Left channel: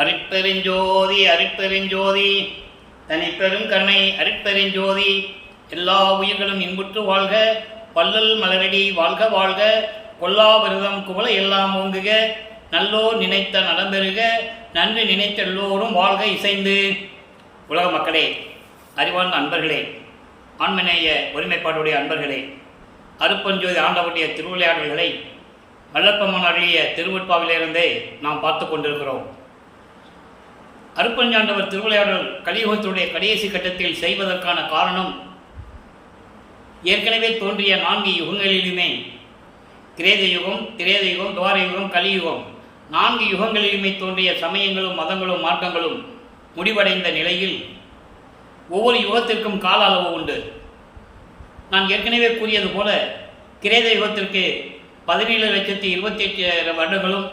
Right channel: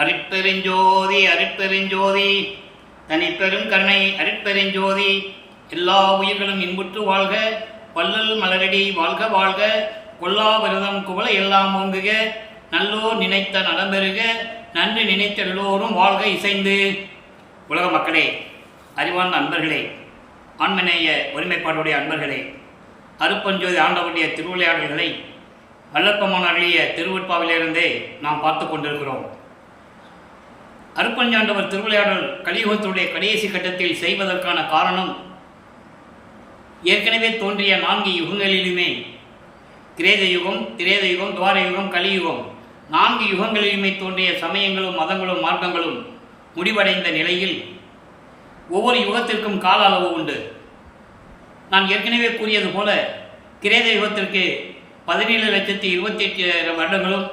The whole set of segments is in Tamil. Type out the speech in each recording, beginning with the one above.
அருட்பெருஞ்சோதி அருட்பெருஞ்சோதி தனிப்பெரும் கருணை அருட்பெருஞ்சோதி. எல்லா உயிர்களும் இன்புற்று வாழ்க, வள்ளல் மலரடி வாழ்க வாழ்க, கொல்லா விரதம் குவள எல்லாம் ஓங்குக, நல்லோர் நினைத்த நடம்பெறுக, நன்றி நினைத்த எல்லோரும் வாழ்க இசைந்து. உலக மக்களே, அறிவார்ந்த அன்பர்களே, ஆன்மநேய ஒருமைப்பாடுடைய அன்பர்களே, அருட்பெருஞ்சோதி ஆண்டவருடைய திருவிளையாடல்களை வல்லற்பமான் அருளிய திருவெட்பாவிலிருந்தே நாம் பார்த்து கொண்டிருக்கிறோம். அருட்பெருஞ்சாண்டவர் திருவிளையாடல் கலியுகத்துடைய கடைசி கட்டத்தில் செய்வதற்கான காரணம், ஏற்கனவே தோன்றிய 4 யுகங்களிலுமே, கிரேத யுகம், திரேத யுகம், துவார யுகம், கலியுகம், 4 யுகங்களிலுமே தோன்றிய சமயங்களும் மதங்களும் மார்க்கங்களும் முடிவடைந்த நிலையில் ஒவ்வொரு யுகத்திற்கும் கால அளவு உண்டு. நான் ஏற்கனவே கூறியது போல கிரேத யுகத்திற்கு 17,28,000 வருடங்களும்,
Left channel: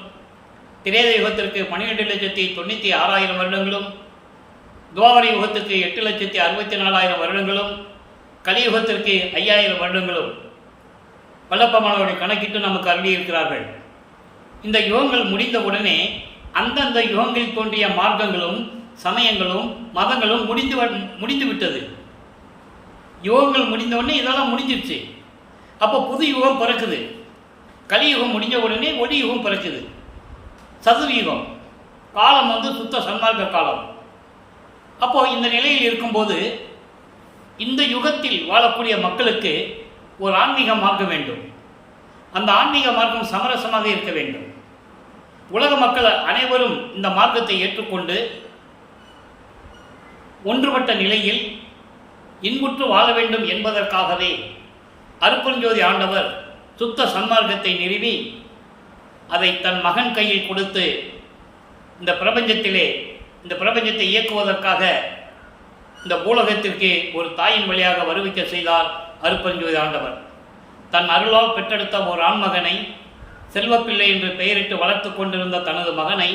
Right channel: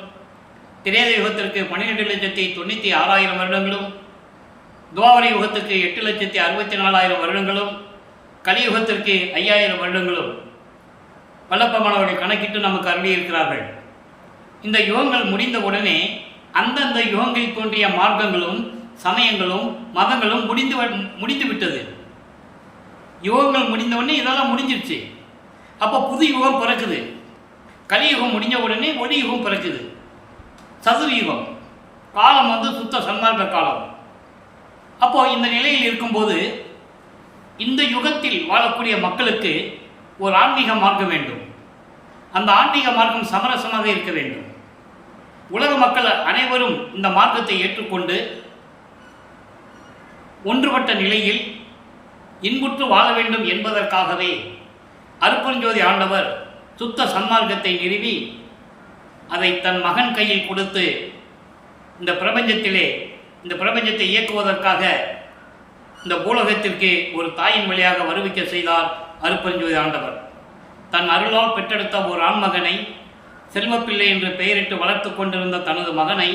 திரேத யுகத்திற்கு 12,96,000 வருடங்களும், துவாபர யுகத்திற்கு 8,64,000 வருடங்களும், கலியுகத்திற்கு 5,000 வருடங்களும் வல்லப்பமானவர்கள் கணக்கிட்டு நமக்கு அருளியிருக்கிறார்கள். இந்த யுகங்கள் முடிந்தவுடனே அந்தந்த யுகங்களில் தோன்றிய மார்க்கங்களும் சமயங்களும் மதங்களும் முடிந்து விட்டது. யுகங்கள் முடிந்தவுடனே இதெல்லாம் முடிஞ்சிருச்சு. அப்போ புது யுகம் பிறக்குது. கலியுகம் முடிஞ்ச உடனே ஒளி யுகம் பிறக்குது. சதுர்யுகம் காலம் சுத்த சன்மார்க்க காலம். அப்போ இந்த நிலையில் இருக்கும்போது இந்த யுகத்தில் வாழக்கூடிய மக்களுக்கு ஒரு ஆன்மீக மார்க்கம் வேண்டும். அந்த ஆன்மீக மார்க்கம் சமரசமாக இருக்க வேண்டும். உலக மக்கள் அனைவரும் இந்த மார்க்கத்தை ஏற்றுக்கொண்டு ஒன்றுபட்ட நிலையில் இன்புற்று வாழ வேண்டும் என்பதற்காகவே அருட்பெருஞ்சோதி ஆண்டவர் சுத்த சன்மார்க்கத்தை நிறுவி அதை தன் மகன் கையில் கொடுத்து இந்த பிரபஞ்சத்தை இயக்குவதற்காக இந்த பூலகத்திற்கு ஒரு தாயின் வழியாக வருவிக்க செய்தார் அருட்பெருஞ்சோதி ஆண்டவர். தன் அருளால் பெற்றெடுத்த ஒரு ஆண்மகனை, செல்வப்பிள்ளை என்று பெயரிட்டு வளர்த்து கொண்டிருந்த தனது மகனை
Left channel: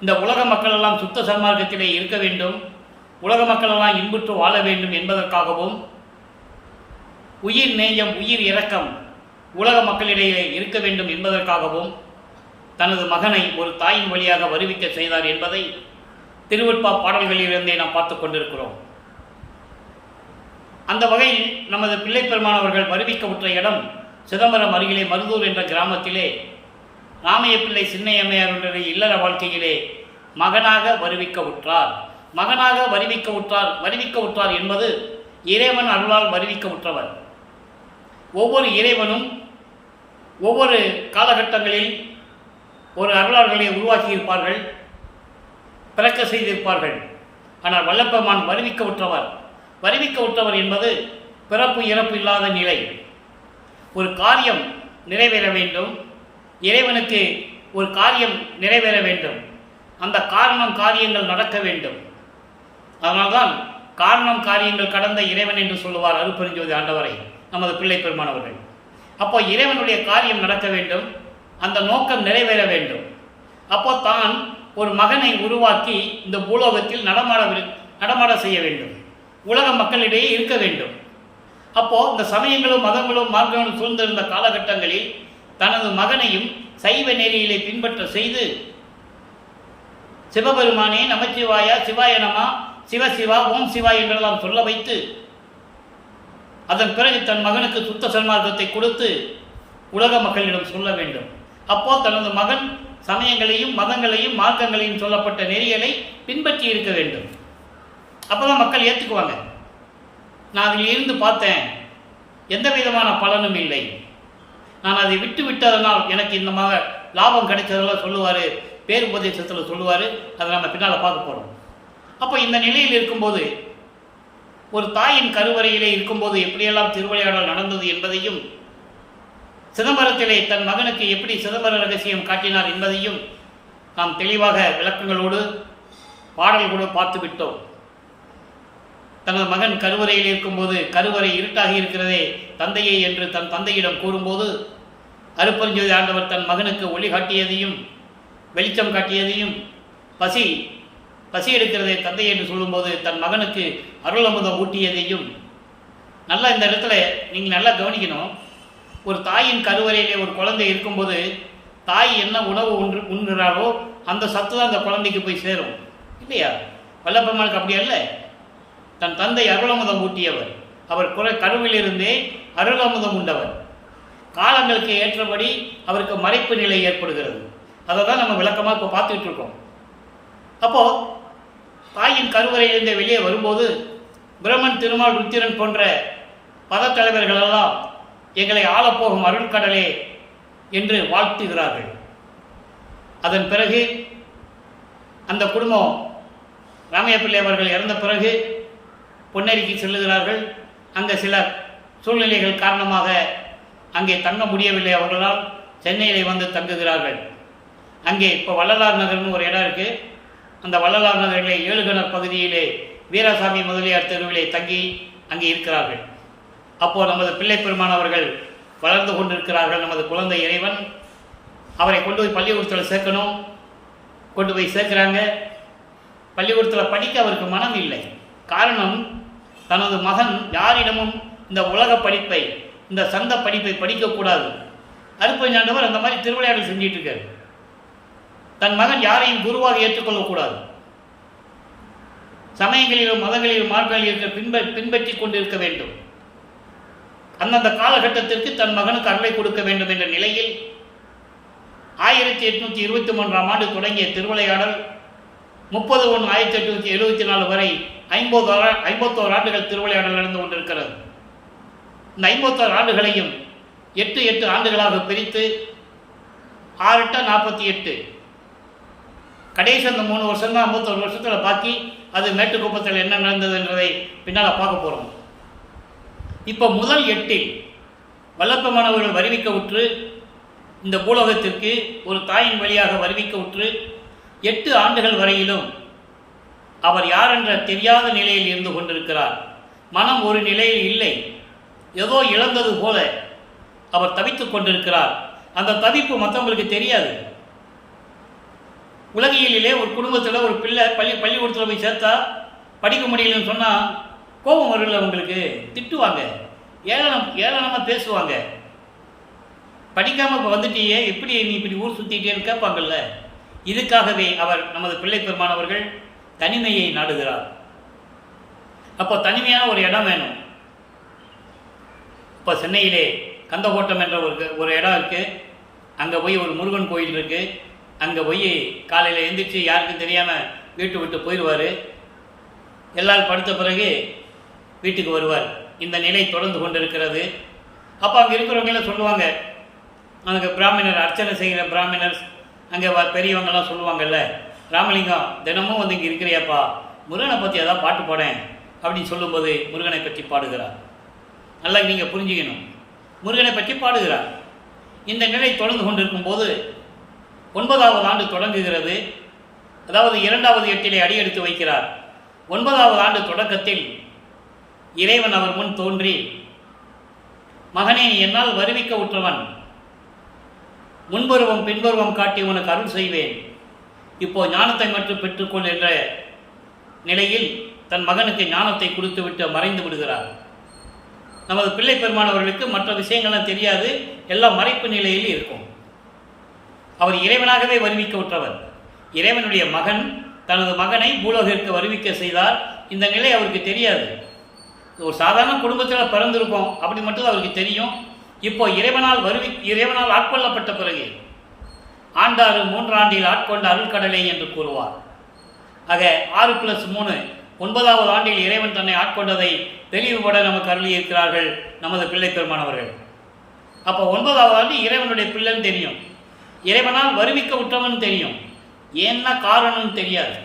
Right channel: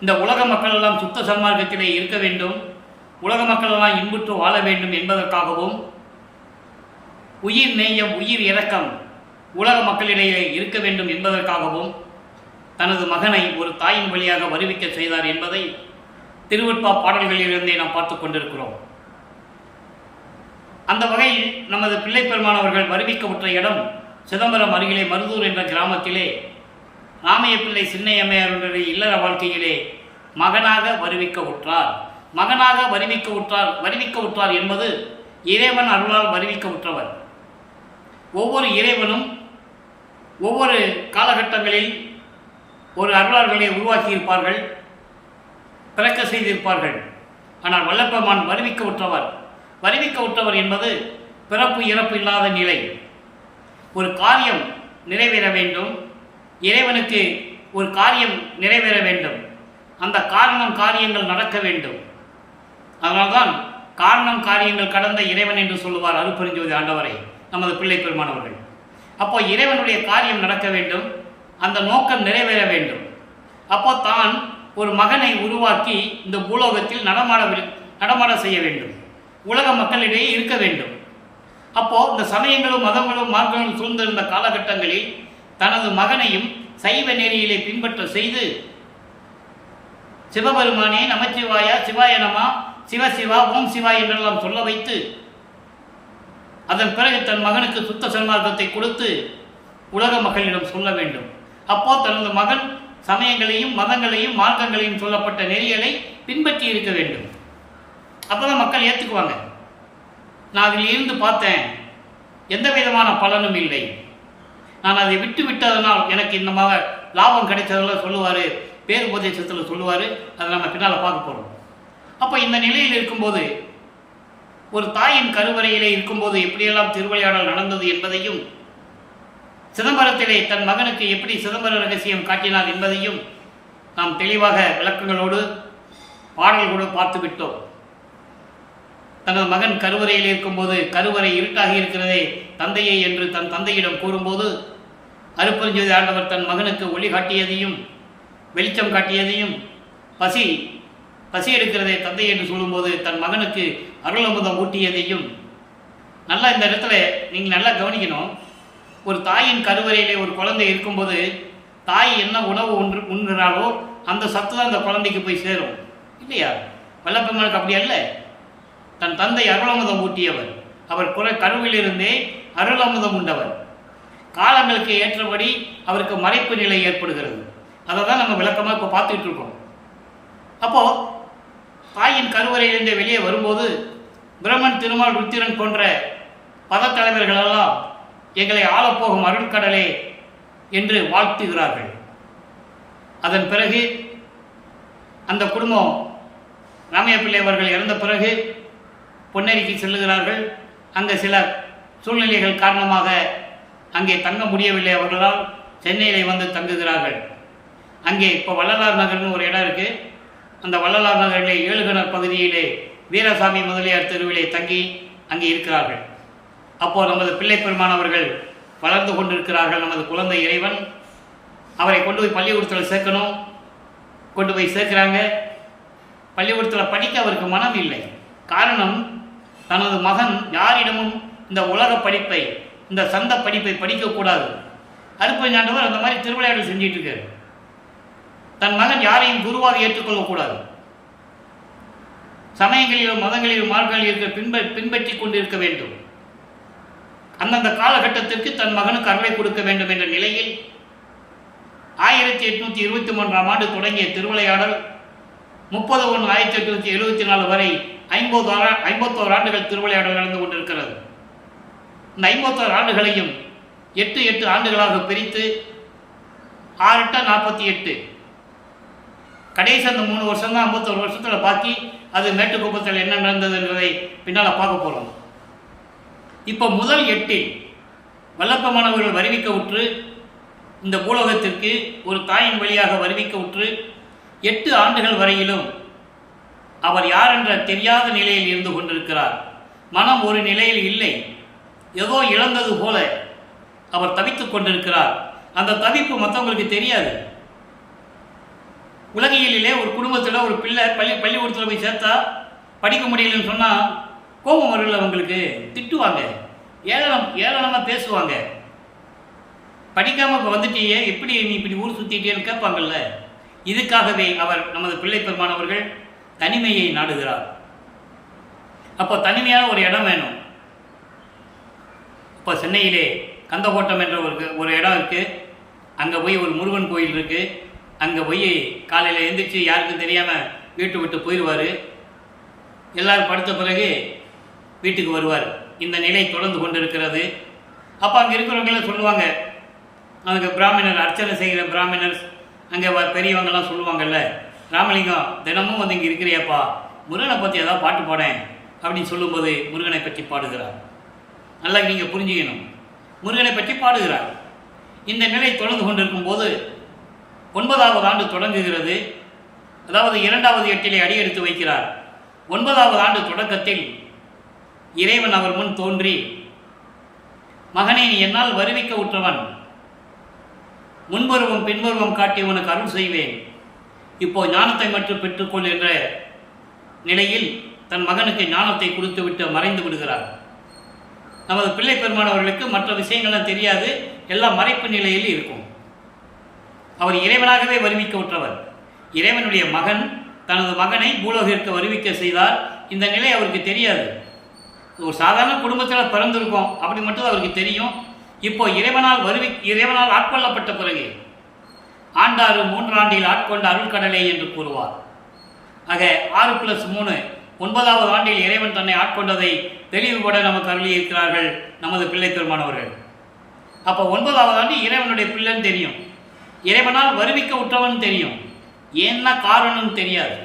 இந்த உலக மக்களெல்லாம் சுத்த சன்மார்க்கத்திலே இருக்க வேண்டும், உலக மக்களெல்லாம் இன்புற்று வாழ வேண்டும் என்பதற்காகவும், உயிர் நேயம் உயிர் இரக்கம் உலக மக்களிடையே இருக்க வேண்டும் என்பதற்காகவும் தனது மகனை ஒரு தாயின் வழியாக வருவிக்க செய்தார் என்பதை திருவெட்பா பாடல்களிலிருந்தே நாம் பார்த்து கொண்டிருக்கிறோம். அந்த வகையில் நமது பிள்ளை பெருமானவர்கள் வருவிக்கவுற்ற இடம் சிதம்பரம் அருகிலே மருதூர் என்ற கிராமத்திலே ராமைய பிள்ளை சின்னையம்மையாருடைய இல்லற வாழ்க்கையிலே மகனாக வருவிக்கவுற்றார். வருவிக்கவுற்றார் என்பது இறைவன் அருளால் வருவிக்கவுற்றவர். ஒவ்வொரு இறைவனும் ஒவ்வொரு காலகட்டங்களில் ஒரு அருளாளர்களை உருவாக்கியிருப்பார்கள், பிறக்க செய்திருப்பார்கள். ஆனால் வல்லப்பெருமான் வருவிக்கவுற்றவர் என்பது பிறப்பு இறப்பு இல்லாத நிலை. ஒரு காரியம் நிறைவேற வேண்டும், இறைவனுக்கு ஒரு காரியம் நிறைவேற வேண்டும், அந்த காரியங்கள் நடக்க வேண்டும். அதனால்தான் காரணம் காரியங்கள் கடந்த இறைவன் என்று சொல்லுவார் அருட்பெருஞ்சோதி ஆண்டவரை நமது பிள்ளை பெருமானவர்கள். அப்போ இறைவனுடைய காரியம் நடக்க வேண்டும், அந்த நோக்கம் நிறைவேற வேண்டும். அப்போ தான் ஒரு மகனை உருவாக்கி இந்த பூலோகத்தில் நடமாட செய்ய வேண்டும், உலக மக்களிடையே இருக்க வேண்டும். அப்போ இந்த சமயங்களும் மதங்களும் மார்க்கங்களும் சூழ்ந்திருந்த காலகட்டங்களில் தனது மகனையும் சைவ நெறியிலே பின்பற்ற செய்து, சிவபெருமானே நமச்சிவாயா, சிவாய நமா, சிவசிவா, ஓம் சிவா என்றெல்லாம் சொல்ல வைத்து, அதன் பிறகு தன் மகனுக்கு சுத்த சன்மார்க்கத்தை கொடுத்து உலக மக்களிடம் சொல்ல வேண்டும். அப்போ தனது மகன் சமயங்களையும் மதங்களையும் மார்க்கங்களையும் சொல்லப்பட்ட நெறிகளை பின்பற்றி இருக்க வேண்டும். அப்போதான் மக்கள் ஏற்றுக்குவாங்க. நான் அதில் இருந்து பார்த்தேன், எந்த விதமான பலனும் இல்லை, நான் அதை விட்டதனால் எனக்கு இந்த லாபம் கிடைச்சதெல்லாம் சொல்லுவார், பேருபதேசத்தில் சொல்லுவார். அதை நம்ம பின்னால் பார்க்க போகிறோம். அப்போ இந்த நிலையில் இருக்கும்போது, ஒரு தாயின் கருவறையிலே இருக்கும்போது எப்படியெல்லாம் திருவிளையாடல் நடந்தது என்பதையும், சிதம்பரத்திலே தன் மகனுக்கு எப்படி சிதம்பர ரகசியம் காட்டினார் என்பதையும் நாம் தெளிவாக விளக்கங்களோடு பாடல்களோடு பார்த்து விட்டோம். தனது மகன் கருவறையில் இருக்கும்போது, கருவறை இருட்டாக இருக்கிறதே தந்தையை என்று தன் தந்தையிடம் கூறும்போது, அருட்பெருஞ்சோதி ஆண்டவர் தன் மகனுக்கு ஒளி காட்டியதையும் வெளிச்சம் காட்டியதையும், பசி எடுக்கிறதே தந்தை என்று சொல்லும்போது தன் மகனுக்கு அருள் அமுதம் ஊட்டியதையும் நல்லா இந்த இடத்துல நீங்கள் நல்லா கவனிக்கணும். ஒரு தாயின் கருவறையிலே ஒரு குழந்தை இருக்கும்போது தாய் என்ன உணவு உண்கிறாளோ அந்த சத்து தான் அந்த குழந்தைக்கு போய் சேரும் இல்லையா? வல்லப்பெருமானுக்கு அப்படி அல்ல. தன் தந்தை அருளமுதம் ஊட்டியவர். அவர் கருவிலிருந்தே அருளமுதம் உண்டவர். காலங்களுக்கு ஏற்றபடி அவருக்கு மறைப்பு நிலை ஏற்படுகிறது. அதை தான் நம்ம விளக்கமாக இப்போ பார்த்துக்கிட்டு இருக்கோம். அப்போது தாயின் கருவறையிலிருந்து வெளியே வரும்போது பிரம்மன், திருமால், ருத்திரன் போன்ற பதத்தலைவர்களெல்லாம் எங்களை ஆளப்போகும் அருள்கடலே என்று வாழ்த்துகிறார்கள். அதன் பிறகு அந்த குடும்பம் ராமையா பிள்ளை அவர்கள் இறந்த பிறகு பொன்னேரிக்கு செல்லுகிறார்கள். அங்கே சில சூழ்நிலைகள் காரணமாக அங்கே தங்க முடியவில்லை. அவர்களால் சென்னையிலே வந்து தங்குகிறார்கள். அங்கே இப்போ வள்ளலார் நகர்னு ஒரு இடம் இருக்குது. அந்த வள்ளலார் நகரிலே ஏழுகணர் பகுதியிலே வீராசாமி முதலியார் தெருவிலே தங்கி அங்கே இருக்கிறார்கள். அப்போது நமது பிள்ளை பெருமானவர்கள் வளர்ந்து கொண்டிருக்கிறார்கள். நமது குழந்தை இறைவன் அவரை கொண்டு போய் பள்ளிக்கூடத்தில் சேர்க்கணும். கொண்டு போய் சேர்க்குறாங்க. பள்ளிக்கூடத்தில் படிக்க அவருக்கு மனம் இல்லை. காரணம், தனது மகன் யாரிடமும் இந்த உலக படிப்பை, இந்த சந்த படிப்பை படிக்கக்கூடாது. அருப்பஞ்சாண்டவர் அந்த மாதிரி திருவிளையாடல் செஞ்சிட்டு இருக்காரு. தன் மகன் யாரையும் குருவாக ஏற்றுக்கொள்ளக்கூடாது. சமயங்களிலும் மதங்களிலும் மார்க்கங்களில் இருக்க பின்பற்றி கொண்டு இருக்க வேண்டும். அந்தந்த காலகட்டத்திற்கு தன் மகனுக்கு அருளை கொடுக்க வேண்டும் என்ற நிலையில் 1823ஆம் ஆண்டு தொடங்கிய திருவிளையாடல் 30/1/1874 வரை 51 ஆண்டுகள் திருவிளையாடல் நடந்து கொண்டிருக்கிறது. இந்த 51 ஆண்டுகளையும் 8 ஆண்டுகளாக பிரித்து 6×8 48 கடைசி அந்த 3 வருஷம் தான் 51 வருஷத்தில் பாக்கி. அது மேட்டுக்குப்பத்தில் என்ன நடந்தது என்பதை பின்னால் பார்க்க போகிறோம். இப்போ முதல் 8இல் வல்லப்பெருமானவர்கள் வருவிக்க உற்று இந்த பூலோகத்திற்கு ஒரு தாயின் வழியாக வருவிக்க உற்று 8 ஆண்டுகள் வரையிலும் அவர் யார் என்ற தெரியாத நிலையில் இருந்து கொண்டிருக்கிறார். மனம் ஒரு நிலையில் இல்லை. ஏதோ இழந்தது போல அவர் தவித்துக் கொண்டிருக்கிறார். அந்த தவிப்பு மற்றவங்களுக்கு தெரியாது. உலகியலிலே ஒரு குடும்பத்தில் ஒரு பிள்ளை பள்ளிக்கூடத்தில் போய் சேர்த்தா படிக்க முடியலன்னு சொன்னால் கோபம் வரல, அவங்களுக்கு திட்டுவாங்க, ஏளனமாக பேசுவாங்க. படிக்காமல் இப்போ வந்துட்டியே, எப்படி நீ இப்படி ஊர் சுற்றிட்டேன்னு கேட்பாங்கல்ல. இதுக்காகவே அவர் நமது பிள்ளை பெருமானவர்கள் தனிமையை நாடுகிறார். அப்போ தனிமையான ஒரு இடம் வேணும். இப்போ சென்னையிலே கந்தகோட்டம் என்ற ஒரு இடம் இருக்குது. அங்கே போய் ஒரு முருகன் கோயில் இருக்குது. அங்கே போய் காலையில் எழுந்திரிச்சு யாருக்கும் தெரியாமல் வீட்டு விட்டு போயிடுவார். எல்லோரும் படுத்த பிறகு வீட்டுக்கு வருவார். இந்த நிலை தொடர்ந்து கொண்டு இருக்கிறது. அப்போ அங்கே இருக்கிறவங்களாம் சொல்லுவாங்க, அங்கே பிராமணர், அர்ச்சனை செய்கிற பிராமணர், அங்கே பெரியவங்கெல்லாம் சொல்லுவாங்கல்ல, ராமலிங்கம் தினமும் வந்து இங்கே இருக்கிறியாப்பா, முருகனை பற்றி ஏதாவது பாட்டு பாடேன் அப்படின்னு சொல்லும்போது முருகனை பற்றி பாடுகிறார். நல்லா நீங்கள் புரிஞ்சுக்கணும், முருகனை பற்றி பாடுகிறார். இந்த நிலை தொடர்ந்து கொண்டிருக்கும்போது 9வது ஆண்டு தொடங்குகிறது. அதாவது 2வது 8இலே அடியெடுத்து வைக்கிறார். 9வது ஆண்டு தொடக்கத்தில் இறைவன் அவர் முன் தோன்றி, மகனே, நீ என்னால் வருவிக்க உற்றவன், முன்பருவம் பின்பருவம் காட்டி உனக்கு அருள் செய்வேன், இப்போ ஞானத்தை மட்டும் பெற்றுக்கொள் என்ற நிலையில் தன் மகனுக்கு ஞானத்தை கொடுத்துவிட்டு மறைந்து விடுகிறார். நமது பிள்ளை பெருமானவர்களுக்கு மற்ற விஷயங்கள்லாம் தெரியாது, எல்லாம் மறைப்பு நிலையில் இருக்கும். அவர் இறைவனாகவே வருவிக்க உற்றவர். இறைவனுடைய மகன் தனது மகனை பூலோகிற்கு வருவிக்க செய்தார். இந்த நிலை அவருக்கு தெரியாது. ஒரு சாதாரண குடும்பத்தில் பிறந்திருக்கோம், அப்படி மட்டும் அவருக்கு தெரியும். இப்போ இறைவனால் ஆட்கொள்ளப்பட்ட பிறகு ஆண்டாறு 3 ஆண்டில் ஆட்கொண்ட அருள்கடலே என்று கூறுவார். ஆக 6+3 9வது ஆண்டில் இறைவன் தன்னை ஆட்கொண்டதை தெளிவுபட நமக்கு அருளியிருக்கிறார்கள் நமது பிள்ளை பெருமானவர்கள். அப்போ 9வது ஆண்டு இறைவனுடைய பிள்ளைன்னு தெரியும், இறைவனால் வருவிக்க உற்றவன் தெரியும். என்ன காரணம் தெரியாது.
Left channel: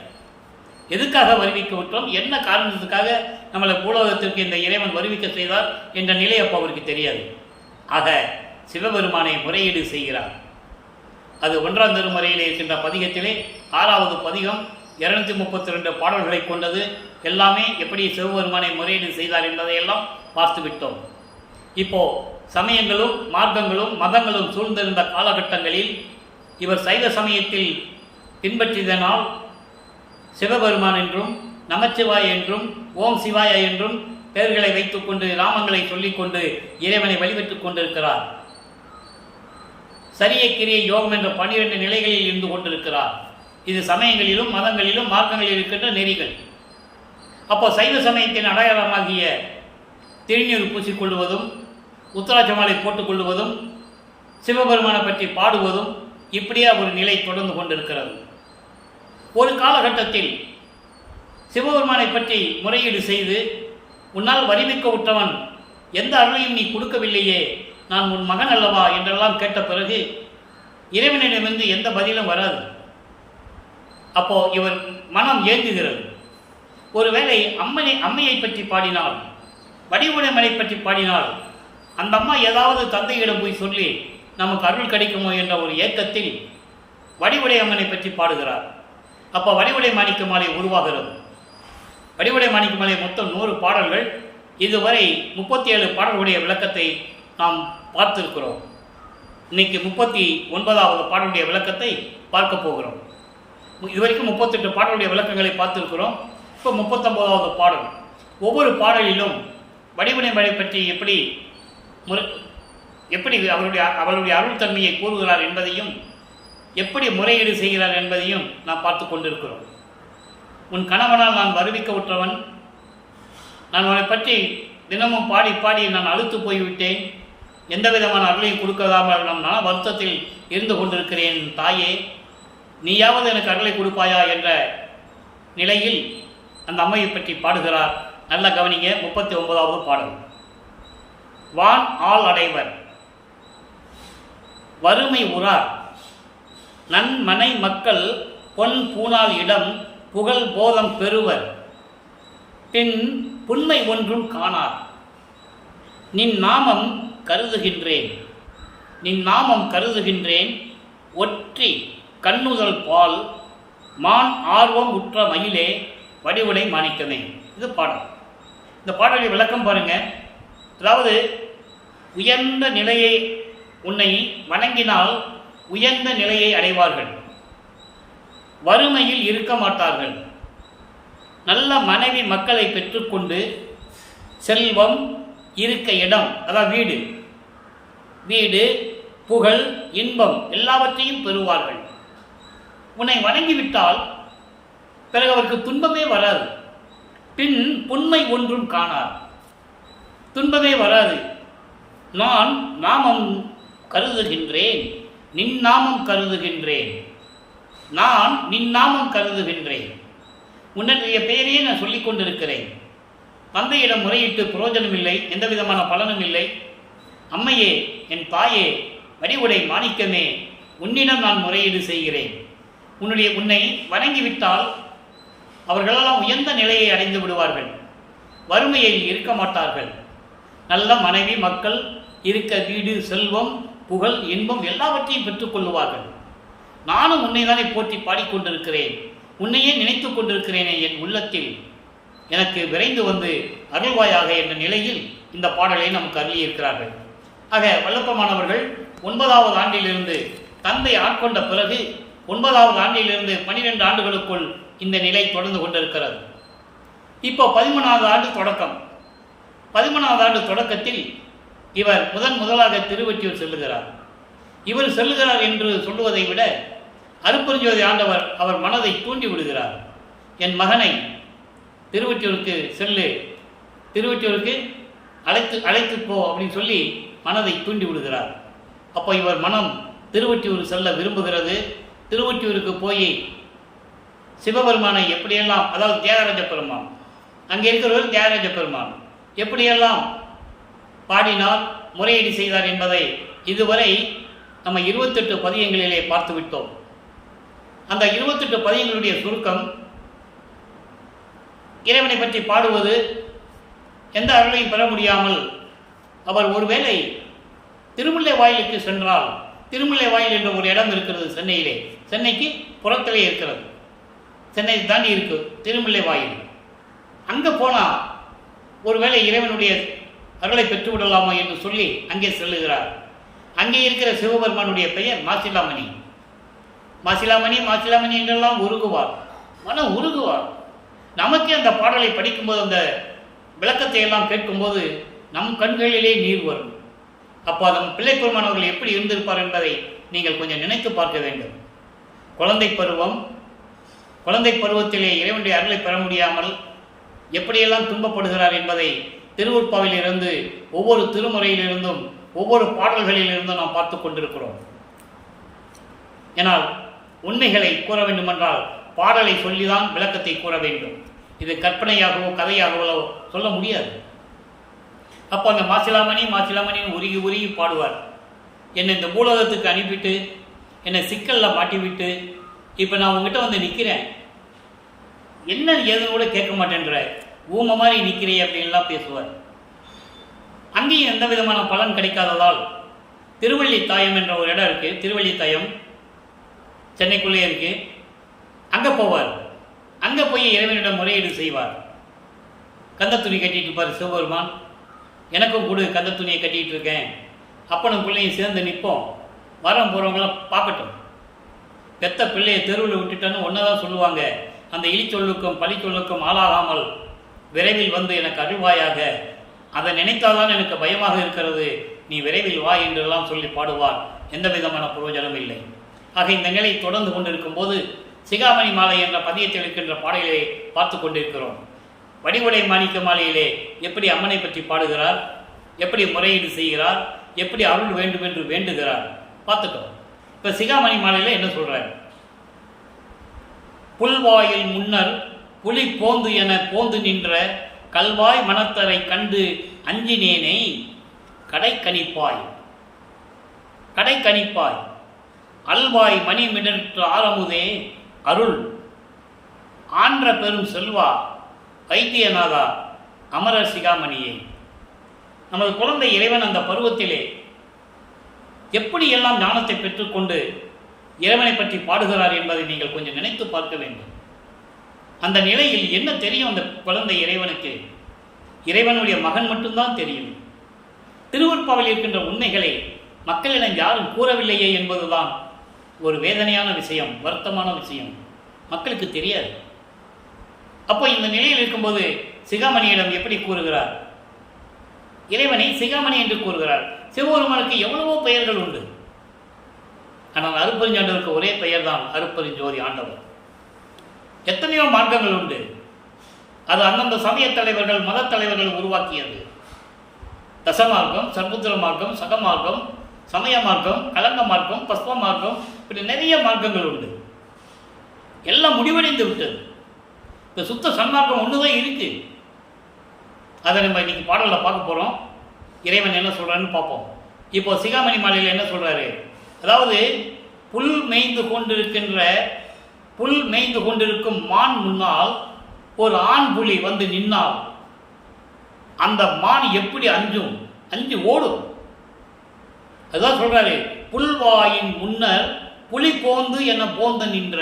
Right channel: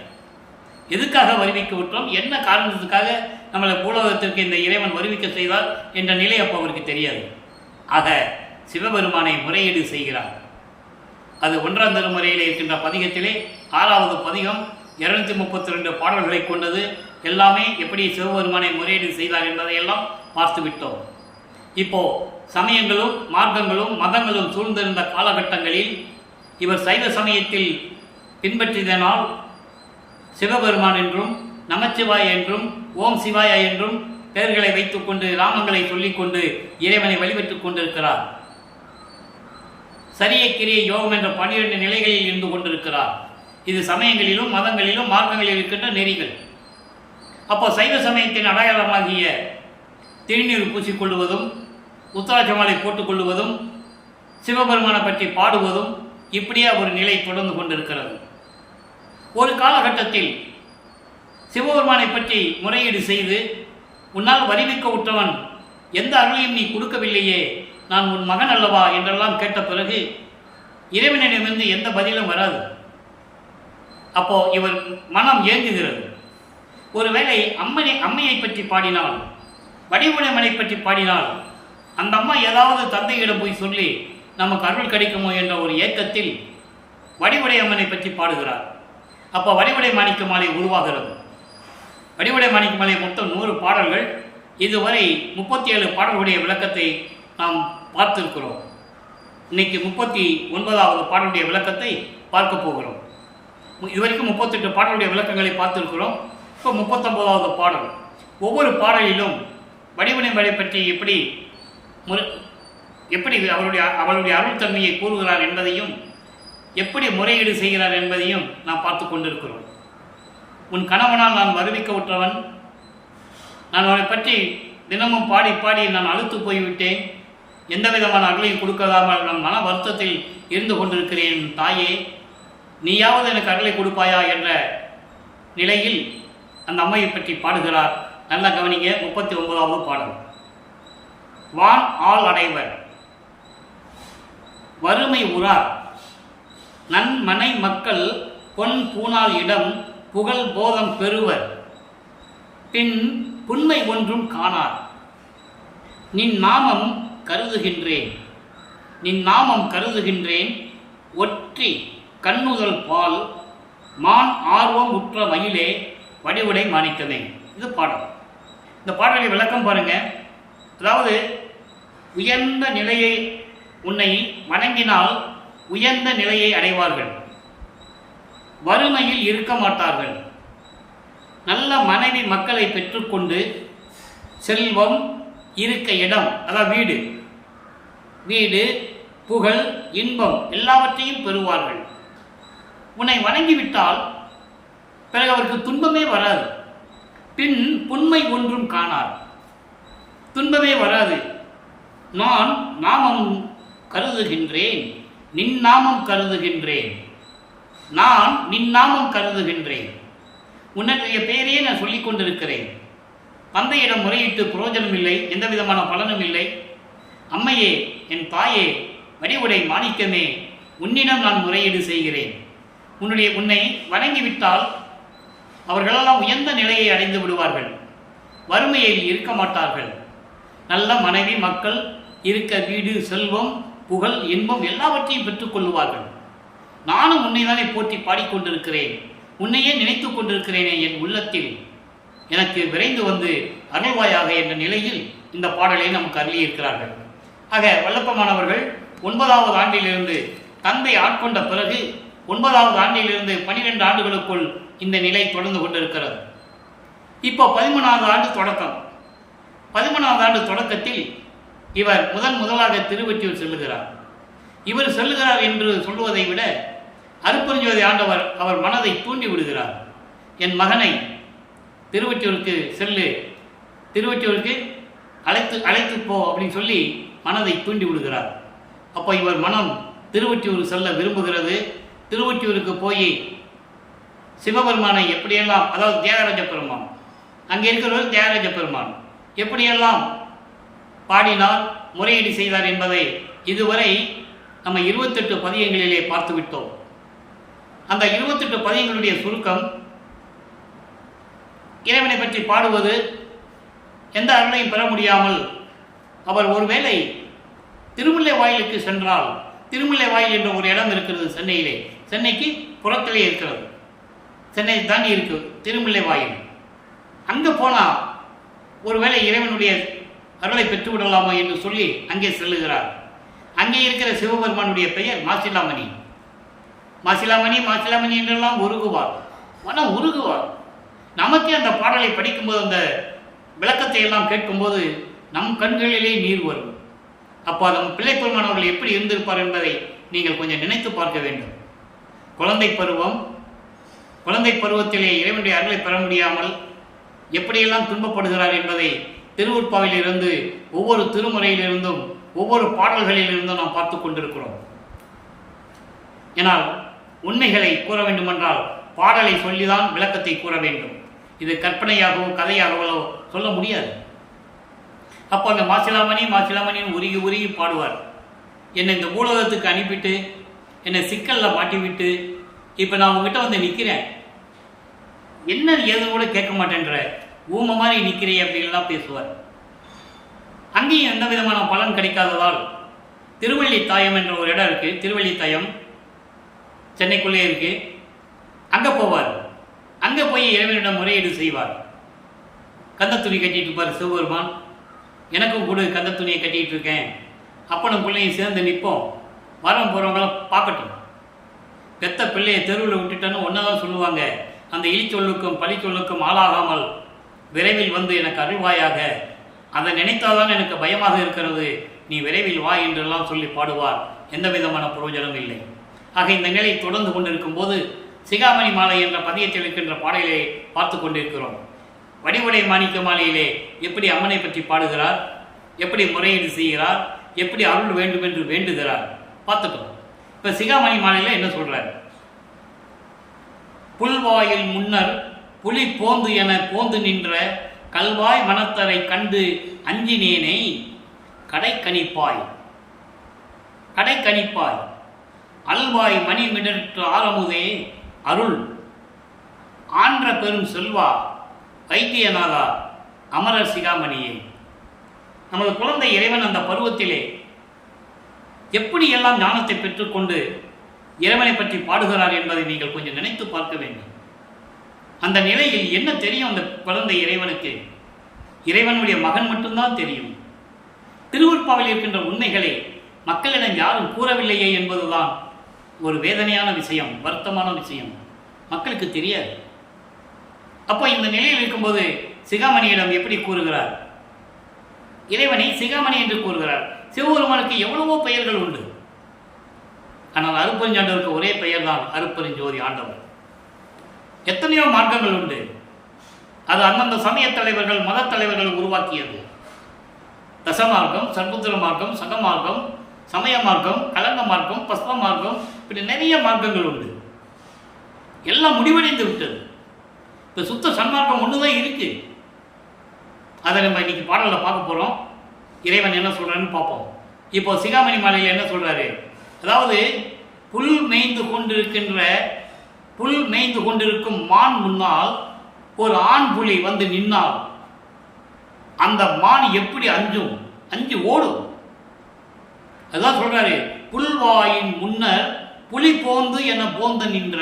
எதுக்காக வருவிக்க விட்டோம், என்ன காரணத்துக்காக நம்மளை பூலோகத்திற்கு இந்த இறைவன் வருவிக்க செய்தார் என்ற நிலை அப்போ அவருக்கு தெரியாது. ஆக சிவபெருமானை முறையீடு செய்கிறார். அது 1ஆம் திருமுறையில் இருக்கின்ற பதிகத்திலே 6வது பதிகம் 232 பாடல்களை கொண்டது. எல்லாமே எப்படி சிவபெருமானை முறையீடு செய்தார் என்பதையெல்லாம் பார்த்து விட்டோம். இப்போ சமயங்களும் மார்க்கங்களும் மதங்களும் சூழ்ந்திருந்த காலகட்டங்களில் இவர் சைவ சமயத்தில் பின்பற்றியதனால் சிவபெருமான் என்றும் நமச்சிவாய என்றும் ஓம் சிவாய என்றும் பெயர்களை வைத்துக்கொண்டு நாமங்களை சொல்லிக்கொண்டு இறைவனை வழிபட்டுக் கொண்டிருக்கிறார். சரிய கிரிய யோகம் என்ற 12 நிலைகளில் இருந்து கொண்டிருக்கிறார். இது சமயங்களிலும் மதங்களிலும் மார்க்கங்களில் இருக்கின்ற நெறிகள். அப்போ சைவ சமயத்தின் அடையாளமாகிய திருநீர் பூசிக்கொள்வதும் உத்தராட்ச மாலை போட்டுக்கொள்வதும் சிவபெருமானை பற்றி பாடுவதும் இப்படியே ஒரு நிலை தொடர்ந்து கொண்டிருக்கிறது. ஒரு காலகட்டத்தில் சிவபெருமானை பற்றி முறையீடு செய்து, உன்னால் வரிவிக்க உற்றவன், எந்த அருளையும் நீ கொடுக்கவில்லையே, நான் உன் மகன் அல்லவா என்றெல்லாம் கேட்ட பிறகு இறைவனிடமிருந்து எந்த பதிலும் வராது. அப்போ இவர் மனம் ஏங்குகிறது. ஒருவேளை அம்மையை பற்றி பாடினால், வடிவுடைமனை பற்றி பாடினால், அந்த அம்மா ஏதாவது தந்தையிடம் போய் சொல்லி நமக்கு அருள் கிடைக்குமோ என்ற ஒரு ஏக்கத்தில் வடிவுடை அம்மனை பற்றி பாடுகிறார். அப்போ வடிவுடை மாணிக்க மாலை உருவாகிறது. வடிவுடை மாணிக்க மாலை மொத்தம் 100 பாடல்கள். இதுவரை 37 பாடல்களுடைய விளக்கத்தை நாம் பார்த்திருக்கிறோம். இன்னைக்கு 39வது பாடலுடைய விளக்கத்தை பார்க்க போகிறோம். இதுவரைக்கும் 38 பாடலுடைய விளக்கங்களை பார்த்திருக்கிறோம். இப்போ 39வது பாடல். ஒவ்வொரு பாடலிலும் வடிவுடை மலை பற்றி எப்படி அவளுடைய அருள் தன்மையை கூறுகிறார் என்பதையும், எப்படி முறையீடு செய்கிறார் என்பதையும் நாம் பார்த்து கொண்டிருக்கிறோம். உன் கணவனால் நான் வருவிக்க உற்றவன், நான் உன்னை பற்றி தினமும் பாடி பாடி நான் அழுத்து போய்விட்டேன், எந்த விதமான அருளையும் கொடுக்காமல் நான் மன வருத்தத்தில் இருந்து கொண்டிருக்கிறேன் தாயே, நீயாவது எனக்கு அருளை கொடுப்பாயா என்ற நிலையில் அந்த அம்மையை பற்றி பாடுகிறார். நல்ல கவனிங்க. 39வது பாடல். வான் ஆள் அடைவர் வறுமை உறார், நன்மனை மக்கள் பொன் பூனால் இடம் புகழ் போதம் பெறுவர், பின் புன்மை ஒன்றும் காணார், நின் நாமம் கருதுகின்றேன் ஒற்றி கண்ணுதல் பால் மான் ஆர்வம் உற்ற மயிலே வடிவுடை மாணிக்கமே. இது பாடல். இந்த பாடலை விளக்கம் பாருங்க. அதாவது உயர்ந்த நிலையை, உன்னை வணங்கினால் உயர்ந்த நிலையை அடைவார்கள், வறுமையில் இருக்க மாட்டார்கள், நல்ல மனைவி மக்களை பெற்றுக்கொண்டு செல்வம், இருக்க இடம், அதாவது வீடு, புகழ், இன்பம் எல்லாவற்றையும் பெறுவார்கள். உன்னை வணங்கிவிட்டால் பிறகு அவருக்கு துன்பமே வராது. பின் புன்மை ஒன்றும் காணார், துன்பமே வராது. நான் நாமம் கருதுகின்றேன், நின் நாமம் கருதுகின்றேன், நான் நின் நாமம் கருதுகின்றேன், உன்னுடைய பெயரையே நான் சொல்லிக் கொண்டிருக்கிறேன். தந்தையிடம் முறையிட்டு பிரயோஜனம் இல்லை, எந்த விதமான பலனும் இல்லை. அம்மையே, என் தாயே, வடிவுடை மாணிக்கமே, உன்னிடம் நான் முறையீடு செய்கிறேன். உன்னை வணங்கிவிட்டால் அவர்களெல்லாம் உயர்ந்த நிலையை அடைந்து விடுவார்கள், வறுமையில் இருக்க மாட்டார்கள், நல்ல மனைவி மக்கள், இருக்க வீடு, செல்வம், புகழ், இன்பம் எல்லாவற்றையும் பெற்றுக்கொள்ளுவார்கள். நானும் உன்னை தானே போற்றி பாடிக்கொண்டிருக்கிறேன், உன்னையே நினைத்து கொண்டிருக்கிறேனே என் உள்ளத்தில், எனக்கு விரைந்து வந்து அருள்வாயாக என்ற நிலையில் இந்த பாடலை நமக்கு அருளியிருக்கிறார்கள். ஆக வல்லப்பமானவர்கள் 9வது ஆண்டிலிருந்து தந்தை ஆட்கொண்ட பிறகு 9வது ஆண்டிலிருந்து 12 ஆண்டுகளுக்குள் இந்த நிலை தொடர்ந்து கொண்டிருக்கிறது. இப்போ 13வது ஆண்டு தொடக்கம். 13வது ஆண்டு தொடக்கத்தில் இவர் முதலாக திருவொற்றியூர் செல்லுகிறார். இவர் செல்லுகிறார் என்று சொல்லுவதை விட அருட்பெருஞ்சோதி ஆண்டவர் அவர் மனதை தூண்டி விடுகிறார். என் மகனை திருவொற்றியூருக்கு செல்லு, திருவொற்றியூருக்கு அழைத்து போ அப்படின்னு சொல்லி மனதை தூண்டி விடுகிறார். அப்போ இவர் மனம் திருவொற்றியூர் செல்ல விரும்புகிறது. திருவொற்றியூருக்கு போய் சிவபெருமானை எப்படியெல்லாம், அதாவது தியாகராஜ பெருமான், அங்கே இருக்கிறவர் தியாகராஜ பெருமான் எப்படியெல்லாம் பாடினார், முறையீடு செய்தார் என்பதை இதுவரை நம்ம 28 பதியங்களிலே பார்த்து விட்டோம். அந்த 28 பதியங்களுடைய சுருக்கம், இறைவனை பற்றி பாடுவது, எந்த அருளையும் பெற முடியாமல் அவர் ஒருவேளை திருமுல்லை வாயிலுக்கு சென்றால், திருமுல்லை வாயில் என்ற ஒரு இடம் இருக்கிறது சென்னையிலே, சென்னைக்கு புறத்திலே இருக்கிறது, சென்னை தாண்டி இருக்கு திருமுல்லை வாயில். அங்கே போனால் ஒருவேளை இறைவனுடைய அருளை பெற்றுவிடலாமா என்று சொல்லி அங்கே செல்லுகிறார். அங்கே இருக்கிற சிவபெருமானுடைய பெயர் மாசிலாமணி. மாசிலாமணி மாசிலாமணி என்றெல்லாம் உருகுவார், மனம் உருகுவார். நமக்கே அந்த பாடலை படிக்கும்போது, அந்த விளக்கத்தை எல்லாம் கேட்கும்போது நம் கண்களிலே நீர் வரும். அப்போ நம் பிள்ளை பெருமானவர்கள் எப்படி இருந்திருப்பார் என்பதை நீங்கள் கொஞ்சம் நினைத்து பார்க்க வேண்டும். குழந்தை பருவம், குழந்தை பருவத்திலே இறைவனுடைய அருளை பெற முடியாமல் எப்படியெல்லாம் துன்பப்படுகிறார் என்பதை திருவுற்பாவிலிருந்து ஒவ்வொரு திருமுறையிலிருந்தும் ஒவ்வொரு பாடல்களிலிருந்தும் நாம் பார்த்து கொண்டிருக்கிறோம். ஏனால் உண்மைகளை கூற வேண்டுமென்றால் பாடலை சொல்லிதான் விளக்கத்தை கூற வேண்டும். இது கற்பனையாகவோ கதையாகவோ சொல்ல முடியாது. அப்போ அந்த மாசிலாமணின்னு உருகி உருகி பாடுவார். என்னை இந்த பூலோகத்துக்கு அனுப்பிட்டு என்னை சிக்கலில் மாட்டிவிட்டு இப்போ நான் உங்ககிட்ட வந்து நிற்கிறேன், என்ன ஏதுன்னு கூட கேட்க மாட்டேன்ற, ஊமை மாதிரி நிற்கிறே அப்படின்லாம் பேசுவார். அங்கேயும் எந்த விதமான பலன் கிடைக்காததால் திருவள்ளித்தாயம் என்ற ஒரு இடம் இருக்குது, திருவள்ளித்தாயம் சென்னைக்குள்ளே இருக்குது, அங்கே போவார். அங்கே போய் இறைவனிடம் முறையீடு செய்வார். கந்த துணி கட்டிகிட்டு இருப்பார் சிவபெருமான். எனக்கும் கொடு, கந்த துணியை கட்டிகிட்டு இருக்கேன், அப்பனும் பிள்ளையும் சேர்ந்து நிற்போம், வரம் போகிறவங்களாம் பார்க்கட்டும். பெத்த பிள்ளையை தெருவில் விட்டுட்டேன்னு ஒன்றை தான் சொல்லுவாங்க, அந்த இழிச்சொல்லுக்கும் பழிச்சொல்லுக்கும் ஆளாகாமல் விரைவில் வந்து எனக்கு அருள்வாயாக, அதை நினைத்தால்தான் எனக்கு பயமாக இருக்கிறது, நீ விரைவில் வா என்றெல்லாம் சொல்லி பாடுவார். எந்த விதமான பிரயோஜனம் இல்லை. ஆக இந்த நிலை தொடர்ந்து கொண்டிருக்கும் போது சிகாமணி மாலை என்ற பதியத்தில் இருக்கின்ற பாடலை பார்த்து கொண்டிருக்கிறோம். வடிவுடை மாணிக்க மாலையிலே எப்படி அம்மனை பற்றி பாடுகிறார், எப்படி முறையீடு செய்கிறார், எப்படி அருள் வேண்டும் என்று வேண்டுகிறார் பார்த்துட்டோம். இப்போ சிகாமணி மாலையில் என்ன சொல்றார்? புல்வாயில் முன்னர் புலி போந்து என போந்து நின்ற கல்வாய் மனத்தரை கண்டு அஞ்சினேனை கடைக்கணிப்பாய் கடைக்கணிப்பாய் அல்வாய் மணி மிடற்று ஆரமுதே அருள் ஆன்ற பெரும் செல்வா வைத்தியநாதா அமரர் சிகாமணியே. நமது குழந்தை இறைவன் அந்த பருவத்திலே எப்படியெல்லாம் ஞானத்தை பெற்றுக்கொண்டு இறைவனை பற்றி பாடுகிறார் என்பதை நீங்கள் கொஞ்சம் நினைத்து பார்க்க வேண்டும். அந்த நிலையில் என்ன தெரியும் அந்த குழந்தை இறைவனுக்கு? இறைவனுடைய மகன் மட்டும்தான் தெரியும். திருவுற்பாவில் இருக்கின்ற உண்மைகளை மக்களிடம் யாரும் கூறவில்லையே என்பதுதான் ஒரு வேதனையான விஷயம், வருத்தமான விஷயம். மக்களுக்கு தெரியாது. அப்போ இந்த நிலையில் இருக்கும்போது சிகாமணியிடம் எப்படி கூறுகிறார்? இறைவனை சிகாமணி என்று கூறுகிறார். சிவபெருமானுக்கு எவ்வளவோ பெயர்கள் உண்டு. ஆனால் அருப்பெருஞ்சாண்டவருக்கு ஒரே பெயர் தான் அருப்பெருஞ்சோதி ஆண்டவர். எத்தனையோ மார்க்கங்கள் உண்டு. அது அந்தந்த சமய தலைவர்கள் மத தலைவர்கள் உருவாக்கியது. தசமார்க்கம், சர்புத்திர மார்க்கம், சகமார்க்கம், சமய மார்க்கம், கலங்க மார்க்கம், பஸ்ம மார்க்கம், இப்படி நிறைய மார்க்கங்கள் உண்டு. எல்லாம் முடிவடைந்து விட்டது. இப்போ சுத்த சன்மார்க்கம் ஒன்று தான் இருக்கு. அதை நம்ம இன்னைக்கு பாடலில் பார்க்க போகிறோம். இறைவன் என்ன சொல்கிறான்னு பார்ப்போம். இப்போ சிகாமணி மாலையில் என்ன சொல்கிறாரு? அதாவது புல் மேய்ந்து கொண்டிருக்கும் மான் முன்னால் ஒரு ஆண் புலி வந்து நின்னால் அந்த மான் எப்படி அஞ்சு ஓடும். அதுதான் சொல்றாரு, புல்வாயின் முன்னர் புலி போந்து என போந்த நின்ற.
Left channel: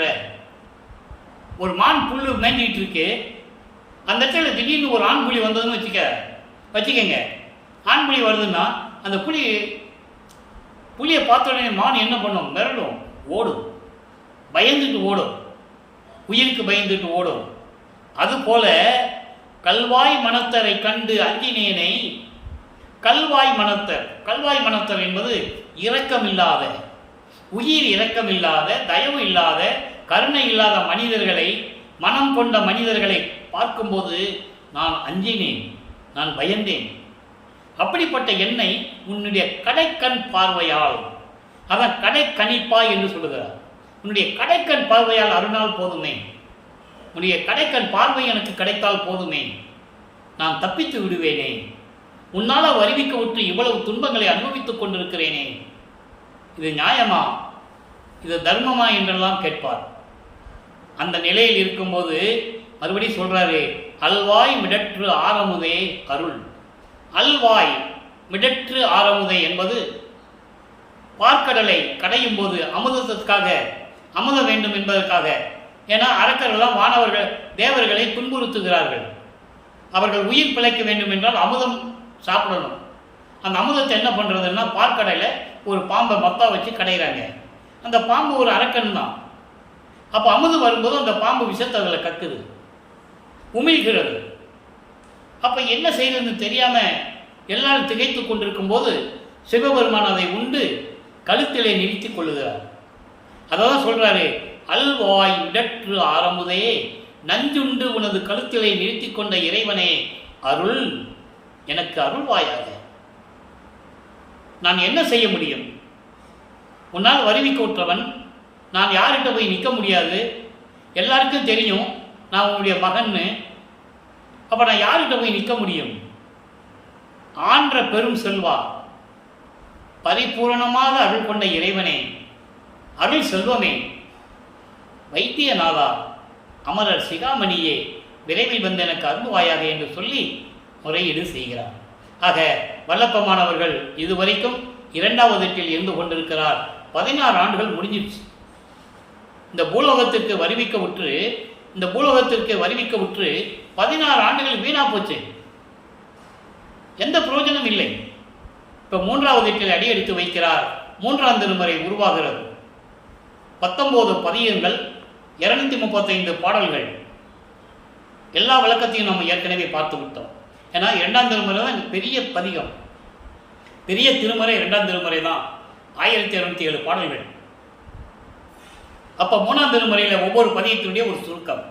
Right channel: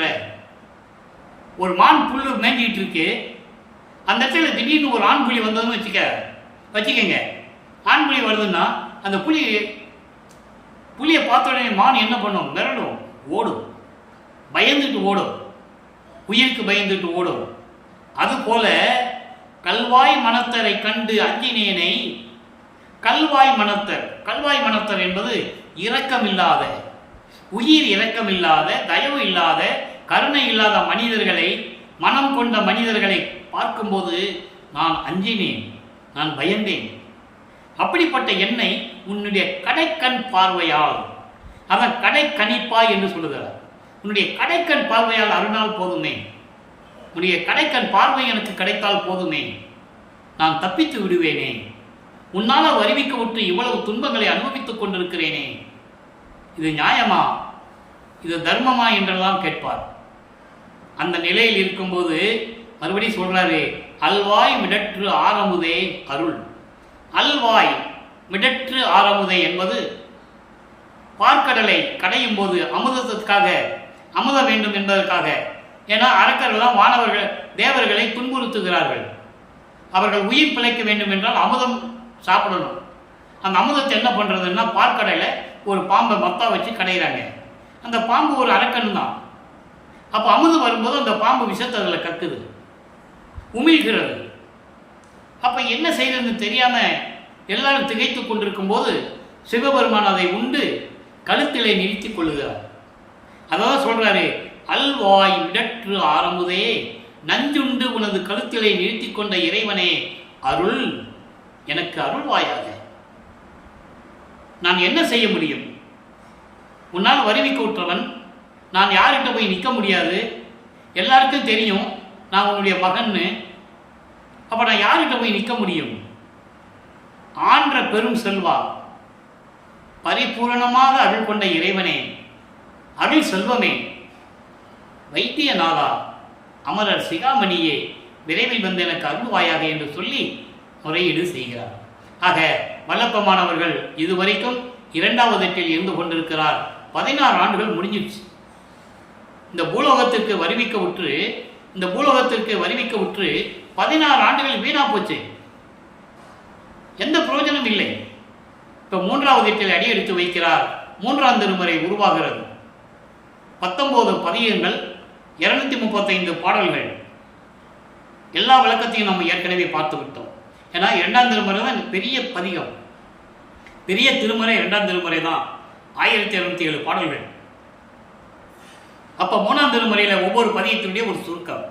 ஒரு மான் புல்லு மேய்ஞ்சிக்கிட்டு இருக்கு, அந்த இடத்துல திடீர்னு ஒரு ஆண் புலி வந்ததுன்னு வச்சுக்கங்க. ஆண் புலி வருதுன்னா அந்த புலியை பார்த்த உடனே மான் என்ன பண்ணும்? மிரடும், ஓடும், பயந்துட்டு ஓடும், உயிருக்கு பயந்துட்டு ஓடும். அதுபோல கல்வாய் மனத்தரை கண்டு அஞ்சினேனை. கல்வாய் மனத்தர் என்பது இரக்கமில்லாத, உயிர் இரக்கமில்லாத, தயவு இல்லாத, கருணை இல்லாத மனிதர்களை, மனம் கொண்ட மனிதர்களை பார்க்கும்போது நான் அஞ்சினேன், நான் பயந்தேன். அப்படிப்பட்ட என்னை உன்னுடைய கடைக்கண் பார்வையால், அதன் கடைக்கணிப்பாய் என்று சொல்லுகிறார். உன்னுடைய கடைக்கண் பார்வையால் அருணால் போதுமே, உன்னுடைய கடைக்கண் பார்வை எனக்கு கிடைத்தால் போதுமே, நான் தப்பித்து விடுவேனே. உன்னால் வருவிக்க விட்டு இவ்வளவு துன்பங்களை அனுபவித்துக் கொண்டிருக்கிறேனே, இது நியாயமா, இது தர்மமா என்றெல்லாம் கேட்பார். அந்த நிலையில் இருக்கும்போது மறுபடியும் சொல்றாரு, அல்வாய் மிடற்று ஆரமுதே அருள். அல்வாய் மிடற்று ஆரமுதை என்பது பார்க்கடலை கடையும் போது அமுதத்திற்காக, அமுதம் வேண்டும் என்பதற்காக. ஏன்னா அரக்கர்கள்லாம் வானவர்கள் தேவர்களை துன்புறுத்துகிறார்கள். அவர்கள் உயிர் பிழைக்க வேண்டும் என்றால் அமுதம் சாப்பிடணும். அந்த அமுதத்தை என்ன பண்ணுறதுன்னா பார்க்கடையில் ஒரு பாம்பை மத்தா வச்சு கடைகிறாங்க. அந்த பாம்பு ஒரு அரக்கன் தான். அப்போ அமுதம் வரும்போது அந்த பாம்பு விஷத்தை அதில் கக்குது, உமிழ்கிறது. அப்போ என்ன செய்யறதுன்னு தெரியாமல் எல்லாரும் திகைத்து கொண்டிருக்கும் போது சிவபெருமான் அதை உண்டு கழுத்திலே நிறுத்தி கொள்ளுகிறார். அதான் சொல்றாரு, அல்வாய் மிடற்று ஆரமுதே நஞ்சுண்டு உனது கழுத்திலை நிறுத்தி கொண்ட இறைவனே அருள், எனக்கு அருள்வாயாக. நான் என்ன செய்ய முடியும்? உன்னால் வருவிக்க உற்றவன் நான். யார்கிட்ட போய் நிற்க முடியாது. எல்லாருக்கும் தெரியும் நான் உன்னுடைய மகன்னு. அப்போ நான் யார்கிட்ட போய் நிற்க முடியும்? ஆன்ற பெரும் செல்வா, பரிபூரணமாக அருள் கொண்ட இறைவனே, அருள் செல்வமே, வைத்தியநாதா, அமரர் சிகாமணியே, விரைவில் வந்து எனக்கு அருள்வாயாக என்று சொல்லி முறையீடு செய்கிறார். ஆக வல்லப்பமானவர்கள் இதுவரைக்கும் 2வது எட்டில் இருந்து கொண்டிருக்கிறார். 16 ஆண்டுகள் முடிஞ்சிடுச்சு. இந்த பூலோகத்திற்கு வருவிக்க உற்று 16 ஆண்டுகள் வீணா போச்சு. எந்த பிரயோஜனம் இல்லை. இப்போ 3வது எட்டில் அடி எடுத்து வைக்கிறார். 3ஆம் திருமுறை உருவாகிறது. 19 பதிகங்கள், 235 பாடல்கள். எல்லா விளக்கத்தையும் நம்ம ஏற்கனவே பார்த்து விட்டோம். ஏன்னா 2ஆம் திருமுறை தான் பெரிய பதிகம், பெரிய திருமுறை 2ஆம் திருமுறை தான். 1207 பாடல்கள். அப்போ 3ஆம் திருமுறையில் ஒவ்வொரு பதிகத்தினுடைய ஒரு சுருக்கம்.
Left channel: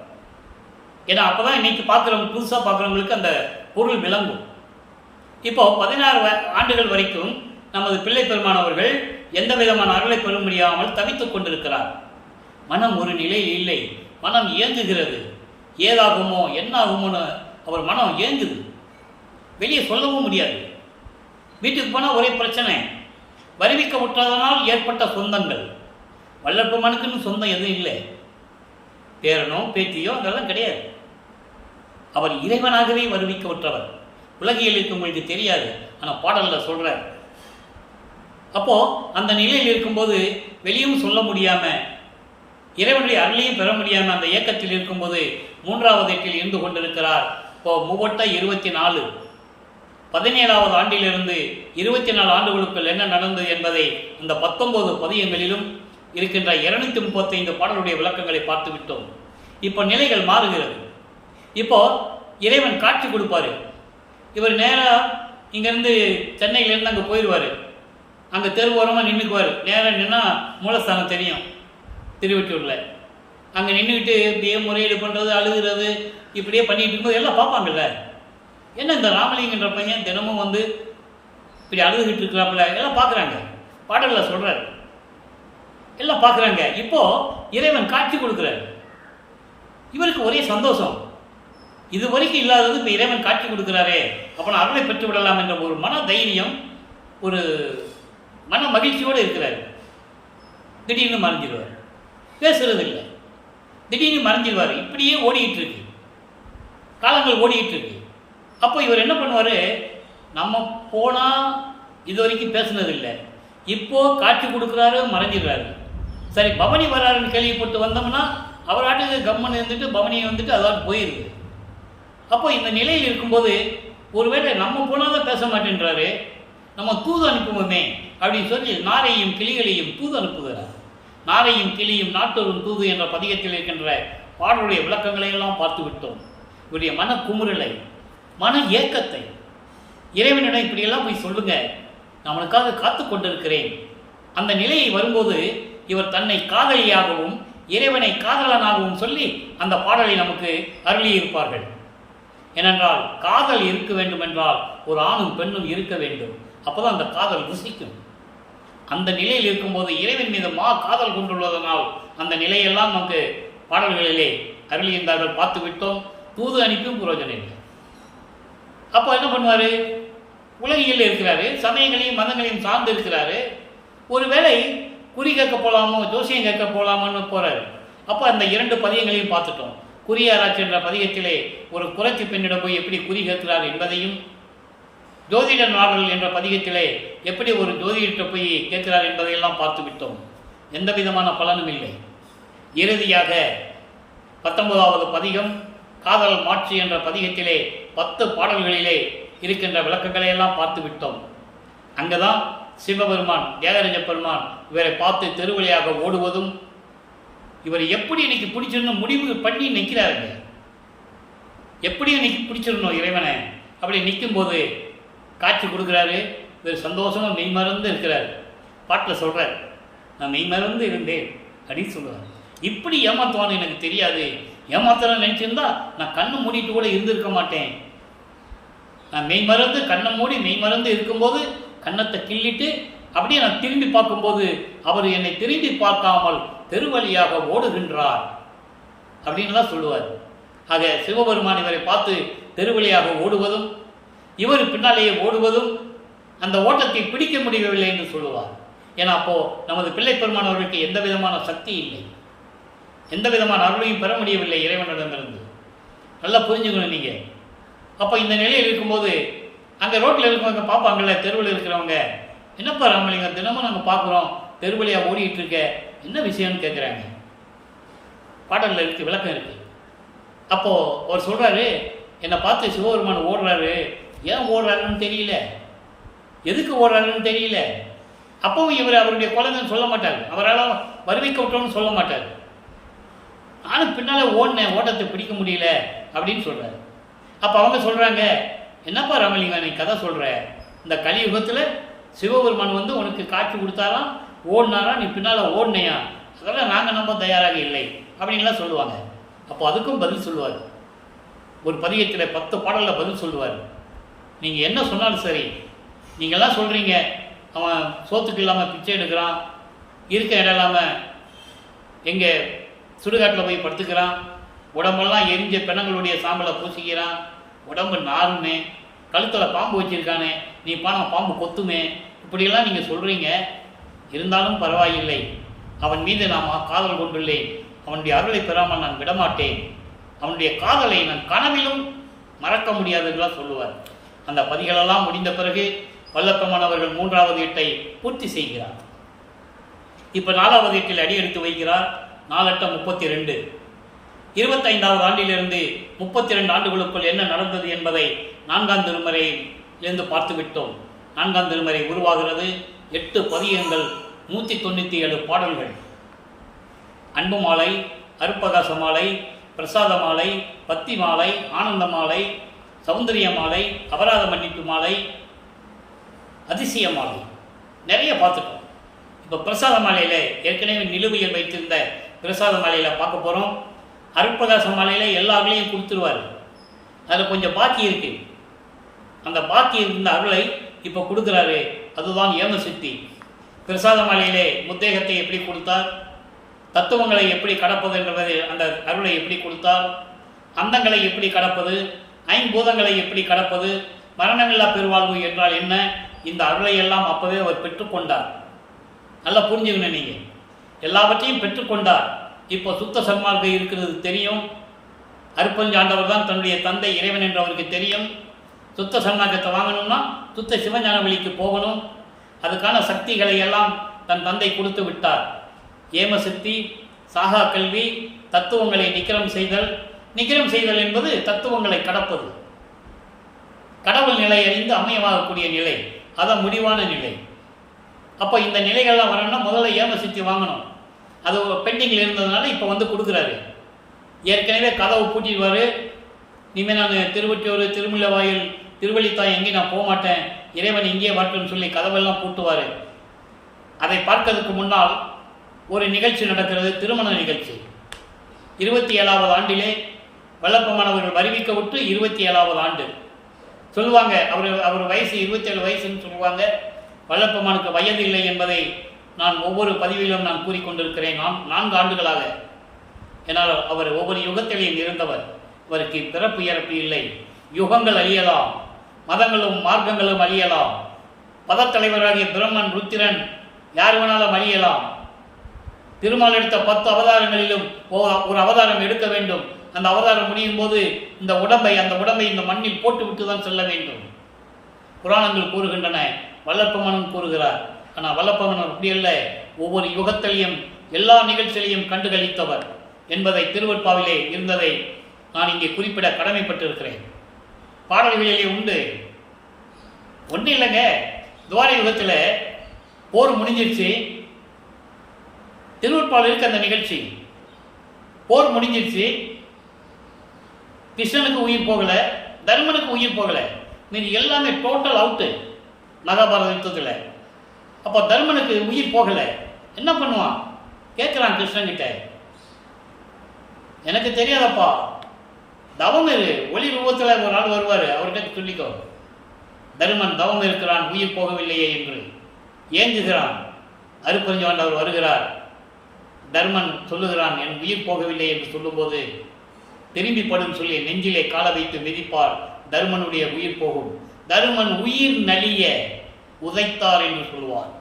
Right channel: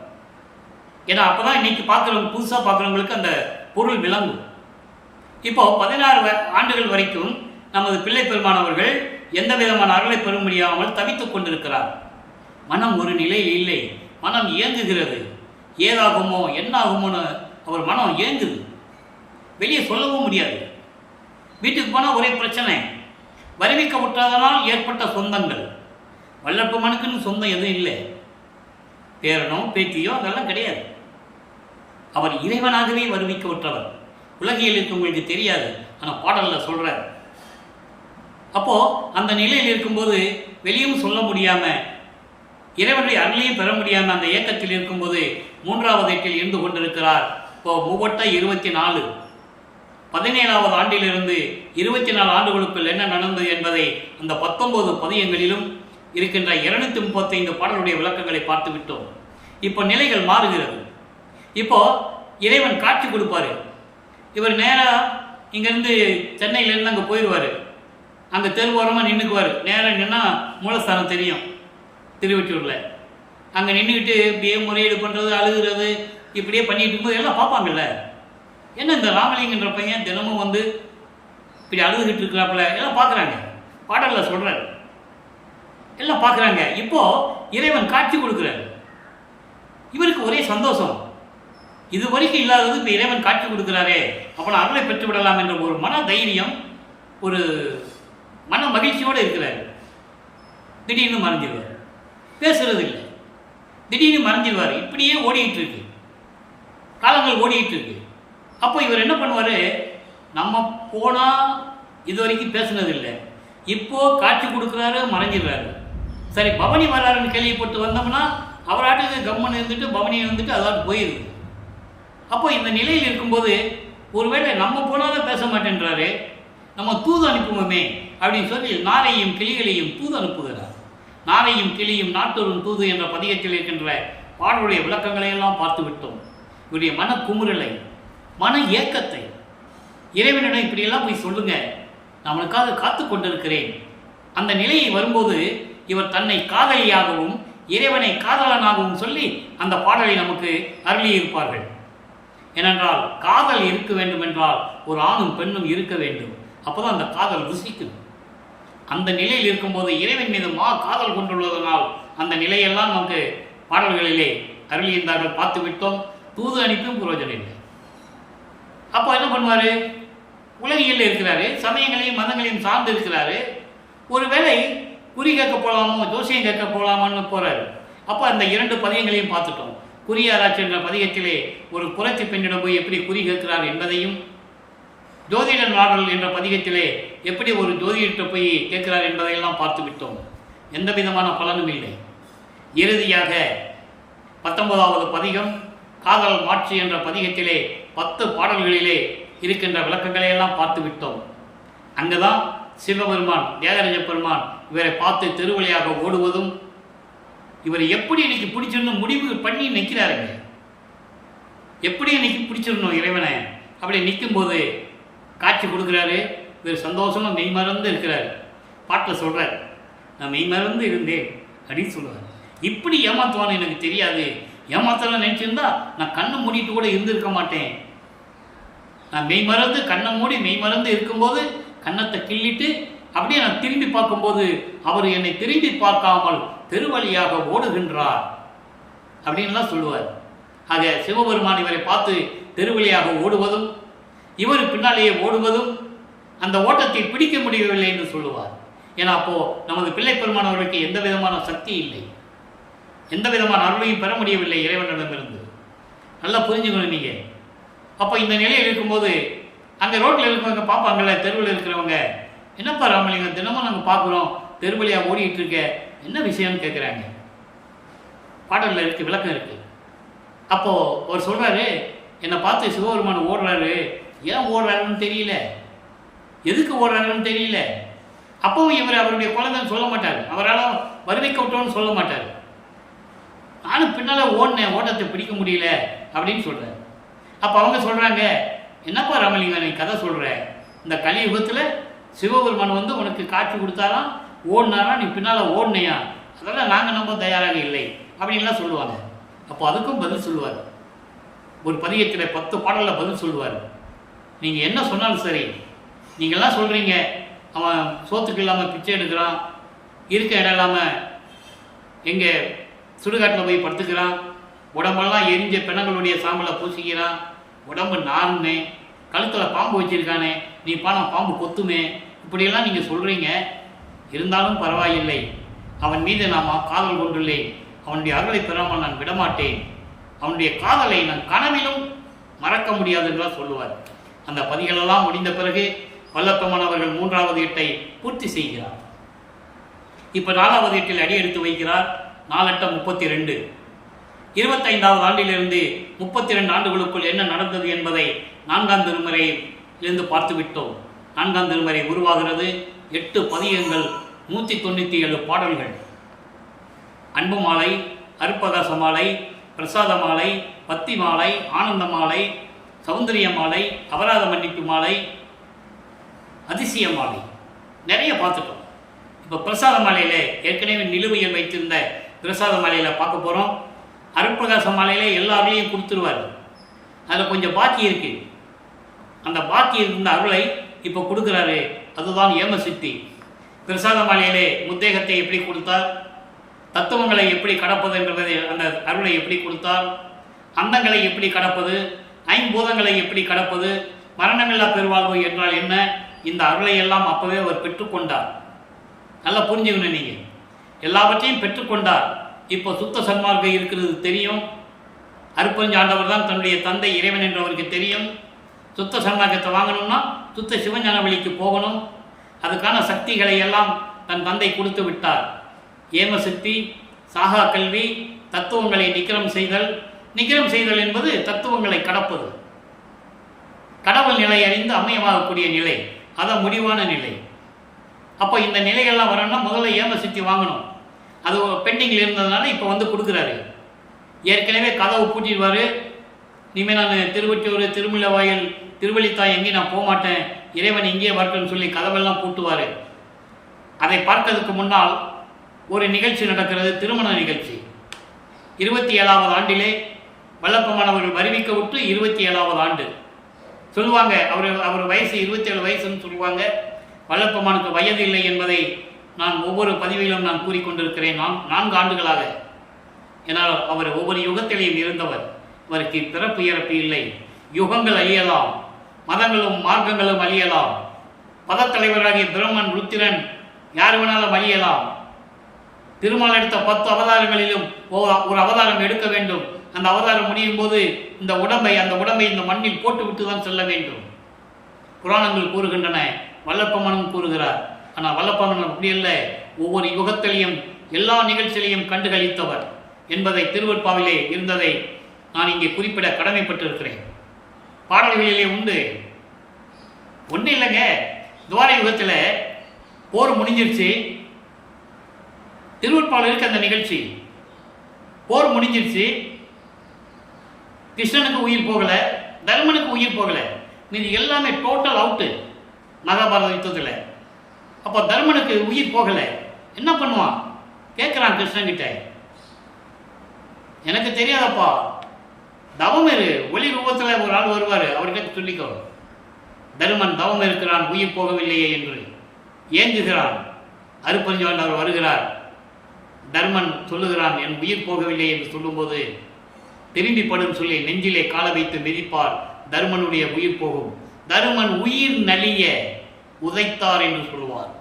ஏன்னா அப்போ தான் இன்னைக்கு பார்க்குறவங்க, புதுசாக பார்க்குறவங்களுக்கு அந்த பொருள் விளங்கும். இப்போ 16 ஆண்டுகள் வரைக்கும் நமது பிள்ளை பெருமானவர்கள் எந்த விதமான அருளை பெற முடியாமல் தவித்துக் கொண்டிருக்கிறார். மனம் ஒரு நிலையில் இல்லை. மனம் ஏங்குகிறது. ஏதாகுமோ என்னாகுமோன்னு அவர் மனம் ஏங்குது. வெளியே சொல்லவும் முடியாது. வீட்டுக்கு போனால் ஒரே பிரச்சனை. வருவிக்க விட்டதனால் ஏற்பட்ட சொந்தங்கள். வல்லப்பமனுக்குன்னு சொந்தம் எதுவும் இல்லை. பேரனோ பேத்தியோ அதெல்லாம் கிடையாது. அவர் இறைவனாகவே வருவிக்க விட்டவர். உலகியலுக்கு உங்களுக்கு தெரியாது, ஆனால் பாடலில் சொல்கிறார். அப்போது அந்த நிலையில் இருக்கும்போது வெளியும் சொல்ல முடியாமல், இறைவனுடைய அருளையும் பெற முடியாமல் அந்த இயக்கத்தில் இருக்கும்போது 3வது எட்டில் இருந்து கொண்டிருக்கிறார். இப்போ 24 17வது ஆண்டிலிருந்து 24 ஆண்டுகளுக்குள் என்ன நடந்தது என்பதை அந்த 19 பதியங்களிலும் இருக்கின்ற 235 பாடலுடைய விளக்கங்களை பார்த்து விட்டோம். இப்போ நிலைகள் மாறுகிறது. இப்போ இறைவன் காட்சி கொடுப்பார். இவர் நேராக இங்கேருந்து சென்னையிலேருந்து அங்கே போயிடுவார். அங்கே தெருவோரமாக நின்றுக்குவார். நேராக நின்னால் மூலஸ்தானம் தெரியும் திருவெட்டூரில். அங்கே நின்றுக்கிட்டு இப்படியே முறையீடு பண்ணுறது, அழுகிறது, இப்படியே பண்ணிகிட்டு இருக்கும்போது எல்லாம் பார்ப்பாங்கல்ல. என்ன இந்த ராமலிங்கன்ற பையன் தினமும் வந்து இப்படி அழுதுகிட்டு இருக்கிறாப்புல, எல்லாம் பார்க்குறாங்க. பாடலில் சொல்கிறார், எல்லாம் பார்க்குறாங்க. இப்போது இறைவன் காட்சி கொடுக்குறாரு. இவருக்கு ஒரே சந்தோஷம். இது வரைக்கும் இல்லாதது இப்போ இறைவன் காட்சி கொடுக்குறாரே, அப்போ நான் அருளை பெற்று விடலாம் என்ற ஒரு மன தைரியம், ஒரு மன மகிழ்ச்சியோடு இருக்கிறார். திடீர்னு மறைஞ்சிடுவார். பேசுறது இல்லை. திடீர்னு மறைஞ்சிடுவார். இப்படியே ஓடிக்கிட்டு இருக்கு, காலங்கள் ஓடிக்கிட்டு இருக்கு. அப்போ இவர் என்ன பண்ணுவார்? நம்ம போனால் இது வரைக்கும் பேசுனதில்லை, இப்போது காட்சி கொடுக்குறாரு, மறைஞ்சிடுறாரு. சரி, பவனி வராருன்னு கேள்விப்பட்டு வந்தோம்னா அவர் ஆட்டுக்கு கம்மன் இருந்துட்டு பவனியை வந்துட்டு அதாவது போயிடுது. அப்போ இந்த நிலையில் இருக்கும்போது ஒருவேளை நம்ம போனால் தான் பேச மாட்டேன்றாரு, நம்ம தூது அனுப்புவோமே அப்படின்னு சொல்லி நாரையும் கிளிகளையும் தூது அனுப்புகிறார். நாரையும் கிளியும் நாட்டொரும் தூது என்ற பதிகத்தில் இருக்கின்ற பாடலுடைய விளக்கங்களை எல்லாம் பார்த்து விட்டோம். இவருடைய மன குமுறலை, மன ஏக்கத்தை இறைவனிடம் இப்படியெல்லாம் போய் சொல்லுங்க, நம்மளுக்காக காத்து கொண்டிருக்கிறேன். அந்த நிலையை வரும்போது இவர் தன்னை காதலியாகவும் இறைவனை காதலனாகவும் சொல்லி அந்த பாடலை நமக்கு அருளியிருப்பார்கள். ஏனென்றால் காதல் இருக்க வேண்டும் என்றால் ஒரு ஆணும் பெண்ணும் இருக்க வேண்டும். அப்போதான் அந்த காதல் ருசிக்கும். அந்த நிலையில் இருக்கும்போது இறைவன் மீது காதல் கொண்டுள்ளதனால் அந்த நிலையெல்லாம் நமக்கு பாடல்களிலே அருளியிருந்தார்கள், பார்த்து விட்டோம். தூது அனுப்பியும் புரோஜனம் இல்லை. அப்போ என்ன பண்ணுவார்? உலகில் இருக்கிறாரு, சமயங்களையும் மதங்களையும் சார்ந்து இருக்கிறாரு. ஒருவேளை குறி கேட்க போகலாமோ, ஜோசியம் கேட்க போகலாமான்னு போகிறாரு. அப்போ அந்த 2 பதியங்களையும் பார்த்துட்டோம். குறியாராய்ச்சி என்ற பதிகத்திலே ஒரு குறைச்சி பெண்ணிடம் போய் எப்படி குறி கேட்கிறார் என்பதையும், ஜோதிட நாடல் என்ற பதிகத்திலே எப்படி ஒரு ஜோதிடத்தை போய் கேட்கிறார் என்பதையெல்லாம் பார்த்து விட்டோம். எந்த விதமான பலனும் இல்லை. இறுதியாக 19வது பதிகம் காதல் மாட்சி என்ற பதிகத்திலே 10 பாடல்களிலே இருக்கின்ற விளக்கங்களை எல்லாம் பார்த்து விட்டோம். அங்கே தான் சிவபெருமான், தியாகராஜ பெருமான் இவரை பார்த்து தெருவழியாக ஓடுவதும், இவர் எப்படி இன்னைக்கு பிடிச்சிடணும் முடிவு பண்ணி நிற்கிறாருங்க. எப்படி இன்னைக்கு பிடிச்சிடணும் இறைவனை அப்படி நிற்கும்போது காட்சி கொடுக்குறாரு. இவர் சந்தோஷமாக மெய்மறந்து இருக்கிறார். பாட்டில் சொல்கிறார், நான் மெய்மறந்து இருந்தேன் அப்படின்னு சொல்லுவார். இப்படி ஏமாத்துவான்னு எனக்கு தெரியாது. ஏமாத்தலாம் நினச்சிருந்தா நான் கண்ணை மூடிட்டு கூட இருந்திருக்க மாட்டேன். நான் மெய்மறந்து கண்ணை மூடி மெய்மறந்து இருக்கும்போது கன்னத்தை கிள்ளிட்டு அப்படியே நான் திரும்பி பார்க்கும்போது அவர் என்னை திரும்பி பார்க்காமல் தெருவழியாக ஓடுகின்றார் அப்படின்லாம் சொல்லுவார். ஆக சிவபெருமான் இவரை பார்த்து தெருவழியாக ஓடுவதும் இவர் பின்னாலேயே ஓடுவதும் அந்த ஓட்டத்தை பிடிக்க முடியவில்லை என்று சொல்லுவார். ஏன்னா அப்போது நமது பிள்ளை பெருமான் அவர்களுக்கு எந்த விதமான சக்தி இல்லை, எந்த விதமான அருளையும் பெற முடியவில்லை இறைவனிடமிருந்து. நல்லா புரிஞ்சுக்கணும் நீங்கள். அப்போ இந்த நிலையில் இருக்கும்போது அங்கே ரோட்டில் இருக்கிறவங்க பார்ப்பாங்கள்ல, தெருவில் இருக்கிறவங்க, என்னப்பா ராமலிங்கம் தினமும் நாங்கள் பார்க்குறோம் தெருவழியாக ஓடிக்கிட்டு இருக்க, என்ன விஷயம்னு கேட்குறாங்க. பாடலில் இருக்குது, விளக்கம் இருக்குது. அப்போது அவர் சொல்கிறாரு, என்னை பார்த்து சிவபெருமான் ஓடுறாரு, ஏன் ஓடுறாருன்னு தெரியல, எதுக்கு ஓடுறாருன்னு தெரியல. அப்பவும் இவர் அவருடைய குழந்தைன்னு சொல்ல மாட்டார், அவரால் வருவிக்க விட்டோன்னு சொல்ல மாட்டார். நானும் பின்னால் ஓடினேன், ஓட்டத்தை பிடிக்க முடியல அப்படின்னு சொல்கிறார். அப்போ அவங்க சொல்கிறாங்க, என்னப்பா ராமலிங்கம் நீ கதை சொல்கிற, இந்த கலியுகத்தில் சிவபெருமான் வந்து உனக்கு காட்சி கொடுத்தாராம், ஓடினாரா, நீ பின்னால் ஓடினையா, அதெல்லாம் நாங்கள் நம்ப தயாராக இல்லை அப்படின்லாம் சொல்லுவாங்க. அப்போ அதுக்கும் பதில் சொல்லுவார். ஒரு பதிகத்தில் 10 பாடலில் பதில் சொல்லுவார். நீங்கள் என்ன சொன்னாலும் சரி, நீங்கள்லாம் சொல்கிறீங்க அவன் சோத்துக்கு இல்லாமல் பிச்சை எடுக்கிறான், இருக்க இடம் இல்லாமல் எங்கே சுடுகாட்டில் போய் படுத்துக்கிறான், உடம்பெல்லாம் எரிஞ்ச பெணங்களுடைய சாம்பலை பூசிக்கிறான், உடம்பு நாருமே, கழுத்தில் பாம்பு வச்சுருக்கானே, நீ பானம் பாம்பு கொத்துமே, இப்படியெல்லாம் நீங்கள் சொல்கிறீங்க. இருந்தாலும் பரவாயில்லை, அவன் மீது நான் காதல் கொண்டுள்ளேன், அவனுடைய அருளை பெறாமல் நான் விடமாட்டேன், அவனுடைய காதலை நான் கனவிலும் மறக்க முடியாதுன்றா சொல்லுவார். அந்த பதிகளெல்லாம் முடிந்த பிறகு வல்லப்பெருமான் அவர்கள் 3வது எட்டை பூர்த்தி செய்கிறார். இப்போ 4வது எட்டில் அடி எடுத்து வைக்கிறார். 4 8 32. 25வது ஆண்டிலிருந்து 32 ஆண்டுகளுக்குள் என்ன நடந்தது என்பதை 4ஆம் திருமுறையிலிருந்து பார்த்து விட்டோம். 4ஆம் திருமுறை உருவாகிறது. 8 பதிகங்கள், 197 பாடல்கள். அன்பு மாலை, அருப்பகாச மாலை, பிரசாத மாலை, பத்தி மாலை, ஆனந்த மாலை, சௌந்தரிய மாலை, அபராத மன்னிப்பு மாலை, அதிசய மாலை, நிறைய பார்த்துட்டோம். இப்போ பிரசாத மாலையில் ஏற்கனவே நிலுவையில் வைத்திருந்த பிரசாத மாலையில் பார்க்க போகிறோம். அருட்பிரகாச மாலையில் எல்லாருலையும் கொடுத்துருவார். அதில் கொஞ்சம் பாக்கி இருக்குது. அந்த பாக்கி இருந்த அருளை இப்போ கொடுக்குறாரு. அதுதான் ஏமசித்தி. பிரசாத மாலையிலே முத்தேகத்தை எப்படி கொடுத்தார், தத்துவங்களை எப்படி கடப்பது என்பதை, அந்த அருளை எப்படி கொடுத்தார், அந்தங்களை எப்படி கடப்பது, ஐம்பூதங்களை எப்படி கடப்பது, மரணமில்லா பெருவாழ்வு என்றால் என்ன, இந்த அருளை எல்லாம் அப்போவே அவர் பெற்றுக்கொண்டார். நல்லா புரிஞ்சுக்கணும் நீங்கள். எல்லாவற்றையும் பெற்றுக்கொண்டார். இப்போ சுத்த சன்மார்க்கம் இருக்கிறது தெரியும். அருப்பஞ்சாண்டவர் தான் தன்னுடைய தந்தை இறைவன் என்று அவருக்கு தெரியும். சுத்த சன்மார்க்கத்தை வாங்கணும்னா சுத்த சிவஞான வழிக்கு போகணும். அதுக்கான சக்திகளை எல்லாம் தன் தந்தை கொடுத்து விட்டார். ஏமசக்தி, சாகா கல்வி, தத்துவங்களை நிக்கிரம் செய்தல். நிக்கிரம் செய்தல் என்பது தத்துவங்களை கடப்பது, கடவுள் நிலை அறிந்து அம்மையமாகக்கூடிய நிலை, அதான் முடிவான நிலை. அப்போ இந்த நிலைகள்லாம் வரணும்னா முதல்ல ஏமசக்தி வாங்கணும். அது பெண்டிங்கில் இருந்ததுனால இப்போ வந்து கொடுக்குறாரு. ஏற்கனவே கதவு பூட்டிடுவார். இனிமேல் நான் திருவொற்றியூர், திருமுல்லைவாயில், திருவள்ளித்தாய் எங்கேயும் நான் போக மாட்டேன், இறைவன் இங்கேயே வரட்டும்னு சொல்லி கதவெல்லாம் பூட்டுவார். அதை பார்க்கறதுக்கு முன்னால் ஒரு நிகழ்ச்சி நடக்கிறது, திருமண நிகழ்ச்சி. 27வது ஆண்டிலே வல்லப்பெருமானவர்கள் வருவிக்க விட்டு 27வது ஆண்டு சொல்லுவாங்க. அவர் வயசு 27 வயசுன்னு சொல்லுவாங்க. வல்லப்பெருமானுக்கு வயது இல்லை என்பதை நான் ஒவ்வொரு பதிவிலும் நான் கூறிக்கொண்டிருக்கிறேன். 4 ஆண்டுகளாக. ஏன்னால் அவர் ஒவ்வொரு யுகத்திலையும் இருந்தவர். அவருக்கு பிறப்பு இறப்பு இல்லை. யுகங்கள் அழியலாம், மதங்களும் மார்க்கங்களும் அழியலாம், பதத்தலைவராகிய பிரம்மன், ருத்திரன் யார் வேணாலும் அழியலாம். திருமால் எடுத்த 10 அவதாரங்களிலும் ஒரு அவதாரம் எடுக்க வேண்டும். அந்த அவதாரம் முடியும் போது அந்த உடம்பை இந்த மண்ணில் போட்டுவிட்டு தான் செல்ல வேண்டும். புராணங்கள் கூறுகின்றன, வல்லப்பெருமானும் கூறுகிறார். ஆனால் வல்லப்பெருமான் அப்படி அல்ல. ஒவ்வொரு யுகத்திலையும் எல்லா நிகழ்ச்சிகளையும் கண்டுகளித்தவர் என்பதை திருவற்பாவிலே இருந்ததை நான் இங்கே குறிப்பிட கடமைப்பட்டிருக்கிறேன். பாடல்களிலே உண்டு. ஒன்றும் இல்லைங்க, துவார யுகத்தில் போர் முடிஞ்சிருச்சு. திருவற்பாவில் இருக்க அந்த நிகழ்ச்சி, போர் முடிஞ்சிருச்சு. கிருஷ்ணனுக்கு உயிர் போகலை, தர்மனுக்கு உயிர் போகலை, மீது எல்லாமே டோட்டல் அவுட்டு மகாபாரத யுத்தத்தில். அப்போ தர்மனுக்கு உயிர் போகலை, என்ன பண்ணுவான் கேட்குறான் கிருஷ்ணன்கிட்ட, எனக்கு தெரியாதப்பா, தவம் இரு, ஒளி ரூபத்தில் ஒரு ஆள் வருவார், அவர்கிட்ட சொல்லிக்கோ. தருமன் தவம் இருக்கிறான், உயிர் போகவில்லையே என்று ஏங்குகிறான். அருப்பெருஞ்சாண்டவர் வருகிறார். தர்மன் சொல்லுகிறான், என் உயிர் போகவில்லை என்று சொல்லும்போது திரும்பி படும் சொல்லி நெஞ்சிலே கால வைத்து மிதிப்பார், தர்மனுடைய உயிர் போகும். தருமன் உயிர் நலிய உதைத்தார் என்று சொல்லுவார்.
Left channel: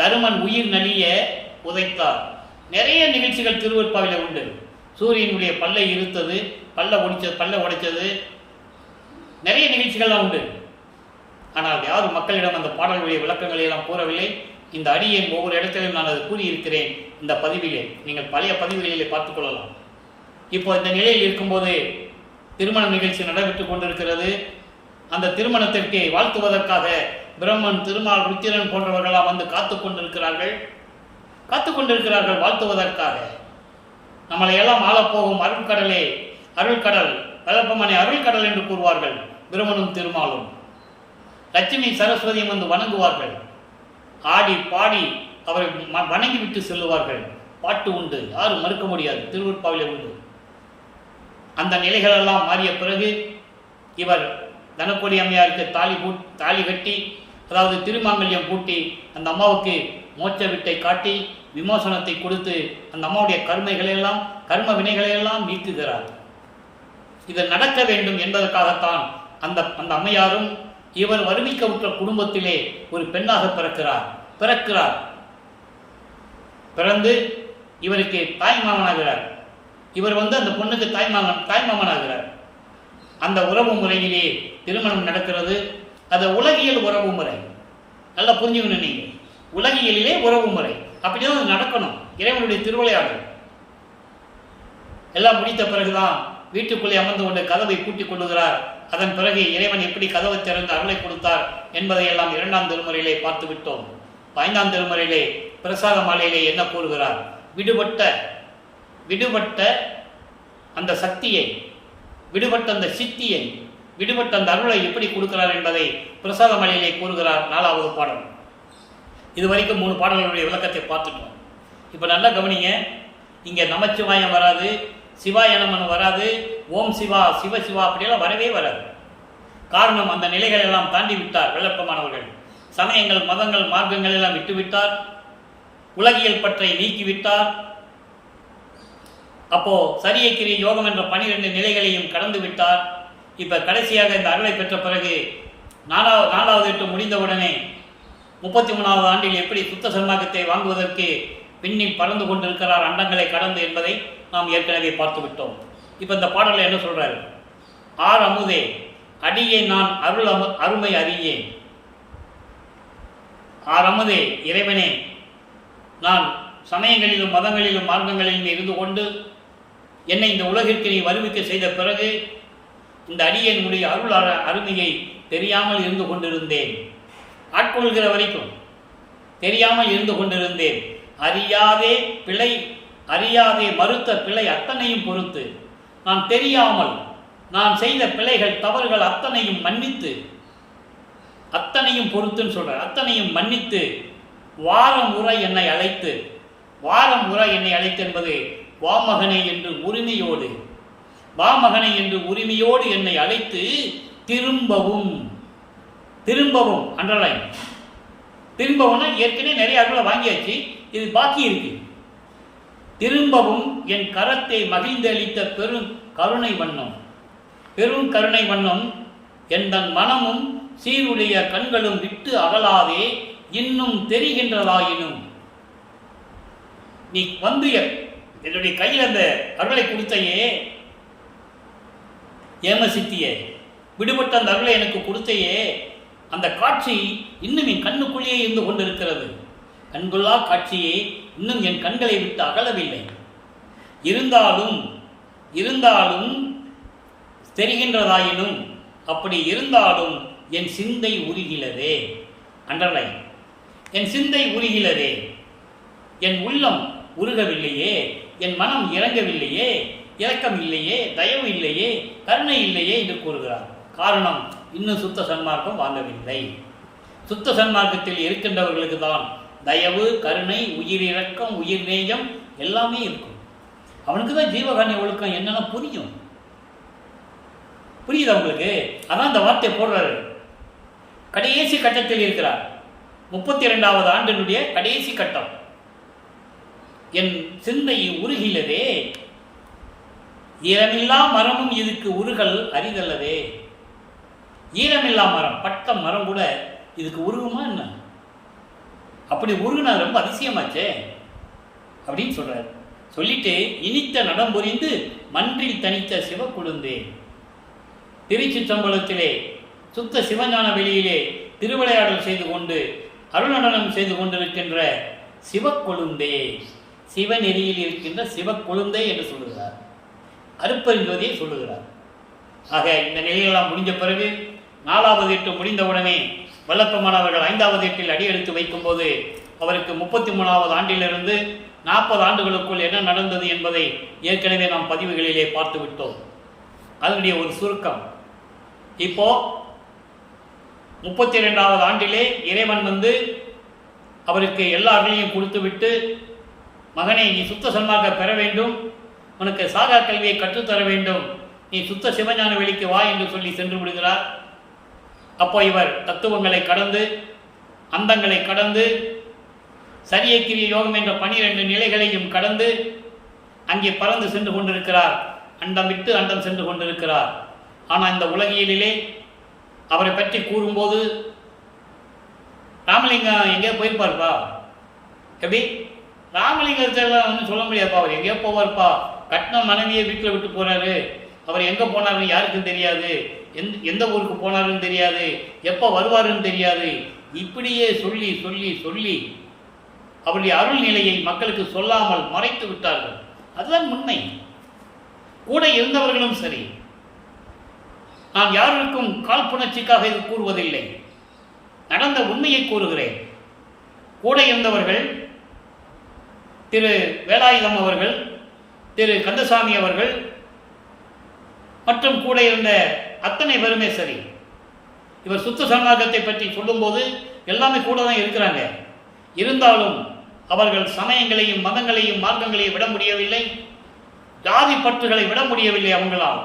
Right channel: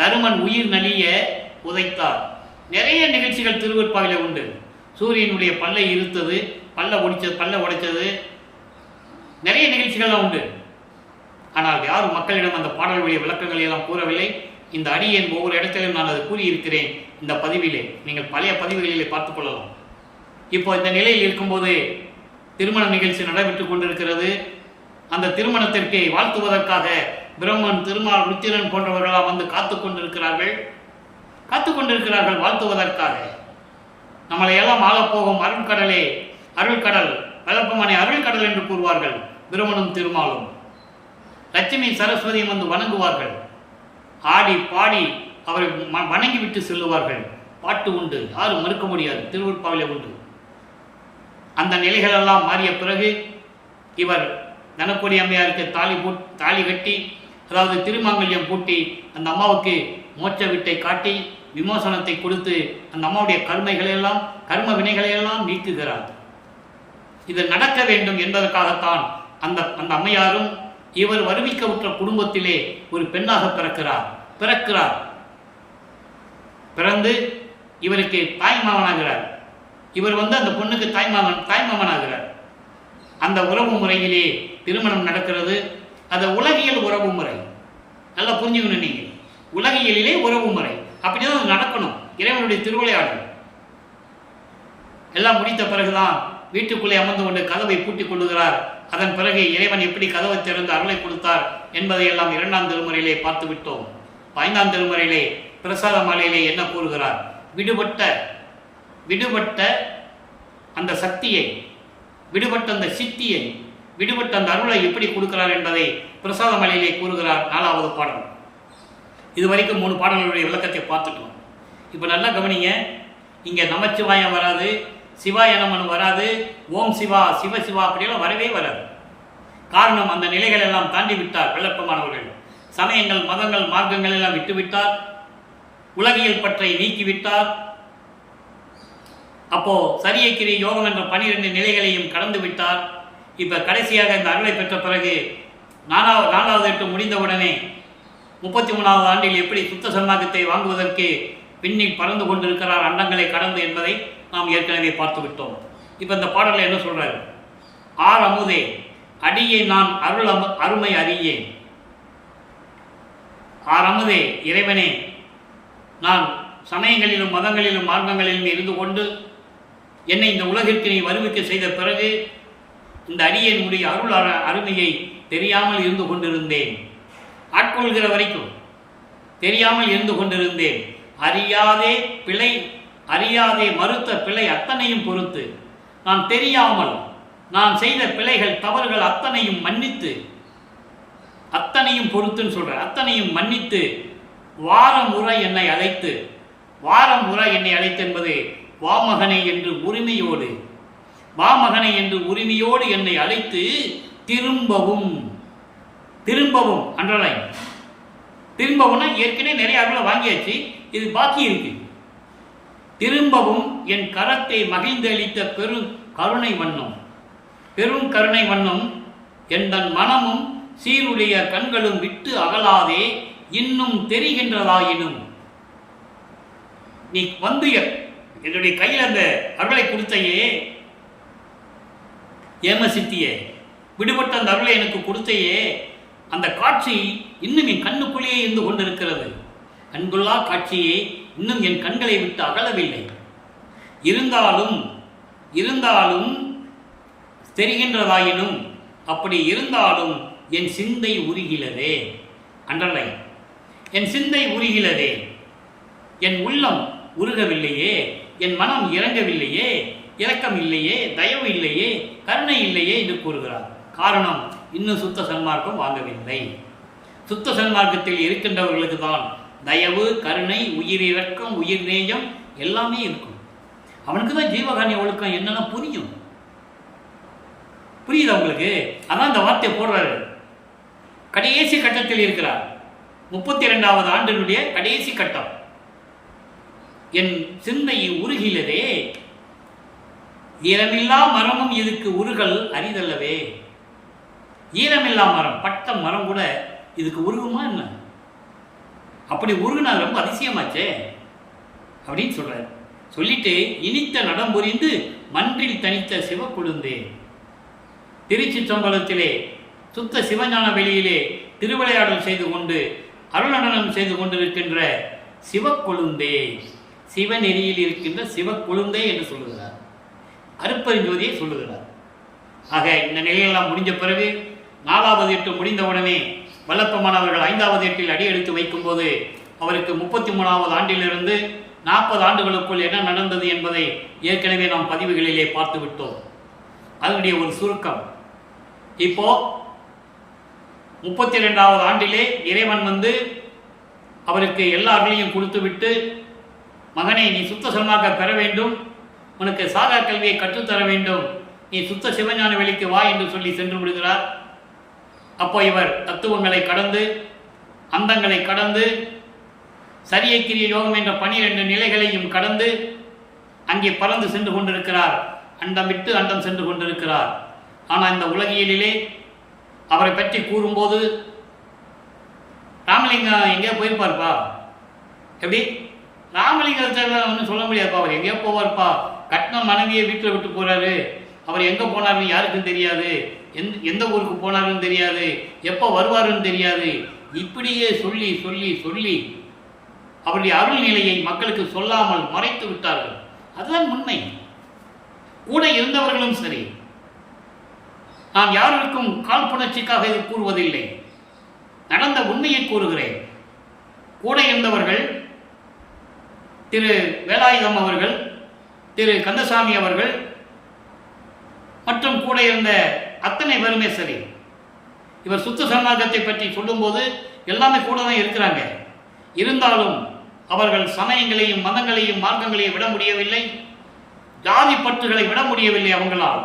தருமன் உயிர் நலிய உதைத்தார். நிறைய நிகழ்ச்சிகள் திருவெற்பாவில உண்டு. சூரியனுடைய பல்லை இருத்தது, பல்ல உடைச்சது, நிறைய நிகழ்ச்சிகள்லாம் உண்டு. ஆனால் யாரும் மக்களிடம் அந்த பாடல்களுடைய விளக்கங்களை எல்லாம் கூறவில்லை. இந்த அடியேன் ஒவ்வொரு இடத்திலும் நான் அதை கூறியிருக்கிறேன். இந்த பதிவிலே நீங்கள் பழைய பதிவுகளிலே பார்த்துக் கொள்ளலாம். இப்போ இந்த நிலையில் இருக்கும்போது திருமண நிகழ்ச்சி நடைபெற்று கொண்டிருக்கிறது. அந்த திருமணத்திற்கு வாழ்த்துவதற்காக பிரம்மன், திருமால், ருத்திரன் போன்றவர்களாம் வந்து காத்து கொண்டிருக்கிறார்கள் வாழ்த்துவதற்காக. நம்மளை எல்லாம் ஆளப்போகும் அருள்கடலே, அருள்கடல், வளர்ப்பமனை அருள்கடல் என்று கூறுவார்கள். பிரம்மனும் திருமாலும் லட்சுமி சரஸ்வதியும் வந்து வணங்குவார்கள். ஆடி பாடி அவரை வணங்கிவிட்டு செல்லுவார்கள். பாட்டு உண்டு, யாரும் மறுக்க முடியாது, திருவெற்பாவிலே உண்டு. அந்த நிலைகளெல்லாம் மாறிய பிறகு இவர் தனக்கொடி அம்மையாருக்கு தாலி கட்டி, அதாவது திருமாங்கல்யம் பூட்டி, அந்த அம்மாவுக்கு மோட்ச விட்டை காட்டி விமோசனத்தை கொடுத்து அந்த அம்மாவுடைய கர்ம வினைகளையெல்லாம் நீக்குகிறார். இது நடக்க வேண்டும் என்பதற்காகத்தான் அந்த அம்மையாரும் இவர் வருவிக்க உற்ற குடும்பத்திலே ஒரு பெண்ணாக பிறக்கிறார். பிறந்து இவருக்கு தாய்மாமனாகிறார். இவர் வந்து அந்த பொண்ணுக்கு தாய்மாமனாகிறார். அந்த உறவு முறையிலே திருமணம் நடக்கிறது. அது உலகியல் உறவு முறை. நல்லா புரிஞ்சுக்கணும் நீங்கள். உலகியலிலே உறவு முறை அப்படிதான் அது நடக்கணும். இறைவனுடைய திருவிளையாடல் எல்லாம் முடித்த பிறகுதான் வீட்டுக்குள்ளே அமர்ந்து கொண்டு கதவை பூட்டிக் கொள்ளுகிறார். அதன் பிறகு இறைவன் எப்படி கதவை திறந்து அருளை கொடுத்தார் என்பதை எல்லாம் 2ஆம் திருமுறையிலே பார்த்து விட்டோம். 5ஆம் திருமுறையிலே பிரசாத மாலையிலே என்ன கூறுகிறார்? விடுபட்ட அந்த சக்தியை, விடுபட்ட அந்த சித்தியை, விடுபட்ட அந்த அருளை எப்படி கொடுக்கிறார் என்பதை பிரசாத மாலையிலே கூறுகிறார். 4வது பாடல். இது வரைக்கும் 3 பாடல்களுடைய விளக்கத்தை பார்த்துட்டோம். இப்போ நல்லா கவனிங்க. இங்கே நமச்சிவாயம் வராது, சிவாய நமன் வராது, ஓம் சிவா, சிவசிவா அப்படியெல்லாம் வரவே வராது. காரணம், அந்த நிலைகள் எல்லாம் தாண்டி விட்டார் வெள்ளப்பமானவர்கள். சமயங்கள், மதங்கள், மார்க்கங்கள் எல்லாம் விட்டுவிட்டார். உலகியல் பற்றை நீக்கிவிட்டார். அப்போ சரியக்கிரி யோகம் என்ற 12 நிலைகளையும் கடந்து விட்டார். இப்போ கடைசியாக இந்த அருளை பெற்ற பிறகு 4வது எட்டு முடிந்தவுடனே 33வது ஆண்டில் எப்படி சுத்த சன்மார்க்கத்தை வாங்குவதற்கு விண்ணில் பறந்து கொண்டிருக்கிறார் அண்டங்களை கடந்து என்பதை நாம் ஏற்கனவே பார்த்து விட்டோம். இப்போ இந்த பாடலில் என்ன சொல்றாரு? ஆர் அமுதே அடியே நான் அருமை அறியேன். ஆர் அமுதே, இறைவனே, நான் சமயங்களிலும் மதங்களிலும் மார்க்கங்களிலும் இருந்து கொண்டு என்னை இந்த உலகிற்கு நீ வருவிக்க செய்த பிறகு இந்த அடியேனுடைய அருள் அருமையை தெரியாமல் இருந்து கொண்டிருந்தேன். ஆட்கொள்கிற வரைக்கும் தெரியாமல் இருந்து கொண்டிருந்தேன். அறியாதே மறுத்த பிழை அத்தனையும் பொறுத்து, நான் தெரியாமல் நான் செய்த பிழைகள், தவறுகள் அத்தனையும் மன்னித்து, அத்தனையும் பொறுத்துன்னு சொல்கிறேன், அத்தனையும் மன்னித்து வாரம் உற என்னை அழைத்து என்பது வாமகனை என்று உரிமையோடு என்னை அழைத்து திரும்பவும் அண்டர்லைன், திரும்பவும்னா ஏற்கனவே நிறைய அருளை வாங்கியாச்சு, இது பாக்கி இருக்கு. திரும்பவும் என் கரத்தை மகிழ்ந்து அளித்த பெரும் கருணை வண்ணம் என் தன் மனமும் சீருடைய கண்களும் விட்டு அகலாதே இன்னும் தெரிகின்றதாயினும், நீ வந்து என்னுடைய கையில் அந்த அருளை கொடுத்தையே, ஏமசித்தியே, விடுபட்ட அந்த அருளை எனக்கு கொடுத்தையே, அந்த காட்சி இன்னும் என் கண்ணுக்குள்ளேயே இருந்து கொண்டிருக்கிறது. கண்கொள்ளா காட்சியை இன்னும் என் கண்களை விட்டு அகலவில்லை. இருந்தாலும் தெரிகின்றதாயினும், அப்படி இருந்தாலும் என் சிந்தை உருகிலதே. அண்டர்லைன், என் சிந்தை உருகிலதே, என் உள்ளம் உருகவில்லையே, என் மனம் இறங்கவில்லையே, இரக்கம் இல்லையே, தயவு இல்லையே, கருணை இல்லையே என்று கூறுகிறார். காரணம், இன்னும் சுத்த சன்மார்க்கம் வாங்கவில்லை. சுத்த சன்மார்க்கத்தில் இருக்கின்றவர்களுக்கு தான் தயவு, கருணை, உயிரிரக்கம், உயிர் நேயம் எல்லாமே இருக்கும். அவனுக்கு தான் ஜீவகாருண்ய ஒழுக்கம் என்னென்ன புரியும். புரியுதா உங்களுக்கு? அதான் இந்த வார்த்தையை போடுறாரு. கடைசி கட்டத்தில் இருக்கிறார். 32வது ஆண்டினுடைய கடைசி கட்டம். என் சிந்தை உருகிலதே, ஈரமில்லா மரமும் இதுக்கு உருகல் அரிதல்லவே. ஈரமில்லா மரம், பட்ட மரம் கூட இதுக்கு உருகுமா என்ன? அப்படி உருகுனா ரொம்ப அதிசயமாச்சே அப்படின்னு சொல்றாரு. சொல்லிட்டு இனித்த நடம் புரிந்து மன்றில் தனித்த சிவக்குழுந்தே. திருச்சி சம்பளத்திலே சுத்த சிவஞான வெளியிலே திருவிளையாடல் செய்து கொண்டு அருள்நடனம் செய்து கொண்டிருக்கின்ற சிவக்கொழுந்தே, சிவநெறியில் இருக்கின்ற சிவக்கொழுந்தே என்று சொல்லுகிறார். அருப்பெருஞ்சோதியை சொல்லுகிறார். ஆக இந்த நிலையெல்லாம் முடிஞ்ச பிறகு 4வது எட்டு முடிந்தவுடனே வல்லப்பெருமான் அவர்கள் 5வது எட்டில் அடி எடுத்து வைக்கும்போது அவருக்கு 33வது ஆண்டிலிருந்து 40 ஆண்டுகளுக்குள் என்ன நடந்தது என்பதை ஏற்கனவே நாம் பதிவுகளிலே பார்த்து விட்டோம். அதனுடைய ஒரு சுருக்கம். இப்போ 32வது ஆண்டிலே இறைவன் வந்து அவருக்கு எல்லா அருளையும் கொடுத்து விட்டு, மகனே நீ சுத்த சன்மார்க்க பெற வேண்டும், உனக்கு சாகா கல்வியை கற்றுத்தர வேண்டும், நீ சுத்த சிவஞான வெளிக்கு வா என்று சொல்லி சென்று விடுகிறார். அப்போ இவர் தத்துவங்களை கடந்து அந்தங்களை கடந்து சரியக்கிரிய யோகம் என்ற 12 நிலைகளையும் கடந்து அங்கே பறந்து சென்று கொண்டிருக்கிறார். அண்டம் விட்டு அண்டம் சென்று கொண்டிருக்கிறார். ஆனால் இந்த உலகியலிலே அவரை பற்றி கூறும்போது ராமலிங்கம் எங்கேயோ போயிருப்பார்ப்பா. எப்படி? ராமலிங்கத்தெல்லாம் ஒன்றும் சொல்ல முடியாதுப்பா. அவர் எங்கேயோ போவார்ப்பா. கட்டின மனைவியை வீட்டில் விட்டு போகிறாரு. அவர் எங்கே போனாருன்னு யாருக்கும் தெரியாது, எந்த ஊருக்கு போனாருன்னு தெரியாது, எப்போ வருவாருன்னு தெரியாது. இப்படியே சொல்லி சொல்லி சொல்லி அவருடைய அருள் நிலையை மக்களுக்கு சொல்லாமல் மறைத்து விட்டார்கள். அதுதான் உண்மை. கூட இருந்தவர்களும் சரி, நான் யாருக்கும் காழ்ப்புணர்ச்சிக்காக இது கூறுவதில்லை, நடந்த உண்மையை கூறுகிறேன். கூட இருந்தவர்கள் திரு வேலாயுதம் அவர்கள், திரு கந்தசாமி அவர்கள் மற்றும் கூட இருந்த அத்தனை பேருமே சரி, இவர் சுத்த சன்மார்க்கத்தை பற்றி சொல்லும்போது எல்லாமே கூட தான் இருக்கிறாங்க. இருந்தாலும் அவர்கள் சமயங்களையும் மதங்களையும் மார்க்கங்களையும் விட முடியவில்லை, ஜாதி பற்றுகளை விட முடியவில்லை. அவங்களால்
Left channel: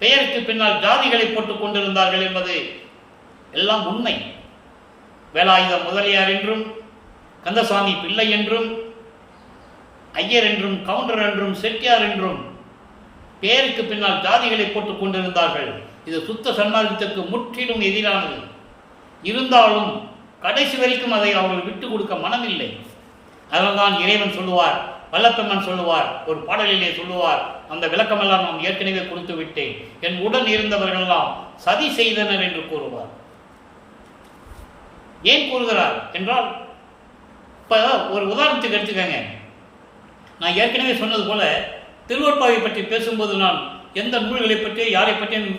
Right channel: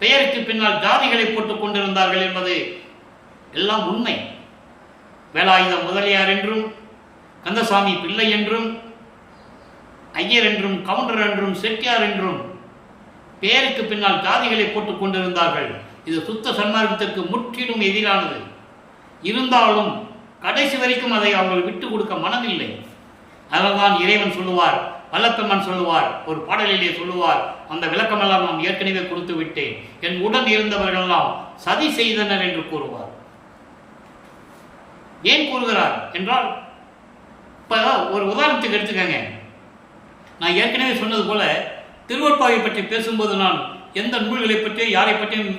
பெயருக்கு பின்னால் ஜாதிகளை போட்டுக் கொண்டிருந்தார்கள் என்பது எல்லாம் உண்மை. வேலாயுதம் முதலியார் என்றும், கந்தசாமி பிள்ளை என்றும், ஐயர் என்றும், கவுண்டர் என்றும், செட்டியார் என்றும் பெயருக்கு பின்னால் ஜாதிகளை போட்டுக் கொண்டிருந்தார்கள். இது சுத்த சன்மார்க்கத்திற்கு முற்றிலும் எதிரானது. இருந்தாலும் கடைசி வரைக்கும் அதை அவர்கள் விட்டு கொடுக்க மனமில்லை. அதனால்தான் இறைவன் சொல்லுவார், வல்லப்பெருமான் சொல்லுவார், ஒரு பாடலிலே சொல்லுவார், அந்த விளக்கமெல்லாம் நான் ஏற்கனவே கொடுத்து விட்டேன், என் உடன் இருந்தவர்களெல்லாம் சதி செய்தனர் என்று கூறுவார். ஏன் கூறுகிறார் என்றால், இப்போ ஒரு உதாரணத்துக்கு எடுத்துக்கங்க. நான் ஏற்கனவே சொன்னது போல திருவொற்பாவை பற்றி பேசும்போது நான் எந்த நூல்களை பற்றியும் யாரை பற்றியும்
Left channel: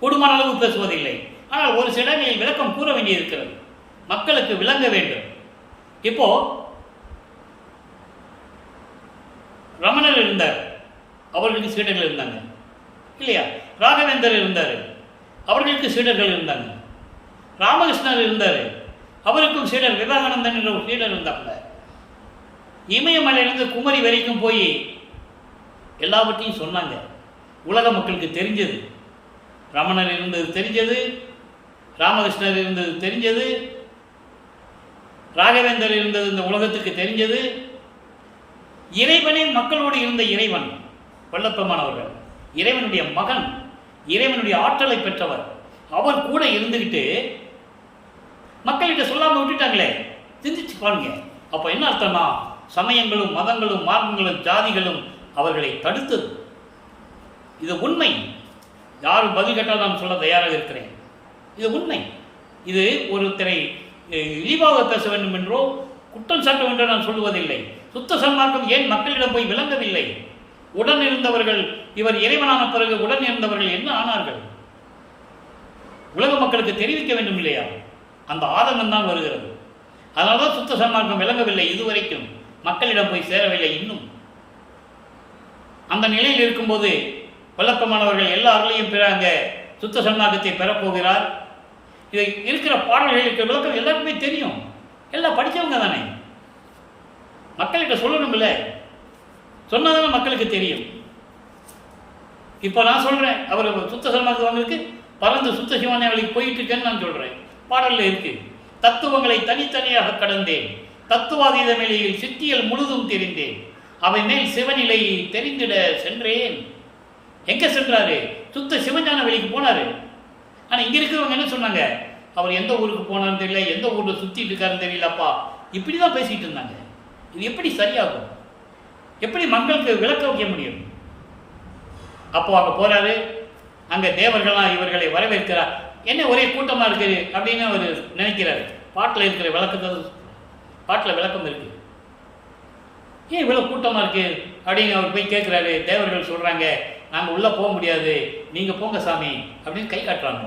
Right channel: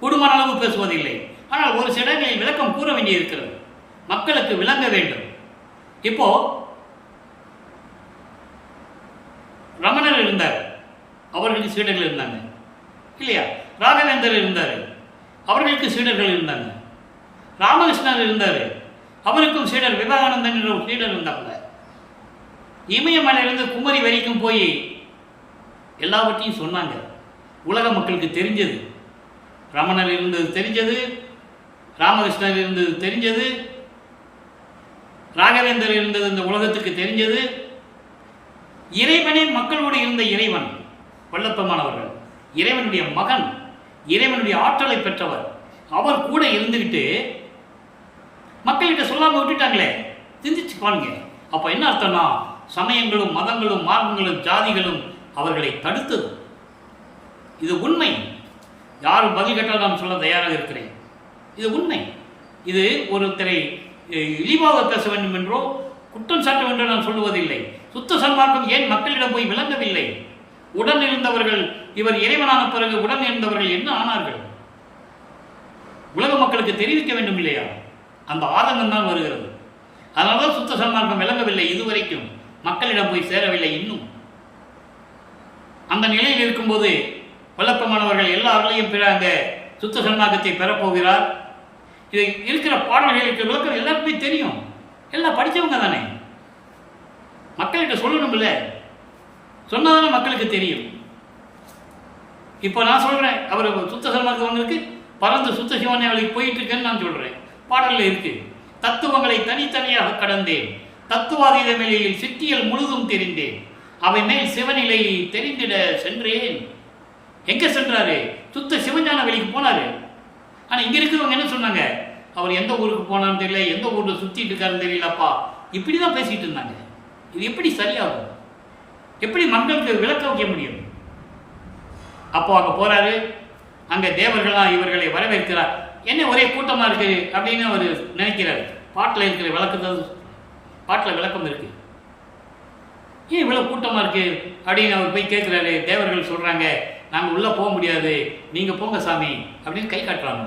கூடுமான அளவு பேசுவதில்லை. ஆனால் ஒரு சில இடங்களில் விளக்கம் கூற வேண்டியிருக்கிறது, மக்களுக்கு விளங்க வேண்டும். இப்போ ரமணர் இருந்தார், அவர்களுக்கு சீடர்கள் இருந்தாங்க இல்லையா? ராகவேந்தர் இருந்தார், அவர்களுக்கு சீடர்கள் இருந்தாங்க. ராமகிருஷ்ணர் இருந்தார், அவருக்கும் சீடர் விவேகானந்தன் என்ற ஒரு சீடர் இருந்தாப்புல. இமயமலையிலிருந்து குமரி வரைக்கும் போய் எல்லாவற்றையும் சொன்னாங்க. உலக மக்களுக்கு தெரிஞ்சது, ரமணர் இருந்தது தெரிஞ்சது, ராமகிருஷ்ணர் இருந்தது தெரிஞ்சது, ராகவேந்தர் இருந்தது இந்த உலகத்துக்கு தெரிஞ்சது. இறைவனே மக்களோடு இருந்த இறைவன் வல்லப்பெருமான் அவர்கள் இறைவனுடைய மகன், இறைவனுடைய ஆற்றலை பெற்றவர். அவர் கூட இருந்துக்கிட்டு மக்கள்கிட்ட சொல்லாமல் விட்டுட்டாங்களே, சிந்திச்சு பாருங்க. அப்போ என்ன அர்த்தம்னா, சமயங்களும் மதங்களும் மார்க்கங்களும் ஜாதிகளும் அவர்களை தடுத்தது. இது உண்மை. யாரும் பதில் கேட்டால் நான் சொல்ல தயாராக இருக்கிறேன். இது உண்மை. இது ஒருத்தரை இழிவாக பேச வேண்டும் என்றோ குற்றம் சாட்ட வேண்டும் நான் சொல்லுவதில்லை. சுத்த சன்மார்க்கம் ஏன் மக்களிடம் போய் விளங்கவில்லை? உடன் இருந்தவர்கள், இவர் இறைவனான பிறகு உடன் இருந்தவர்கள் என்ன ஆனார்கள்? உலக மக்களுக்கு தெரிவிக்க வேண்டும் இல்லையா? அந்த ஆதங்கம் தான் வருகிறது. அதனால தான் சுத்த சன்மார்க்கம் விளங்கவில்லை, இதுவரைக்கும் மக்களிடம் போய் சேரவில்லை. இன்னும் அந்த நிலையில் இருக்கும்போது வல்லப்பெருமானவர்கள் எல்லா அருளையும் பெற அங்கே சுத்த சன்மார்க்கத்தை பெறப்போகிறார். இது இருக்கிற பாடல்களுக்கு விளக்கம் எல்லாருக்குமே தெரியும், எல்லாம் படித்தவங்க தானே, மக்கள்கிட்ட சொல்லணும் இல்லை? சொன்னதான மக்களுக்கு தெரியும். இப்போ நான் சொல்கிறேன், அவர் சுத்த சன்மார்க்கவங்களுக்கு பறந்து சுத்த சிவனைவழிக்கு போயிட்டு இருக்கேன்னு நான் சொல்கிறேன். பாடலில் இருக்குது, தத்துவங்களை தனித்தனியாக கடந்தேன், தத்துவாதீத நிலையில் சித்தியல் முழுதும் தெரிந்தேன், அவை மேல் சிவநிலை தெரிந்திட சென்றேன். எங்கே சென்றாரு? சுத்த சிவஞான வெளிக்கு போனார். ஆனால் இங்கே இருக்கிறவங்க என்ன சொன்னாங்க? அவர் எந்த ஊருக்கு போனான்னு தெரியல, எந்த ஊரில் சுற்றிட்டு இருக்காருன்னு தெரியலப்பா, இப்படி தான் பேசிகிட்டு இருந்தாங்க. இது எப்படி சரியாகும்? எப்படி மக்களுக்கு விளக்க வைக்க முடியும்? அப்போ அங்கே போகிறாரு, அங்கே தேவர்கள்லாம் இவர்களை வரவேற்கிறார். என்ன ஒரே கூட்டமாக இருக்குது அப்படின்னு அவர் நினைக்கிறார். பாட்டில் இருக்கிற விளக்கத்தை, பாட்டில் விளக்கம் இருக்குது, ஏன் இவ்வளோ கூட்டமாக இருக்குது அப்படின்னு அவர் போய் கேட்குறாரு. தேவர்கள் சொல்கிறாங்க, நாங்கள் உள்ளே போக முடியாது, நீங்கள் போங்க சாமி அப்படின்னு கை காட்டுறாங்க.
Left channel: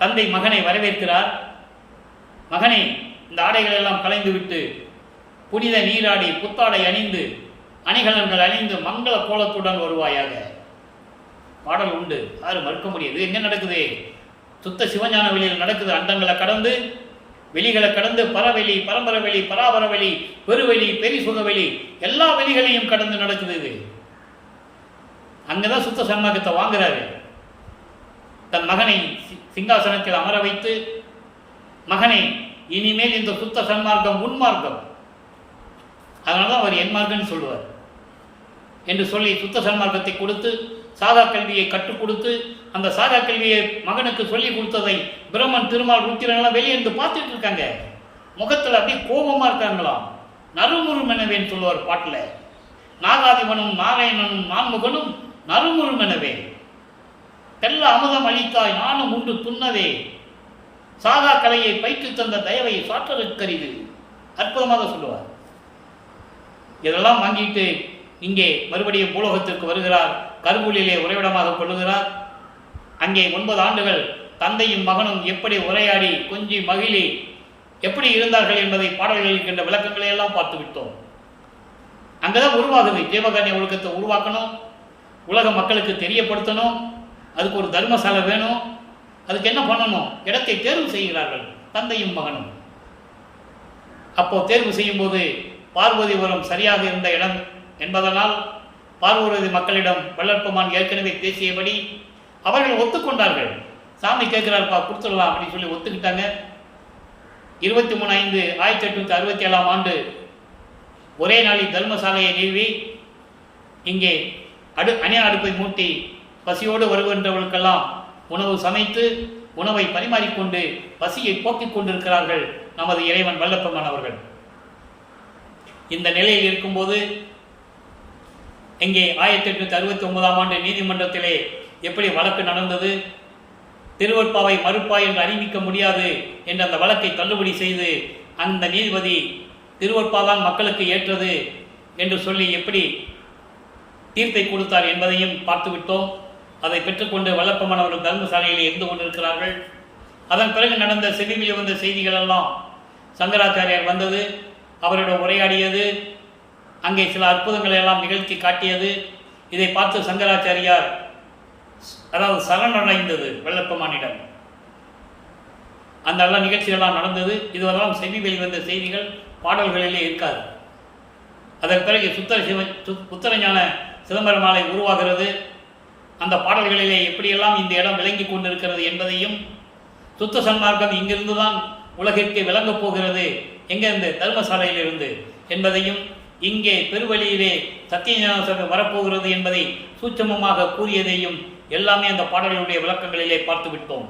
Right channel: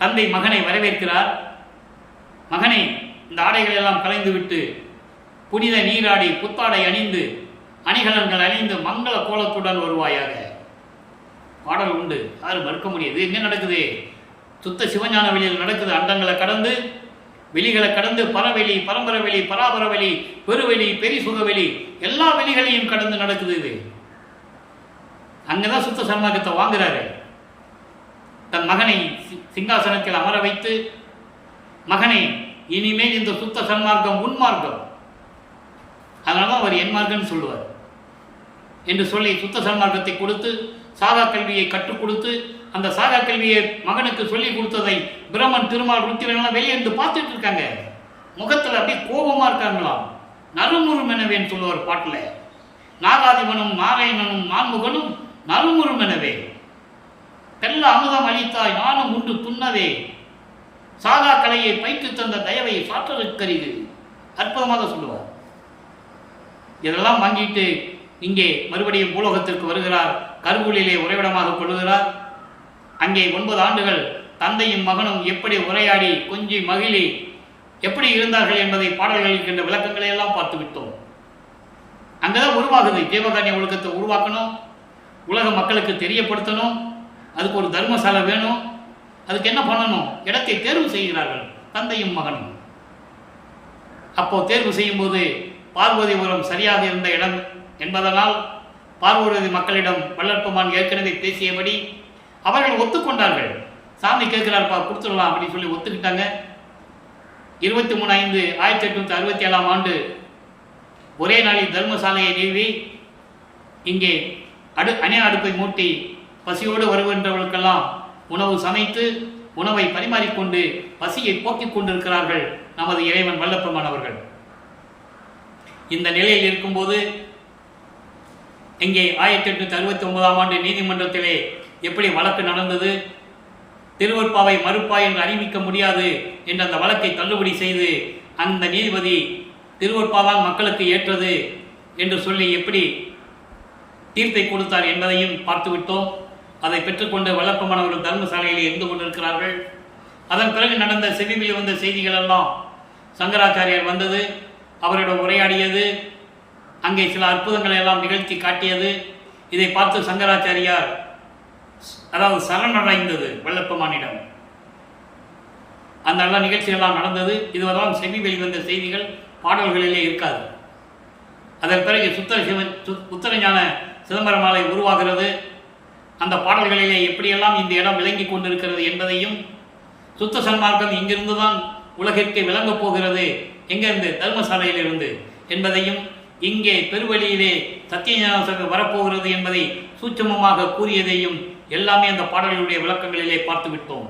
தந்தை மகனை வரவேற்கிறார். மகனை, இந்த ஆடைகள் எல்லாம் கலைந்து விட்டு புனித நீராடி புத்தாடை அணிந்து அணிகலன்கள் அணிந்து மங்கள கோலத்துடன் வருவாயாக. பாடல் உண்டு, யாரும் மறுக்க முடியாது. எங்கே நடக்குது? சுத்த சிவஞான வெளியில் நடக்குது. அண்டங்களை கடந்து, வெளிகளை கடந்து, பரவெளி, பரம்பரவெளி, பராபரவெளி, பெருவெளி, பெரிசுகவெளி, எல்லா வெளிகளையும் கடந்து நடக்குது இது. அங்கதான் சுத்த சன்மார்க்கத்தை வாங்குறாரு. தன் மகனை சிங்காசனத்தில் அமர வைத்து, மகனை, இனிமேல் இந்த சுத்த சன்மார்க்கம் உன்மார்க்கம், அதனால்தான் அவர் என் மார்க்கம்னு சொல்லுவார் என்று சொல்லி சுத்த சன்மார்க்கத்தை கொடுத்து சாகா கல்வியை கற்றுக் கொடுத்து, அந்த சாகா கல்வியை மகனுக்கு சொல்லி கொடுத்ததை பிரம்மன், திருமால், ருத்திரன்லாம் வெளியேந்து பார்த்துட்டு இருக்காங்க. முகத்தில் அப்படியே கோபமாக இருக்காங்களாம். நறுமுறுமெனவேன்னு சொல்லுவார் பாட்டில். நாகாதிபனும் நாராயணனும் நான்முகனும் நறுமுறுமெனவே, தெல்ல அமுதம் அளித்தாய் நானும் உண்டு துண்ணவே, சாகா கலையை பயிற்று தந்த தயவை சாற்றருக்கரிது. அற்புதமாக சொல்லுவார். இதெல்லாம் வாங்கிட்டு இங்கே மறுபடியும் பூலோகத்திற்கு வருகிறார். கருவூலிலே உறைவிடமாக கொள்ளுகிறார். அங்கே 9 ஆண்டுகள் தந்தையும் மகனும் எப்படி உரையாடி கொஞ்சி மகிழி எப்படி இருந்தார்கள் என்பதை பாடல்களில் இருக்கின்ற விளக்கங்களை எல்லாம் பார்த்து விட்டோம். அங்கேதான் உருவாகுது. ஜீவகாருண்ய ஒழுக்கத்தை உருவாக்கணும், உலக மக்களுக்கு தெரியப்படுத்தணும், அதுக்கு ஒரு தர்மசாலை வேணும். அதுக்கு என்ன பண்ணணும்? இடத்தை தேர்வு செய்கிறார்கள் தந்தையும் மகனும். அப்போ தேர்வு செய்யும்போது பார்வதிபுரம் சரியாக இருந்த இடம் என்பதனால் பார்வதி மக்களிடம் வள்ளற்பமான் ஏற்கனவே பேசியபடி அவர்கள் ஒத்துக்கொண்டார்கள். சாமி கேட்கிறார்ப்பா, கொடுத்துடலாம் அப்படின்னு சொல்லி ஒத்துக்கிட்டாங்க. 23/5/1867 ஆண்டு ஒரே நாளில் தர்மசாலையை நிறுவி இங்கே அணைய அடுப்பை மூட்டி பசியோடு வருகின்றவர்களுக்கெல்லாம் உணவு சமைத்து உணவை பரிமாறிக்கொண்டு பசியை போக்கிக் கொண்டிருக்கிறார்கள் நமது இறைவன் வல்லப்பமான் அவர்கள். இந்த நிலையில் இருக்கும்போது இங்கே 1869 ஆண்டு நீதிமன்றத்திலே எப்படி வழக்கு நடந்தது, திருவற்பாவை மறுப்பாய் என்று அறிவிக்க முடியாது என்ற அந்த வழக்கை தள்ளுபடி செய்து அந்த நீதிபதி திருவற்பாதான் மக்களுக்கு ஏற்றது என்று சொல்லி எப்படி தீர்ப்பை கொடுத்தார் என்பதையும் பார்த்துவிட்டோம். அதை பெற்றுக்கொண்டு வல்லப்பமான் அவர்கள் தர்மசாலையில் இருந்து கொண்டிருக்கிறார்கள். அதன் பிறகு நடந்த செவியில் வந்த செய்திகள் எல்லாம் சங்கராச்சாரியார் வந்தது, அவரிடம் உரையாடியது, அங்கே சில அற்புதங்களை எல்லாம் நிகழ்த்தி காட்டியது. இதை பார்த்து சங்கராச்சாரியார் அதாவது சரணடைந்தது வல்லப்பமானிடம். அந்த எல்லா நிகழ்ச்சிகளெல்லாம் நடந்தது. இதுவெல்லாம் செவி வெளிவந்த செய்திகள் பாடல்களிலே இருக்காது. அதன் பிறகு உத்தரஞான சிதம்பரமாலை உருவாகிறது. அந்த பாடல்களிலே எப்படியெல்லாம் இந்த இடம் விளங்கி கொண்டிருக்கிறது என்பதையும், சுத்த சன்மார்க்கம் இங்கிருந்து தான் உலகிற்கு விளங்கப் போகிறது, எங்கிருந்து? தர்மசாலையிலிருந்து என்பதையும், இங்கே பெருவழியிலே சத்தியஞான சபை வரப்போகிறது என்பதை சூட்சமமாக கூறியதையும் எல்லாமே அந்த பாடல்களுடைய விளக்கங்களிலே பார்த்துவிட்டோம்.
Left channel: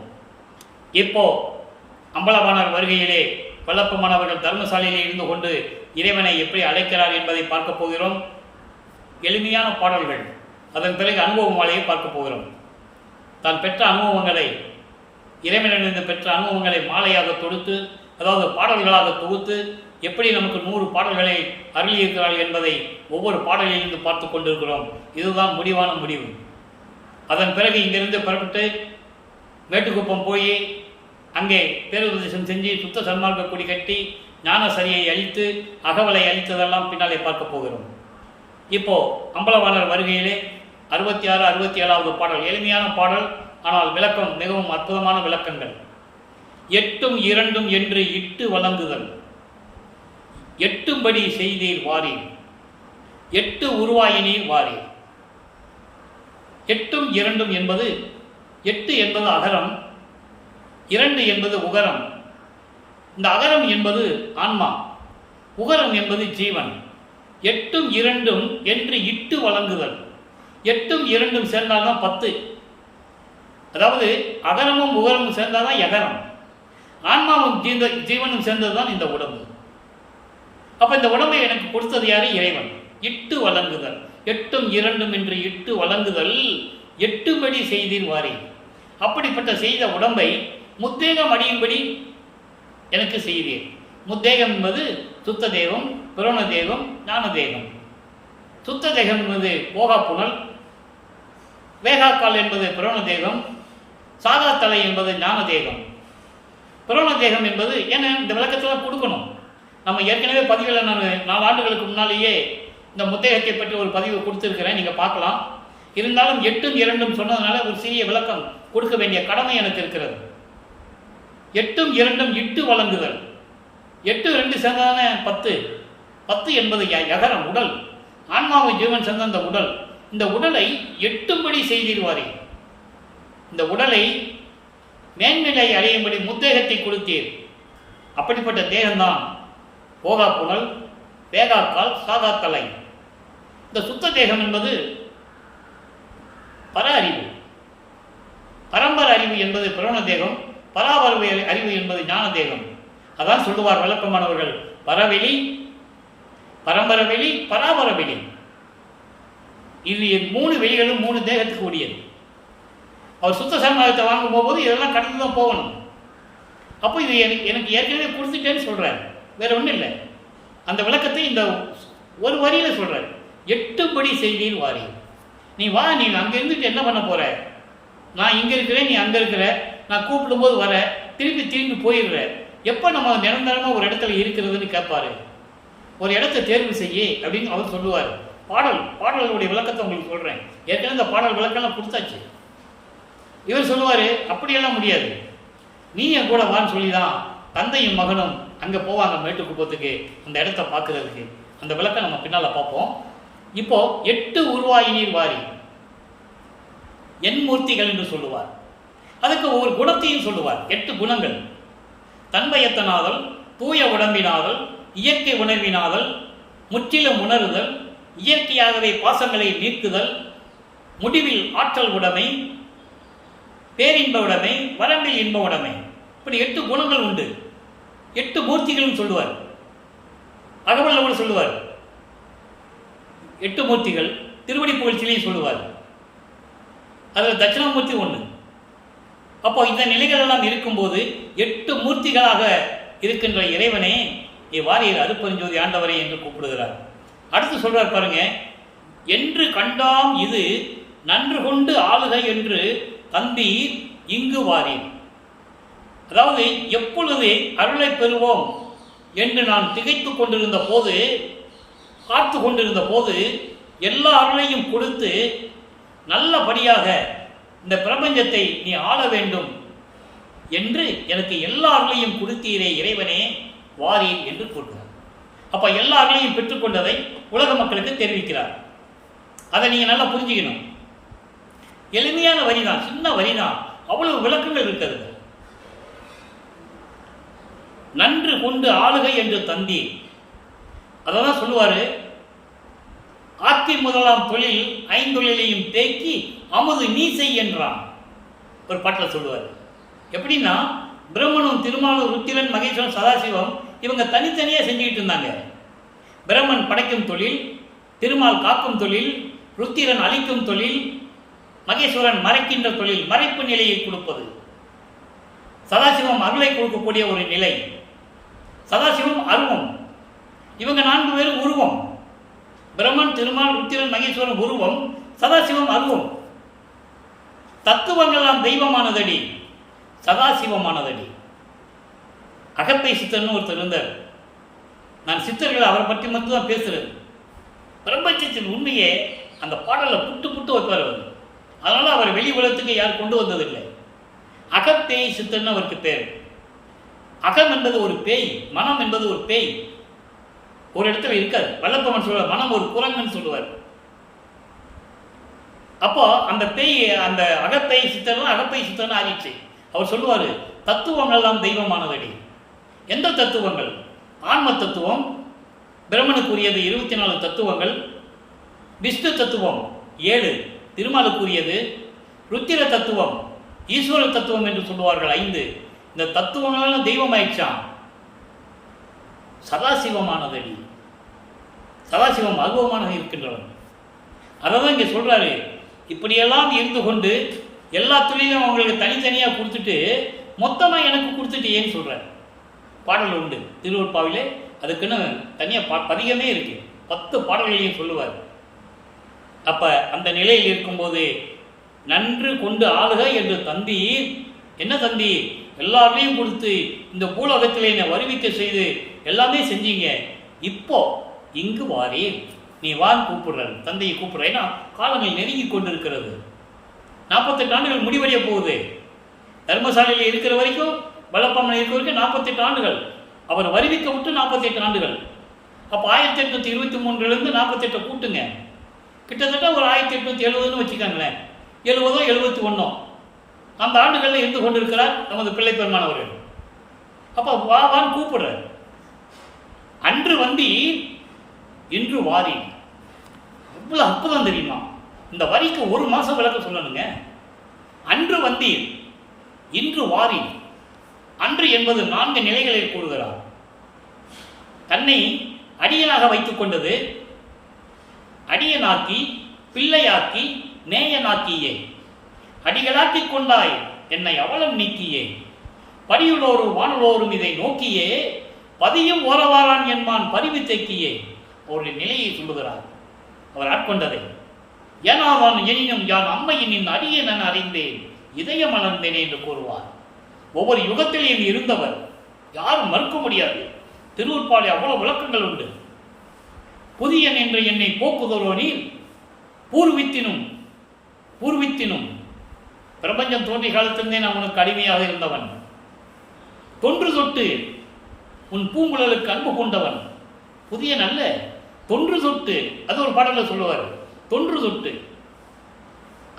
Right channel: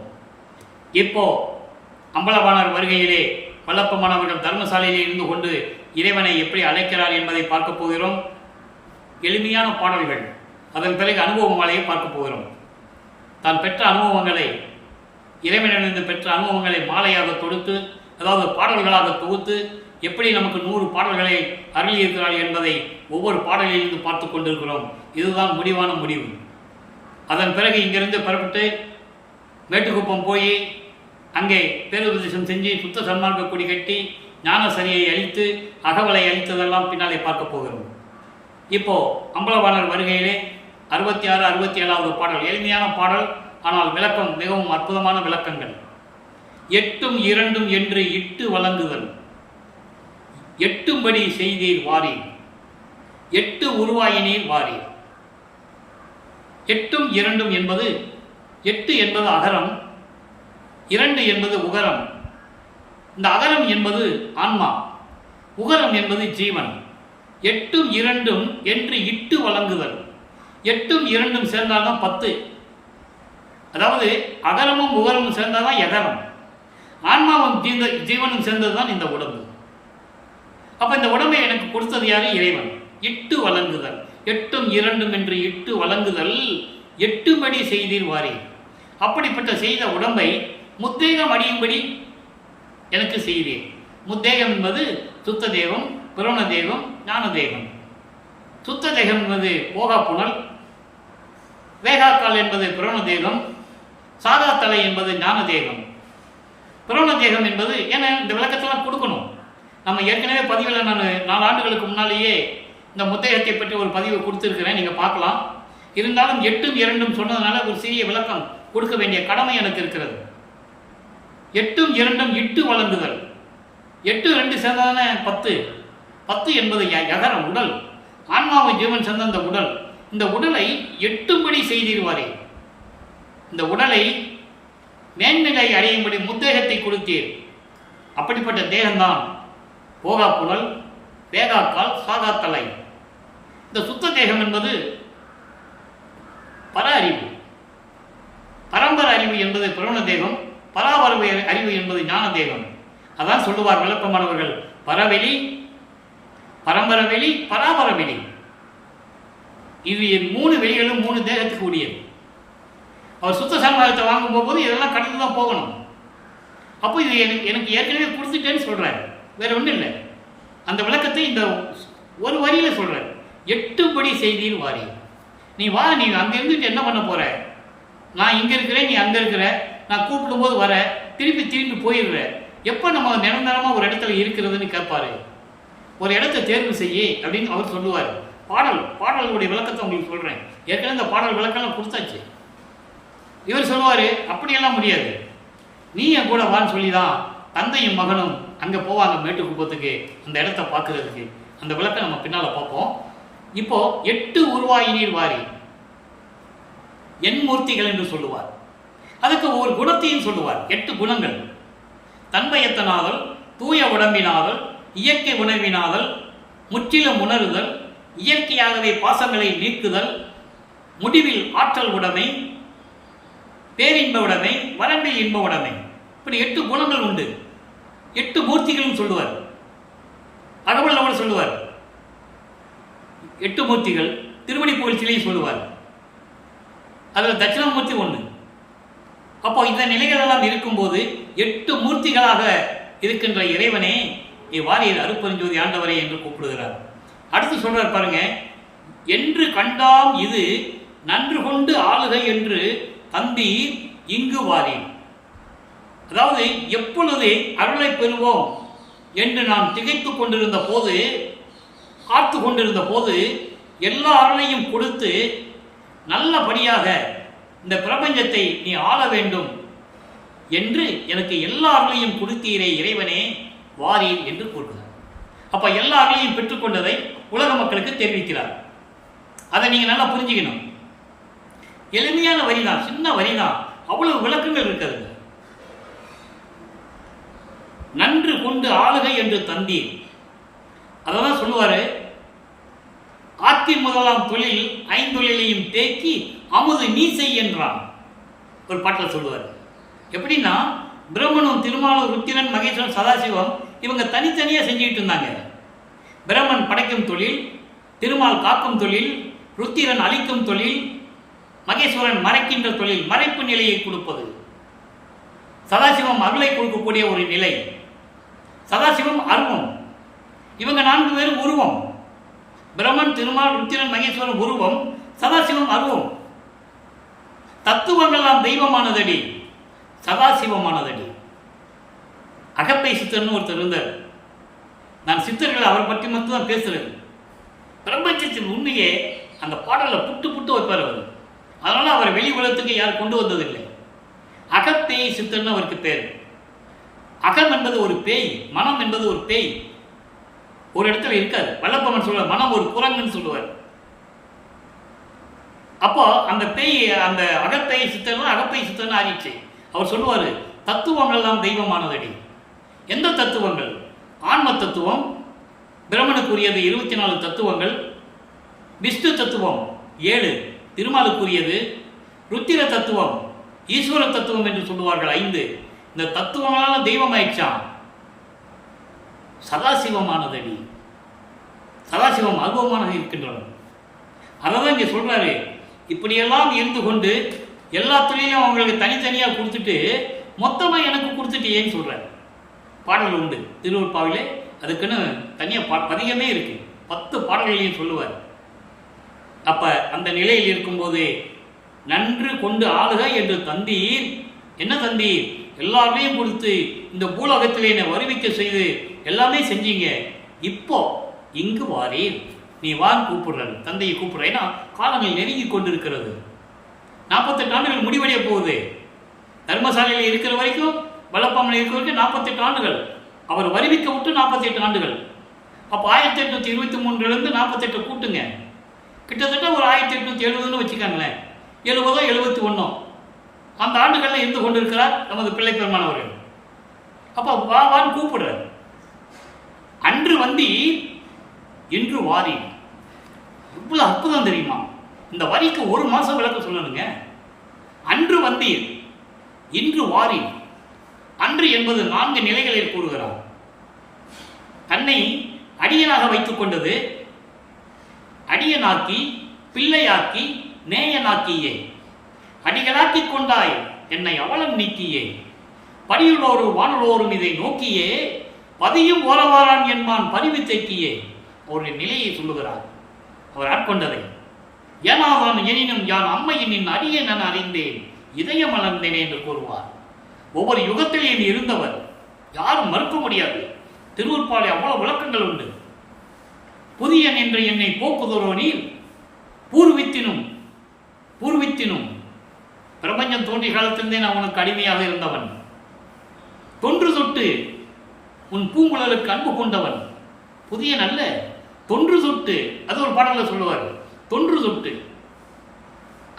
இப்போ அம்பலவாணர் வருகையிலே வல்லப்பமானவர்கள் தர்மசாலையிலே இருந்து கொண்டு இறைவனை எப்படி அழைக்கிறார் என்பதை பார்க்க போகிறோம். எளிமையான பாடல்கள். அதன் பிறகு அனுபவ மாலையை பார்க்க போகிறோம். தான் பெற்ற அனுபவங்களை, இறைவனிலிருந்து பெற்ற அனுபவங்களை மாலையாக தொடுத்து, அதாவது பாடல்களாக தொகுத்து எப்படி நமக்கு 100 பாடல்களை அருளியிருக்கிறார்கள் என்பதை ஒவ்வொரு பாடலிலிருந்து பார்த்து கொண்டிருக்கிறோம். இதுதான் முடிவான முடிவு. அதன் பிறகு இங்கிருந்து புறப்பட்டு மேட்டுக்குப்பம் போய் அங்கே பேருபதேசம் செஞ்சு சுத்த சன்மார்க்க கொடி கட்டி ஞானசரியை அழித்து அகவலை அழித்ததெல்லாம் பின்னாலே பார்க்க போகிறோம். இப்போ அம்பலவாணர் வருகையிலே 66, 67வது பாடல் எளிமையான பாடல், ஆனால் விளக்கம் மிகவும் அற்புதமான விளக்கங்கள். 8ம் 2ம் என்று இட்டு வழங்குதல், எட்டும்படி செய்தீர் வாரீர், எட்டு உருவாயினீர் வாரீர். எட்டும் இரண்டும் என்பது, எட்டு என்பது அகரம், இரண்டு என்பது உகரம். இந்த அகரம் என்பது ஆன்மா, உகரம் என்பது ஜீவன். எட்டும் இரண்டும் என்று இட்டு வழங்குதல். எட்டும் இரண்டும் சேர்ந்தால்தான் 10. அதாவது அகரமும் உகரமும் சேர்ந்தால்தான் எகரம். ஆன்மாவும் ஜீவனும் சேர்ந்தது தான் இந்த உடம்பு. அப்போ இந்த உடம்பை எனக்கு கொடுத்தது யாரு? இறைவன். இட்டு வழங்குதல். எட்டும் இரண்டும் என்று இட்டு வழங்குதல். எட்டுபடி செய்தீர் வாரீர். அப்படிப்பட்ட செய்த உடம்பை முத்தேகம் அடியும்படி எனக்கு செய்தீர். முத்தேகம் என்பது சுத்த தேகம், புரண தேகம், ஞான தேகம். சுத்த தேகம் என்பது போகா புனல், வேகாக்கால் என்பது புரண தேகம், சாதா தலை என்பது ஞான தேகம். புரண தேகம் என்பது ஏன்னா இந்த விளக்கத்தெல்லாம் கொடுக்கணும். நம்ம ஏற்கனவே பதிவில் நான் 4 ஆண்டுகளுக்கு முன்னாலேயே இந்த முத்தேகத்தை பற்றி ஒரு பதிவு கொடுத்துருக்கிறேன், நீங்கள் பார்க்கலாம். இருந்தாலும் எட்டும் இரண்டும் சொன்னதுனால ஒரு சிறிய விளக்கம் கொடுக்க வேண்டிய கடமை எனக்கு இருக்கிறது. எட்டும் இரண்டும் இட்டு வழங்குதல். 8 2 சேர்ந்ததுன்னா 10. 10 என்பது யகரம், உடல். ஆன்மாவை ஜீவன் சேர்ந்த இந்த உடல். இந்த உடலை எட்டும்படி செய்தீர்வாரே. இந்த உடலை மேன்நிலை அடையும்படி முத்தேகத்தை கொடுத்தீர். அப்படிப்பட்ட தேகம்தான் போகா புனல், வேகாக்கால், சாதா தலை. இந்த சுத்த தேகம் என்பது பர அறிவு. பரம்பர அறிவு என்பது புரண தேகம், பராபர அறிவு என்பது ஞான தேகம். அதான் சொல்லுவார் விளக்கமானவர்கள், பரவெளி, பரம்பர வெளி, பராபர வெளி. இது 3 வெளிகளும் 3 தேகத்துக்கு உரியது. அவர் சுத்த சன்மார்க்கத்தை வாங்கும் போகும்போது இதெல்லாம் கடந்து தான் போகணும். அப்போ இது எனக்கு ஏற்கனவே கொடுத்துட்டேன்னு சொல்கிறார், வேற ஒன்றும் இல்லை. அந்த விளக்கத்தை இந்த ஒரு வரியில் சொல்கிறார். எட்டுபடி செய்தீர் வாரீர். நீ வா, நீ அங்கே இருந்துட்டு என்ன பண்ண போகிற? நான் இங்கே இருக்கிறேன், நீ அங்கே இருக்கிற. நான் கூப்பிடும்போது வர, திரும்பி போயிடுற. எப்போ நம்ம நிரந்தரமாக ஒரு இடத்துல இருக்கிறதுன்னு கேட்பாரு. ஒரு இடத்த தேர்வு செய்ய அப்படின்னு அவர் சொல்லுவார். பாடலுடைய விளக்கத்தை உங்களுக்கு சொல்கிறேன். ஏற்கனவே இந்த பாடல் விளக்கெல்லாம் கொடுத்தாச்சு. இவர் சொல்லுவார், அப்படியெல்லாம் முடியாது, நீ என் கூட வான்னு சொல்லி தான் தந்தையும் மகனும் அங்கே போவாங்க மேட்டுக்குப்பத்துக்கு, அந்த இடத்த பார்க்கறதுக்கு. அந்த விளக்கம் நம்ம பின்னால் பார்ப்போம். இப்போ 8 உருவாயினீர் வாரி என் மூர்த்திகள் என்று சொல்லுவார். அதுக்கு ஒவ்வொரு குணத்தையும் சொல்லுவார். 8 குணங்கள்: தன்மையத்தனாதல், தூய உடம்பினாதல், இயற்கை உணர்வினாதல், முற்றிலும் உணருதல், இயற்கையாகவே பாசங்களை நீக்குதல், முடிவில் ஆற்றல் உடைமை, பேரின்ப உடைமை, வரம்பில் இன்ப உடைமை. இப்படி 8 குணங்கள் உண்டு. 8 மூர்த்திகளும் சொல்லுவார். அகவல்லவர் சொல்லுவார் 8 மூர்த்திகள். திருவடி புகழ்ச்சியிலையும் சொல்லுவார். அதில் தட்சிணாமூர்த்தி 1. அப்போ இந்த நிலைகள் எல்லாம் இருக்கும்போது 8 மூர்த்திகளாக இருக்கின்ற இறைவனே வாரீர் அருப்பெருஞ்சோதி ஆண்டவரே என்று கூப்பிடுகிறார். அடுத்து சொல்றார் பாருங்க, என்று கண்டாம் இது நன்று கொண்டு ஆளுகை என்று தந்தீர் இங்கு வாரீர். அதாவது எப்பொழுது அருளை பெறுவோம் என்று நான் திகைத்து கொண்டிருந்த போது, காத்து கொண்டிருந்த போது, எல்லா அருளையும் கொடுத்து நல்லபடியாக இந்த பிரபஞ்சத்தை நீ ஆள வேண்டும் என்று எனக்கு எல்லா அருளையும் கொடுத்தீரே இறைவனே வாரீர் என்று கூறுகிறார். அப்போ எல்லா அருளையும் பெற்றுக்கொண்டதை உலக மக்களுக்கு தெரிவிக்கிறார். அதை நீங்கள் நல்லா புரிஞ்சுக்கணும். எளிமையான வரி தான், சின்ன வரி தான், அவ்வளவு விளக்கங்கள் இருக்கிறது. நன்று கொண்டு ஆளுகை என்று தந்தீர். அதை தான் சொல்லுவார், ஆற்றின் முதலாம் தொழில் 5 தொழிலையும் தேக்கி அமுது நீ செய் என்றான். ஒரு பாட்டில் சொல்லுவார். எப்படின்னா, பிரம்மனும் திருமாலும் ருத்திரன் மகேஸ்வரன் சதாசிவம் இவங்க தனித்தனியாக செஞ்சுக்கிட்டு இருந்தாங்க. பிரம்மன் படைக்கும் தொழில், திருமால் காக்கும் தொழில், ருத்திரன் அழிக்கும் தொழில், மகேஸ்வரன் மறைக்கின்ற தொழில், மறைப்பு நிலையை கொடுப்பது. சதாசிவம் அருளை கொடுக்கக்கூடிய ஒரு நிலை. சதாசிவம் அருவம். இவங்க 4 பேரும் உருவம். பிரம்மன், திருமால், ருத்திரன், மகேஸ்வரன் உருவம், சதாசிவம் அருவம். தத்துவங்கள்லாம் தெய்வமானதடி, சதாசிவமானதடி. அகப்பை சித்தர்னு ஒருத்தர் இருந்தார். நான் சித்தர்கள் அவரை பற்றி மட்டும் தான் பேசுறது. பிரபஞ்சத்தின் உண்மையே அந்த பாடலில் புட்டு வைப்பார் அவர். அதனால் அவரை வெளி உலகத்துக்கு யார் கொண்டு வந்ததில்லை. அகப்பேய் சித்தர்னு அவருக்கு பேர். அகம் என்பது ஒரு பேய், மனம் என்பது ஒரு பேய். ஒரு இடத்துல இருக்காது. வல்லப்பமன் சொல்லுவார், மனம் ஒரு குரங்குன்னு சொல்லுவார். அப்போ அந்த பேய், அந்த அகப்பேய் சித்தர்லாம் அகப்பேய் சித்தர்னு ஆகிடுச்சு. அவர் சொல்லுவார், தத்துவங்கள்லாம் தெய்வமானதடி. எந்த தத்துவங்கள்? ஆன்ம தத்துவம், பிரம்மனுக்குரியது 24 தத்துவங்கள், விஷ்ணு தத்துவம் 7, திருமாலுக்குரியது, ருத்திர தத்துவம், ஈஸ்வர தத்துவம் என்று சொல்லுவார்கள் 5. இந்த தத்துவங்களால தெய்வம் ஆயிடுச்சான். சதாசிவமானதடி. சதாசிவம் அருவமாக இருக்கின்றவன். அதை தான் இங்கே சொல்கிறாரு. இப்படியெல்லாம் இருந்து கொண்டு எல்லா தொழிலையும் அவங்களுக்கு தனித்தனியாக கொடுத்துட்டு மொத்தமாக எனக்கு கொடுத்துட்டு ஏன்னு சொல்கிறார். பாடல் உண்டு திருவருட்பாவிலே, அதுக்குன்னு தனியாக பதிகமே இருக்குது. 10 பாடல்களையும் சொல்லுவார். அப்போ அந்த நிலையில் இருக்கும்போது நன்று கொண்டு ஆளுக என்று தந்தீர். என்ன தந்தீர்? எல்லாரையும் கொடுத்து இந்த பூலோகத்தில் என்னை வருவிக்க செய்து எல்லாமே செஞ்சீங்க. இப்போ இங்கு வாரீர், நீ வான்னு கூப்பிடுறாரு. தந்தையை கூப்பிடுறேன்னா காலங்கள் நெருங்கி கொண்டிருக்கிறது. 48 ஆண்டுகள் முடிவடைய போகுது. தர்மசாலையில் இருக்கிற வரைக்கும், வல்லப்பமன் இருக்கிற வரைக்கும் 48 ஆண்டுகள். அவர் வருவிக்க விட்டு 48 ஆண்டுகள். அப்போ 1823 48 கூட்டுங்க, கிட்டத்தட்ட ஒரு 1870 வச்சுக்காங்களேன். 70 71 அந்த ஆண்டுகளில் இருந்து கொண்டு இருக்கிறார் நமது பிள்ளை பெருமானவர்கள். அப்போ வான்னு கூப்பிடுறார். அன்று வந்தீர் இன்று வாரீர். எவ்வளோ அற்புதம் தெரியுமா? இந்த வரிக்கு 1 மாதம் விளக்க சொல்லணுங்க. அன்று வந்தீர் இன்று வாரீர். அன்று என்பது 4 நிலைகளில் கூறுகிறார். தன்னை அடியனாக வைத்துக் கொண்டது, அடியனாக்கி, பிள்ளையாக்கி, நேயனாக்கியே. அடிகளாக்கி கொண்டாய் என்னை அவலம் நீக்கியே. படியுள்ளோரும் வானுள்ளோரும் இதை நோக்கியே. பதியும் ஓரவாரான் என்பான் பரிவு தேக்கியே. அவருடைய நிலையை சொல்லுகிறார், அவர் ஆட்கொண்டதை. ஏனாதான் எனினும் யான் அம்மையின் அடிய நான் அறிந்தேன், இதயம் மலர்ந்தேன் என்று கூறுவார். ஒவ்வொரு யுகத்திலேயும் இருந்தவர், யாரும் மறுக்க முடியாது. திருவருட்பாலை அவ்வளவு விளக்கங்கள் உண்டு. புதியன் என்று என்னை போக்குதோரோ நீர் பூர்வித்தினும் பிரபஞ்சம் தோன்றிய காலத்திலிருந்தே நான் உனக்கு அடிமையாக இருந்தவன். தொன்று தொட்டு உன் பூங்குழலுக்கு அன்பு கொண்டவன். புதியன் அல்ல, தொன்று தொட்டு. அது ஒரு பாடலில் சொல்லுவார், தொன்று தொட்டு.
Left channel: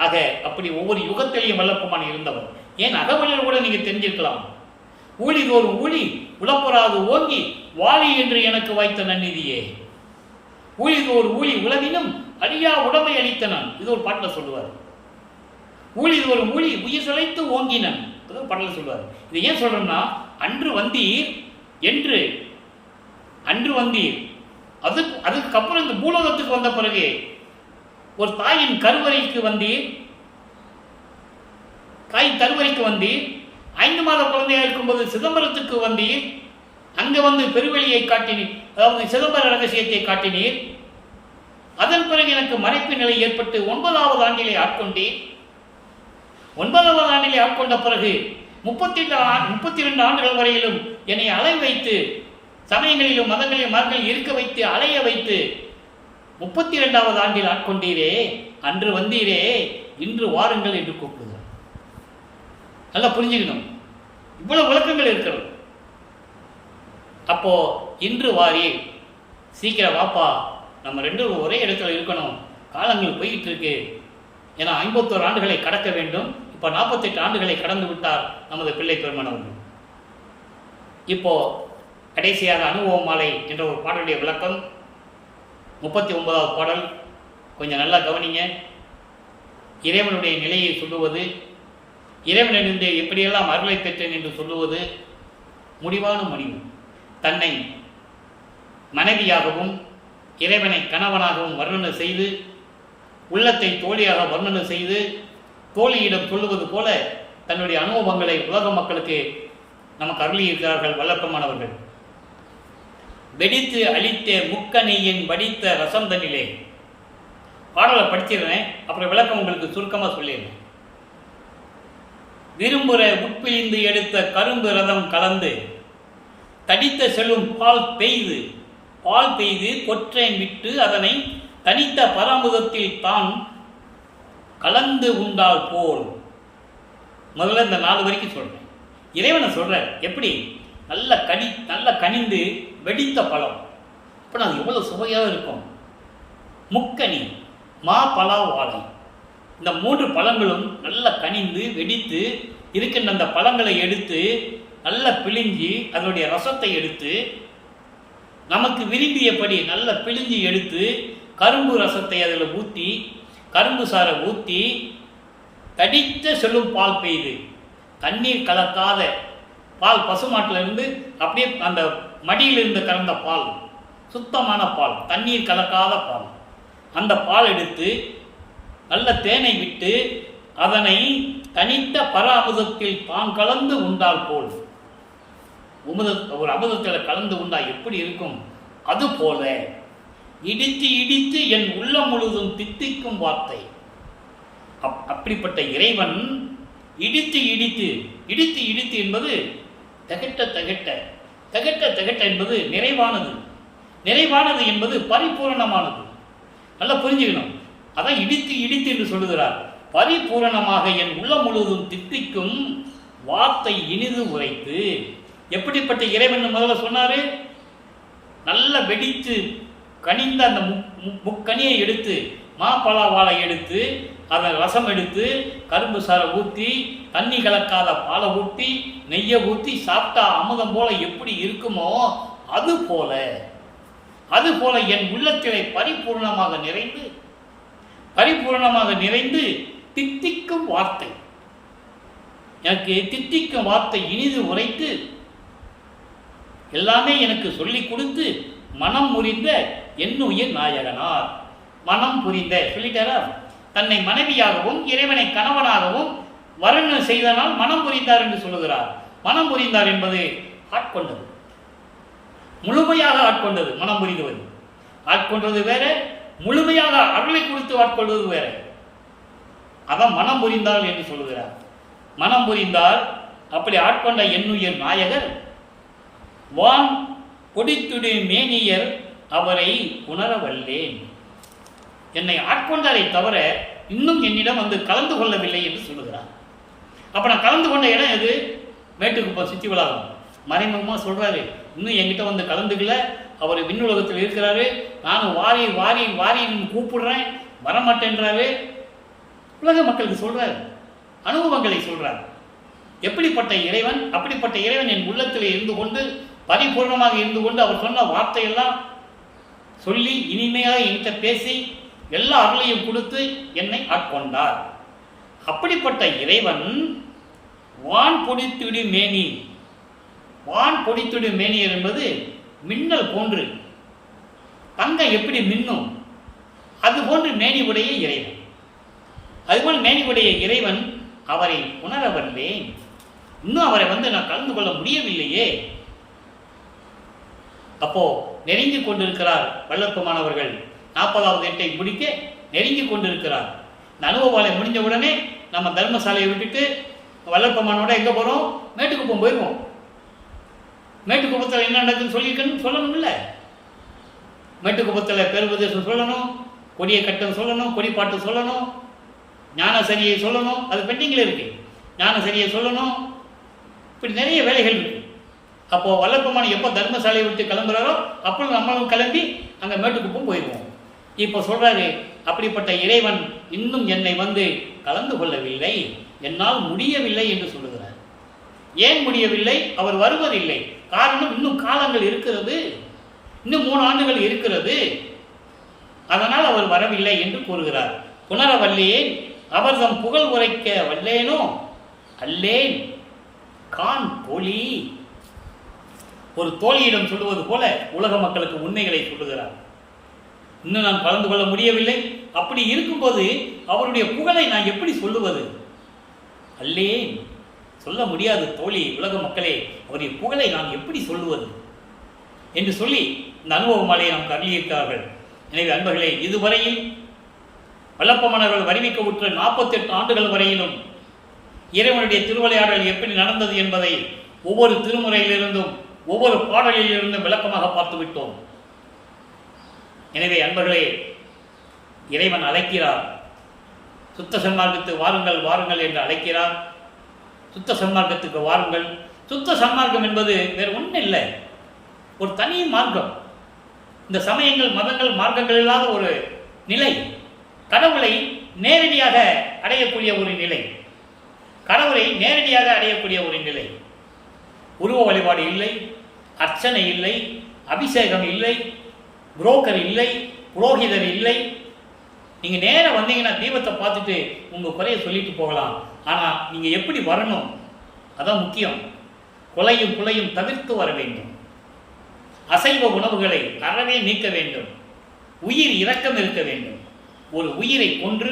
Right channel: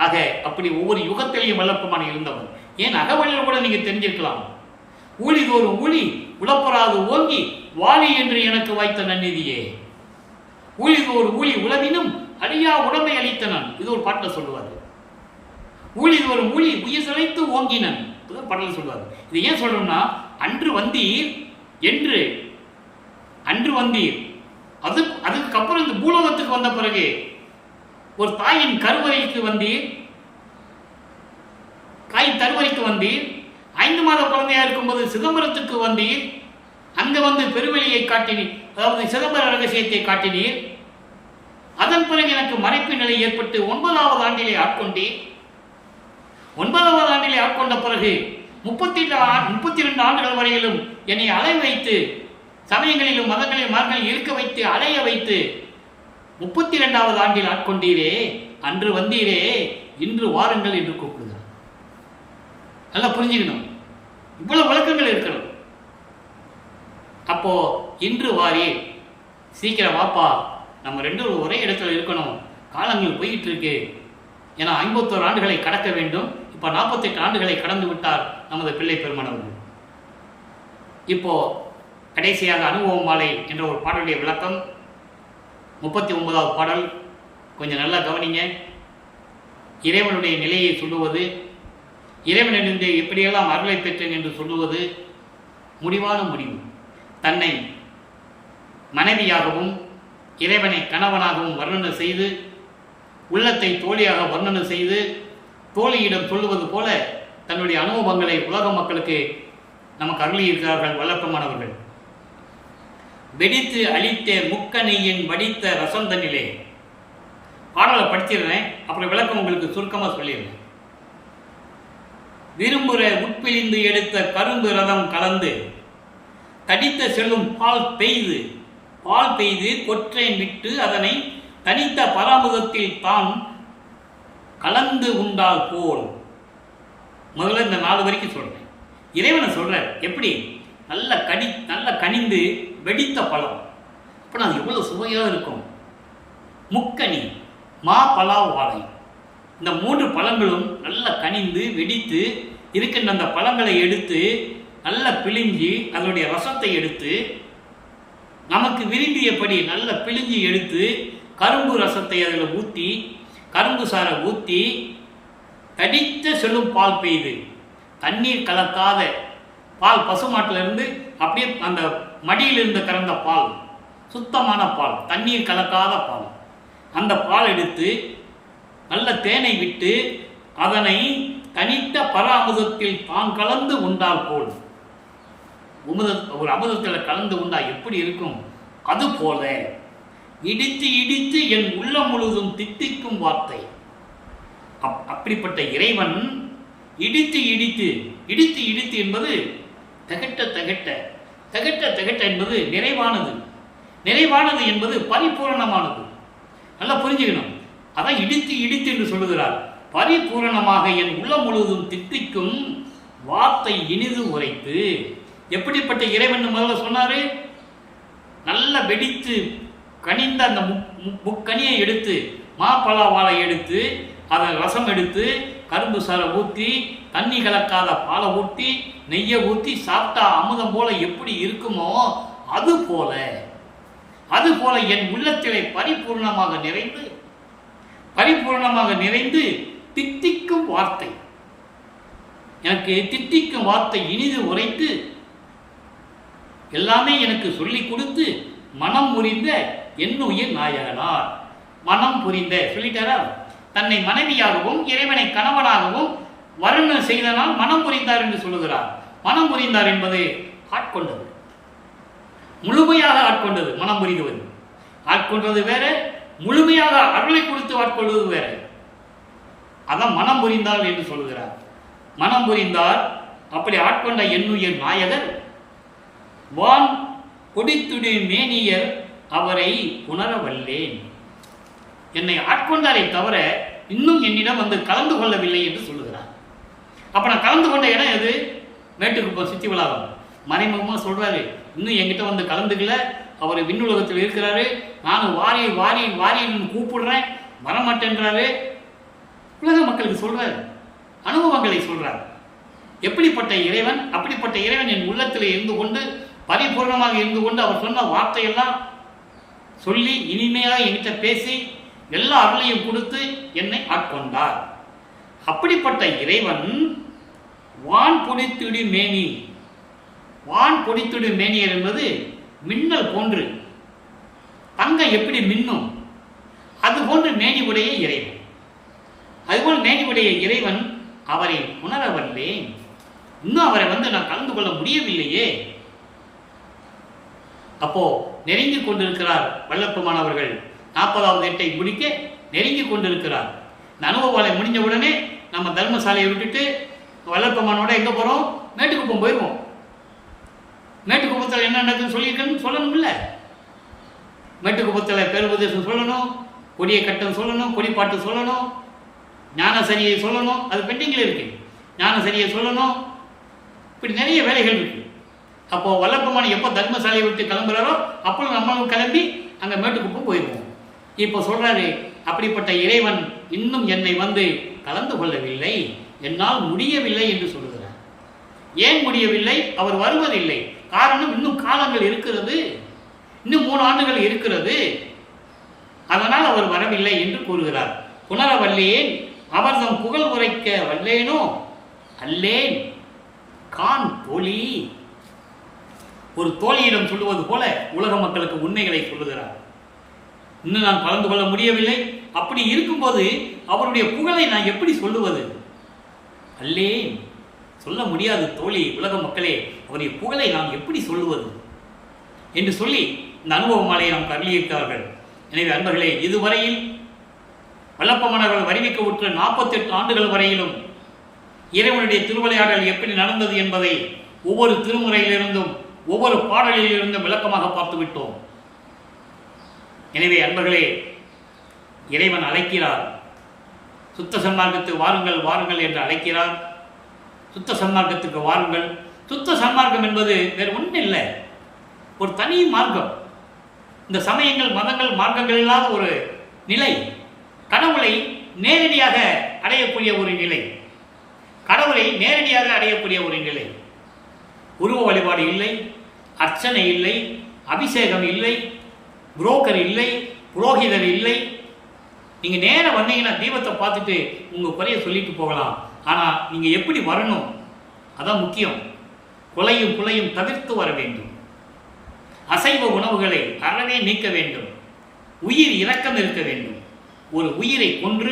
ஆக அப்படி ஒவ்வொரு யுகத்திலையும் வல்லப்பமான இருந்தவன். ஏன் அகவழியில் கூட நீங்கள் தெரிஞ்சிருக்கலாம். ஊழிதோறும் ஊழி உழப்பராது ஓங்கி வாழி என்று எனக்கு வாய்த்த நன்னிதியே. ஊழிதோர் ஊழி உளவினும் அழியா உடமை அளித்தனன். இது ஒரு பாட்டில் சொல்லுவார். ஊழிதோறும் ஊழி உயிர் சிலைத்து ஓங்கினன். அது ஒரு பாட்டில் சொல்லுவார். இது ஏன் சொல்றோம்னா, அன்று வந்தீர் என்று, அன்று வந்தீர். அதுக்கப்புறம் இந்த பூலோகத்துக்கு வந்த பிறகு ஒரு தாயின் கருவறைக்கு வந்தீர், கருவறைக்கு வந்தீர். 5 மாத குழந்தையாக இருக்கும்போது சிதம்பரத்துக்கு வந்தீர். அங்கே வந்து பெருவெளியை காட்டினீர், அதாவது சிதம்பர ரகசியத்தை காட்டினீர். அதன் பிறகு எனக்கு மறைப்பு நிலை ஏற்பட்டு 9வது ஆண்டிலே ஆட்கொண்டீர். 9வது ஆண்டிலே ஆட்கொண்ட பிறகு 32 ஆண்டுகள் வரையிலும் என்னை அலை வைத்து, சமயங்களிலும் மதங்களிலும் மதங்களில் இருக்க வைத்து, அலைய வைத்து 32வது ஆண்டில் ஆட்கொண்டீரே. அன்று வந்தீரே, இன்று வாருங்கள் என்று கூப்பிடுகிறார். நல்லா புரிஞ்சுக்கணும், இவ்வளவு விளக்கங்கள் இருக்கிறது. அப்போ இன்று வாரி, சீக்கிரம் வாப்பா, நம்ம 2 ஒரே இடத்துல இருக்கணும், காலங்கள் போய்கிட்டு இருக்கு. ஏன்னா 51 ஆண்டுகளை கடக்க வேண்டும். இப்போ 48 ஆண்டுகளை கடந்து விட்டார் நமது பிள்ளை பெருமானவர்கள். இப்போ கடைசியாக அனுபவ மாலை என்ற ஒரு பாடலுடைய விளக்கம், 39வது பாடல். கொஞ்சம் நல்லா கவனிங்க. இறைவனுடைய நிலையை சொல்லுவது, இறைவனிலிருந்து எப்படியெல்லாம் அருளை பெற்றேன் என்று சொல்லுவது முடிவான முடிவு. தன்னை மனைவியாகவும் இறைவனை கணவனாகவும் வர்ணனை செய்து, உள்ளத்தை தோழியாக வர்ணனை செய்து, தோழியிடம் சொல்லுவது போல தன்னுடைய அனுபவங்களை உலக மக்களுக்கு நமக்கு அருளியிருக்கிறார்கள் வல்லப்பமானவர்கள். வெடித்து அழித்த முக்கணியின் வடித்த ரசந்தனிலே. பாடலை படிச்சிருந்தேன், அப்புறம் விளக்கம் உங்களுக்கு சுருக்கமாக சொல்லிடுறேன். விரும்புகிற உட்பிழிந்து எடுத்த கரும்பு ரதம் கலந்து தடித்த செல்லும் பால் பெய்து கொற்றேன் விட்டு அதனை தனித்த பராமுகத்தில் தான் கலந்து உண்டால் போல். முதல்ல இந்த 4 வரைக்கும் சொல்கிறேன். இறைவனை சொல்கிறார் எப்படி? நல்ல கனிந்து வெடித்த பழம். அப்போ அது எவ்வளோ சுவையாக இருக்கும். முக்கனி, மா, பலா, வாழை, இந்த 3 பழங்களும் நல்லா கனிந்து வெடித்து இருக்கின்ற அந்த பழங்களை எடுத்து நல்லா பிழிஞ்சி அதனுடைய ரசத்தை எடுத்து நமக்கு விரும்பியபடி நல்லா பிழிஞ்சி எடுத்து கரும்பு ரசத்தை அதில் ஊற்றி கரும்பு சாறை ஊற்றி தடித்த செல்லும் பால் பெய்து தண்ணீர் கலக்காத பால், பசுமாட்டிலிருந்து அப்படியே அந்த மடியிலிருந்து கறந்த பால், சுத்தமான பால், தண்ணீர் கலக்காத பால், அந்த பால் எடுத்து நல்ல தேனை விட்டு அதனை தனித்த பர அமுதத்தில் தான் கலந்து உண்டால் போல், ஒரு அமுதத்தில் கலந்து உண்டா எப்படி இருக்கும், அதுபோல இடித்து இடித்து என் உள்ளம் முழுதும் தித்திக்கும் வார்த்தை. அப்படிப்பட்ட இறைவன் இடித்து இடித்து இடித்து இடித்து என்பது தகட்ட தகட்ட தகட்ட தகட்ட என்பது நிறைவானது, நிறைவானது என்பது பரிபூரணமானது. நல்லா புரிஞ்சுக்கணும். அதான் இடித்து இடித்து என்று சொல்லுகிறார். பரிபூரணமாக என் உள்ளம் முழுவதும் தித்திக்கும் வார்த்தை இனிது உரைத்து. எப்படிப்பட்ட இறைவன் முதல்ல சொன்னாரு? நல்ல வெடித்து கனிந்த அந்த முக்கனியை எடுத்து மாப்பழா வாழை எடுத்து அதன் ரசம் எடுத்து கரும்பு சாறை ஊற்றி தண்ணி கலக்காத பாலை ஊற்றி நெய்யை ஊற்றி சாப்பிட்டா அமுதம் போல எப்படி இருக்குமோ அதுபோல என் உள்ளத்திலே பரிபூர்ணமாக நிறைந்து தித்திக்கும் வார்த்தை, எனக்கு தித்திக்கும் வார்த்தை இனிது உரைத்து எல்லாமே எனக்கு சொல்லிக் கொடுத்து மனம் முறிந்த என்னுயிர் நாயகனார். மனம் புரிந்த சொல்லிட்டாரா? தன்னை மனைவியாகவும் இறைவனை கணவனாகவும் வர்ணனை செய்தனால் மனம் புரிந்தார் என்று சொல்லுகிறார். மனம் புரிந்தார் என்பது ஆட்கொண்டது, முழுமையாக ஆட்கொண்டது. மனம் புரிந்துவது ஆட்கொண்டது வேற, முழுமையாக அருளை கொடுத்து ஆட்கொள்வது வேற. அதான் மனம் புரிந்தார் என்று சொல்லுகிறார். மனம் புரிந்தார். அப்படி ஆட்கொண்ட என்னுயிர் நாயகர் வான் பொடித்துடு மேனியர் அவரை புணரவல்லேன். என்னை ஆட்கொண்டாரை தவிர இன்னும் என்னிடம் வந்து கலந்து கொள்ளவில்லை என்று சொல்லுகிறார். அப்போ நான் கலந்து கொண்ட இடம் எது? மேட்டுக்குப்பம் சித்தி வளாகம். மறைமுகமாக சொல்கிறாரு, இன்னும் என்கிட்ட வந்து கலந்துக்கல, அவர் விண்ணுலகத்தில் இருக்கிறாரு, நானும் வாரி வாரி வாரின்னு கூப்பிடுறேன், வரமாட்டேன்றாரு. உலக மக்களுக்கு சொல்கிறார், அனுபவங்களை சொல்கிறார். எப்படிப்பட்ட இறைவன்? அப்படிப்பட்ட இறைவன் என் உள்ளத்தில் இருந்து கொண்டு பரிபூர்ணமாக இருந்து கொண்டு அவர் சொன்ன வார்த்தையெல்லாம் சொல்லி இனிமையாக என்கிட்ட பேசி எல்லா அருளையும் கொடுத்து என்னை ஆட்கொண்டார். அப்படிப்பட்ட இறைவன் வான் பொடித்துடு மேனி. வான் பொடித்துடு மேனியர் என்பது மின்னல் போன்று, தங்கம் எப்படி மின்னும் அதுபோன்று மேனி உடைய இறைவன். அதுபோல் மேனி உடைய இறைவன் அவரை உணரவல்லேன். இன்னும் அவரை நான் கலந்து கொள்ள முடியவில்லையே. அப்போ நெருங்கி கொண்டிருக்கிறார் வல்லப்பமானவர்கள். 40வது எட்டை முடிக்க நெருங்கி கொண்டிருக்கிறார். இந்த அனுபவாலை முடிஞ்ச உடனே நம்ம தர்மசாலையை விட்டுட்டு வல்லப்பம்மனோட எங்கே போகிறோம்? மேட்டுக்குப்பம் போயிடுவோம். மேட்டுக்குப்பத்தில் என்ன நடக்குதுன்னு சொல்லியிருக்கணும்னு சொல்லணும். இல்லை, மேட்டுக்குப்பத்தில் பேருபதேசம் சொல்லணும், கொடியை கட்டம் சொல்லணும், கொடிப்பாட்டு சொல்லணும், ஞானசரியை சொல்லணும். அது பெண்டிங்கில் இருக்கு. ஞானசரியை சொல்லணும். இப்படி நிறைய வேலைகள் இருக்கு. அப்போது வல்லப்பமான எப்போ தர்மசாலையை விட்டு கிளம்புறாரோ அப்போ நம்மளும் கிளம்பி அங்கே மேட்டுக்குப்பம் போயிடுவோம். இப்போ சொல்கிறாரு, அப்படிப்பட்ட இறைவன் இன்னும் என்னை கலந்து கொள்ளவில்லை, என்னால் முடியவில்லை என்று சொல்லுகிறார். ஏன் முடியவில்லை? அவர் வருவதில்லை. காரணம், இன்னும் காலங்கள் இருக்கிறது, இன்னும் 3 ஆண்டுகள் இருக்கிறது, அதனால் அவர் வரவில்லை என்று கூறுகிறார். புனரவல்லேன் அவர்தம் புகழ் உரைக்க வல்லேனோ அல்லேன் கான் தோழி. ஒரு தோழியிடம் சொல்லுவது போல உலக மக்களுக்கு உண்மைகளை சொல்லுகிறார். இன்னும் நான் கலந்து கொள்ள முடியவில்லை. அப்படி இருக்கும்போது அவருடைய புகழை நான் எப்படி சொல்லுவது? அல்லேன், சொல்ல முடியாது தோழி, உலக மக்களே, அவருடைய புகழை நான் எப்படி சொல்லுவது என்று சொல்லி இந்த அனுபவ மாலையை நமக்கு அருளியிருக்கிறார்கள். எனவே அன்பர்களே, இதுவரையில் வல்லப்பமன்னர்கள் வருவிக்க உற்ற 48 ஆண்டுகள் வரையிலும் இறைவனுடைய திருவிளையாடல் எப்படி நடந்தது என்பதை ஒவ்வொரு திருமுறையிலிருந்தும் ஒவ்வொரு பாடலிலிருந்தும் விளக்கமாக பார்த்துவிட்டோம். எனவே அன்பர்களே, இறைவன் அழைக்கிறார். சுத்த சன்மார்க்கத்துக்கு வாருங்கள் வாருங்கள் என்று அழைக்கிறார். சுத்த சன்மார்க்கத்துக்கு வாருங்கள். சுத்த சன்மார்க்கம் என்பது வேறு ஒன்றும் இல்லை, ஒரு தனி மார்க்கம். இந்த சமயங்கள், மதங்கள், மார்க்கங்கள் இல்லாத ஒரு நிலை, கடவுளை நேரடியாக அடையக்கூடிய ஒரு நிலை, கடவுளை நேரடியாக அடையக்கூடிய ஒரு நிலை. உருவ வழிபாடு இல்லை, அர்ச்சனை இல்லை, அபிஷேகம் இல்லை, புரோக்கர் இல்லை, புரோகிதர் இல்லை. நீங்கள் நேராக வந்தீங்கன்னா தீபத்தை பார்த்துட்டு உங்கள் குறைய சொல்லிட்டு போகலாம். ஆனால் நீங்கள் எப்படி வரணும், அதான் முக்கியம். கொலையும் குலையும் தவிர்த்து வர வேண்டும். அசைவ உணவுகளை அறவே நீக்க வேண்டும். உயிர் இரக்கம் இருக்க வேண்டும். ஒரு உயிரை கொன்று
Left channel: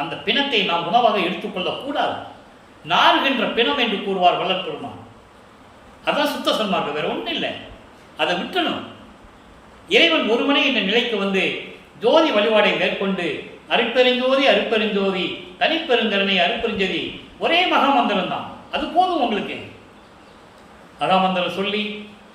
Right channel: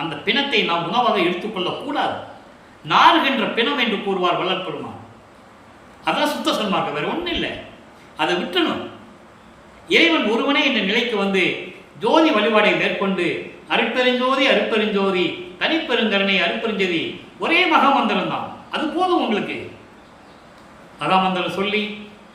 அந்த பிணத்தை நாம் உணவாக எடுத்துக்கொள்ளக்கூடாது. நாறுகின்ற பிணம் என்று கூறுவார் வள்ளல் பெருமான். அதான் சுத்த சன்மார்க்கம், வேற ஒன்றும் இல்லை. அதை விட்டணும். இறைவன் ஒருவனே என்ற நிலைக்கு வந்து ஜோதி வழிபாடை மேற்கொண்டு அருட்பெருஞ்சோதி அருட்பெருஞ்சோதி தனிப்பெருங்கருணை அருட்பெருஞ்சோதி ஒரே மகாமந்திரம் தான், அது போதும் உங்களுக்கு. மகாமந்திரம் சொல்லி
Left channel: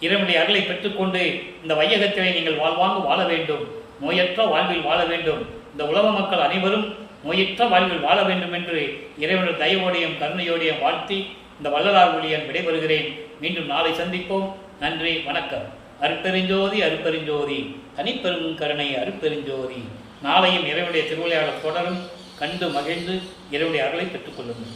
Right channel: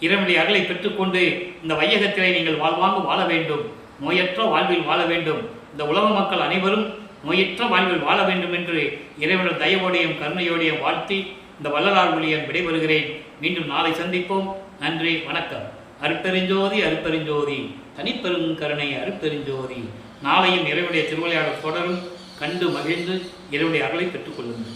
இறைவனுடைய அருளை பெற்றுக்கொண்டு இந்த வையகத்திலே நீங்கள் வாழ்வாங்கு வாழ வேண்டும். நோயற்ற வாழ்வில் வாழ வேண்டும். இந்த உலக மக்கள் அனைவரும் நோயற்ற வாழ்வில் வாழ வேண்டும் என்று இறைவனுடைய தயவோடையும் கருணையோடையும் வாழ்த்தி இந்த வள்ளலார் ஒளியன் விடைபெறுகிறேன். மீண்டும் நாளை சந்திப்போம். நன்றி, வணக்கம். அருட்பெருஞ்சோதி அருட்பெருஞ்சோதி தனிப்பெருங்கருணை அருட்பெருஞ்சோதி. நாளையும் இறைவனுடைய திருவிளையாடல் தொடரும். கண்டு மகிழ்ந்து இறைவனுடைய அருளை பெற்றுக்கொள்ளுங்கள்.